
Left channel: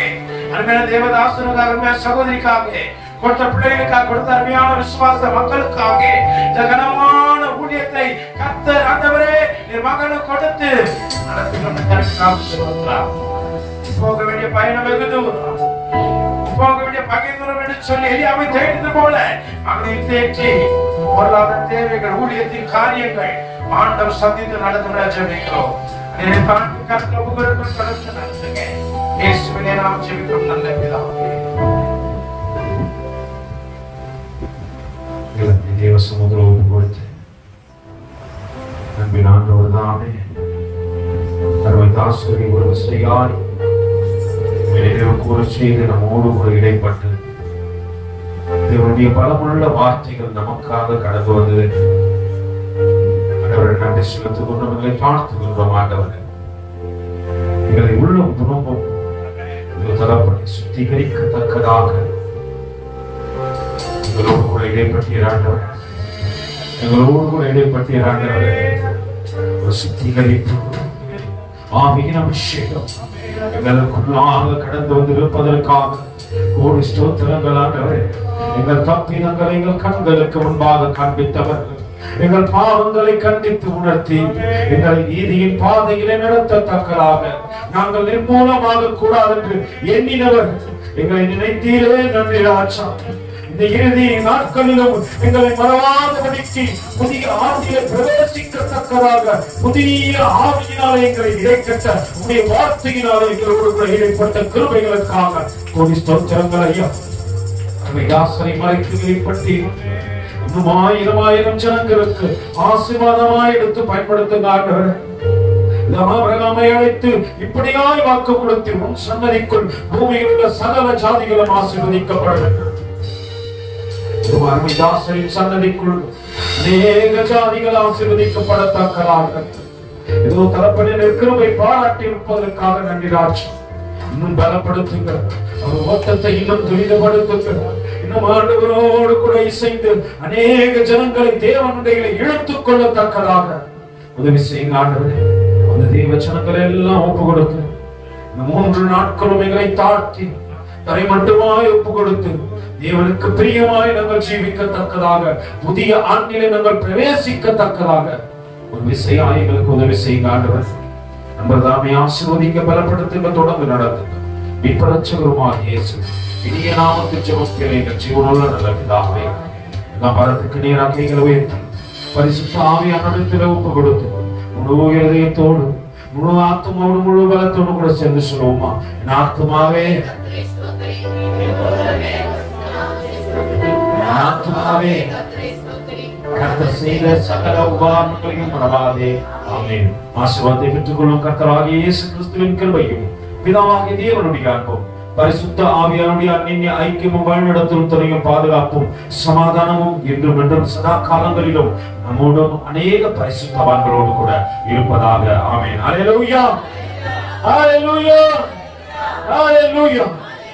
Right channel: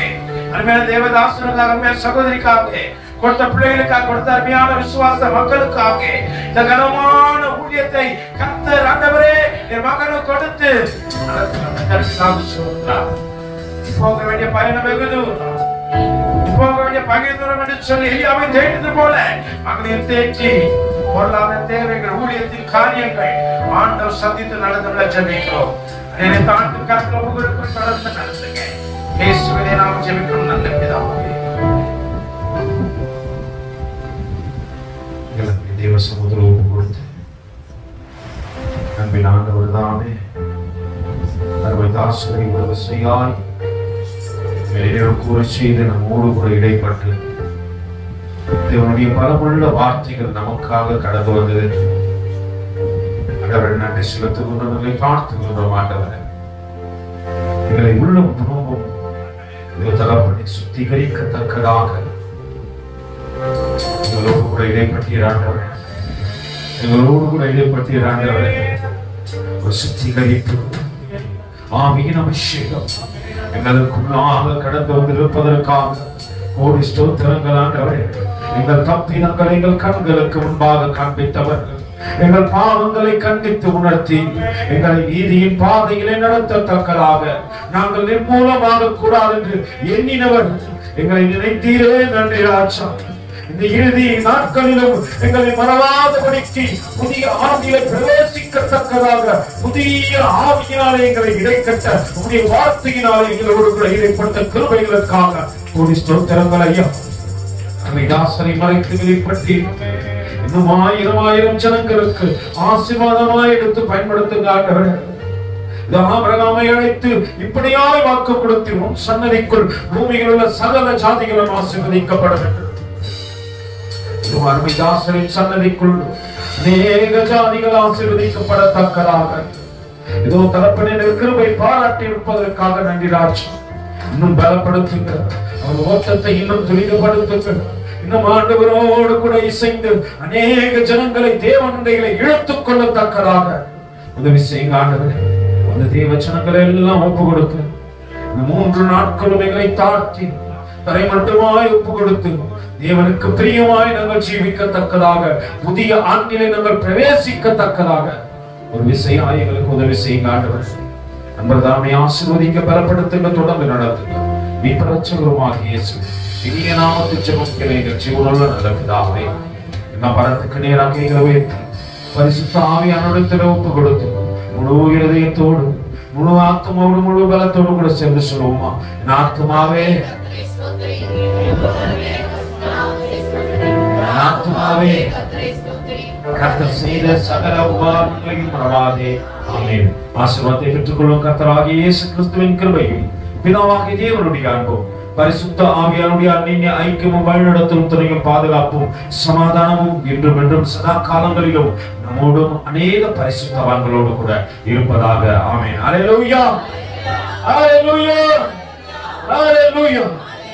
அருமையான தேவதாசனுக்காக, அருமையான சகோதரிக்காக, கொடுத்த பிள்ளைகளுக்காக, கொடுத்த அருமையான விசுவாச மக்களுக்காக, இந்த கனமான ஊழியத்தை கர்த்தர் ஆண்டவரே என் மகனுக்கு கொடுத்து நடத்தி கொண்டு போக வேண்டிய பயணம் வெகு தூரம், போக வேண்டிய பகை தூரம் என்று சொல்லி எலியாவை தேடியது போல மகனையும் தேற்றி பொருளாதார தேவைகள், ஊழியத்தின் காரியங்கள் ஆண்டவர் சந்தித்து நடந்து ஜெபிக்கிறோம். தாண்டி கர்த்தர் புகழுக்கும் தொடர்ந்து நடத்துங்க. இயேசுவினை நாம் ஜெபிக்கிறோம் நல்ல பிதாவே. தேவ சமுதிரம் கொடுத்து நம்பின ஆண்டவர் தானே அருமைதாசரை உறவு செய்யாய் கூற செய்து நம்மோடு கூட இடைப்பட்டு தேவனுடைய பலமுள்ள வார்த்தைகள் நமக்காக கடந்து வந்தது. ஆண்டவரை நன்றி செலுத்திக் கொண்டவர்களை பார்த்துக் கொண்டோம். ஆண்டவரை எங்களை உள்ளம் துன்பம் தகப்பனை சுத்திகரிக்கத்தக்கதாக எங்களோடு கூட இடைப்பட்டீராண்டவர், எங்களோடு கூட இடைப்பட்டீராண்டவர். ஒரு சுத்திகரிப்பு ஆவியின் அபிஷேகம் எங்களுக்குள்ளாக கடந்து வந்திருப்பதற்காக கோடி ஸ்தோத்திரங்கள் ஆண்டவரே. எங்கள் தப்பினங்களை எங்கள் கண்களுக்கு முன்பாக காண்பித்தவர்கள், எங்கள் பாவங்களை கண்டித்து உணர்த்தி எங்களை நீதியின் பாதையிலே நடத்தத்தக்கதாக நாங்கள் நிர்மூலமாக கூடாது என்று எண்ணினவர் எங்களை நினைத்தீரே. நன்றி ராஜா. இந்த இறுதி நாட்களிலும் எங்களை மறவாதபடிக்கு புதிய ஆவியை பிரவேசிக்கத்தக்கதாக புதிய ஆவியினாலே எங்களை இடைக்கட்ட உங்களுடைய வார்த்தையினாலே எங்களோடு கூட இடைப்பட்ட கிருபைகளுக்காக கோடி ஸ்தோத்திரங்கள் ஐயா. தாசனை மறைத்து ஏற்படுத்தி இன்னும் 1000 ஜனங்களுக்கு ஆசீர்வாதமாய் எடுத்து பயன்படுத்துகிறார்கள். ஆபிரகாமை அழைத்து இப்படியாய் வாக்கு கொடுத்து உன் சன்னதிக்குள் பூமியில் உள்ள சகல ஜாதிகளும் ஆசீர்வதிக்கப்பட வேண்டும். அருமைதாசரின் சன்னதிக்குள் அநேக ஜாதிகள் ஆசீர்வதிக்கப்படத்தக்கதாக ஏதோ தரப்பனின் கிருபை பாராட்டி இருப்பதற்காக நன்றி ராஜா. இன்னும் பலப்படுத்துங்க, அவர் ஓட்டத்தை இன்னும் துரிதப்படுத்துங்க. இன்னும் ஆண்டவரோடு கூட இசைந்து அநேக ஜனங்களை தேவனுடைய இழுத்துக் கொள்ளத்தக்கதாக உதவி செய்யுங்க ஆண்டவர். அந்த தேவ ஜனங்களை எல்லாம் ஒப்பு கொடுக்க 3 நாட்களும் எங்களை தாழ்த்தி தரை மட்டுமாய் ஒப்பு கொடுத்து தேவனுக்கு பிரியமாய் நாங்கள் ஜீவிக்கத்தக்கதாக புதிய ஆண்டிலே நாங்கள் பிரவேசிக்கத்தக்கதாக ஒரு விசையாய் எங்களுக்கு உதவி செய்யுங்க ஆண்டவர். அன்பர்தாமே ஆசீர்வதிக்க பலப்படுத்துங்க, தொடர்ந்து நடத்துங்க. மீட்பரட்சகருமாக இயேசு இனிய நாமத்தில் ஜெபிக்கிறேன் எங்கள் ஜீவனுள்ள நல்ல பிதாவே. நாம் பரத்துக்கு நேராக எங்களை உயர்த்தி பரிசுத்த ஆவியானவரிடத்தில் ஒப்பு கொடுத்து முழு இருதயத்தோடு முழு ஆத்மாவோடு முழு பலத்தோடு கூட சேர்ந்து சொல்லுவோமா? என் ஆத்மாவே ஆத்மாவே கர்த்தர் செய்த சகல உபகாரங்களையும் மறவாதே. ஆமென். ஆசீர்வாதத்தை பெற்றுக்கொள்ளும் கர்த்தராகிய இயேசு கிறிஸ்துவின் கிருபையும் பிதாவாகிய தேவனுடைய அன்பும் பரிசுத்த ஆவியானுடைய அந்நிய ஐக்கியமும் வழிநடத்தும் துணையும் பாதுகாப்பும் சமாதானமும் என்றும் என்றும் சதா காலங்களிலும் நம்மோடும் அநேக பரிசுத்தவான்களோடு கூட இருப்பதாக. ஆமென். அல்லேலூயா, அல்லேலூயா, அல்லேலூயா.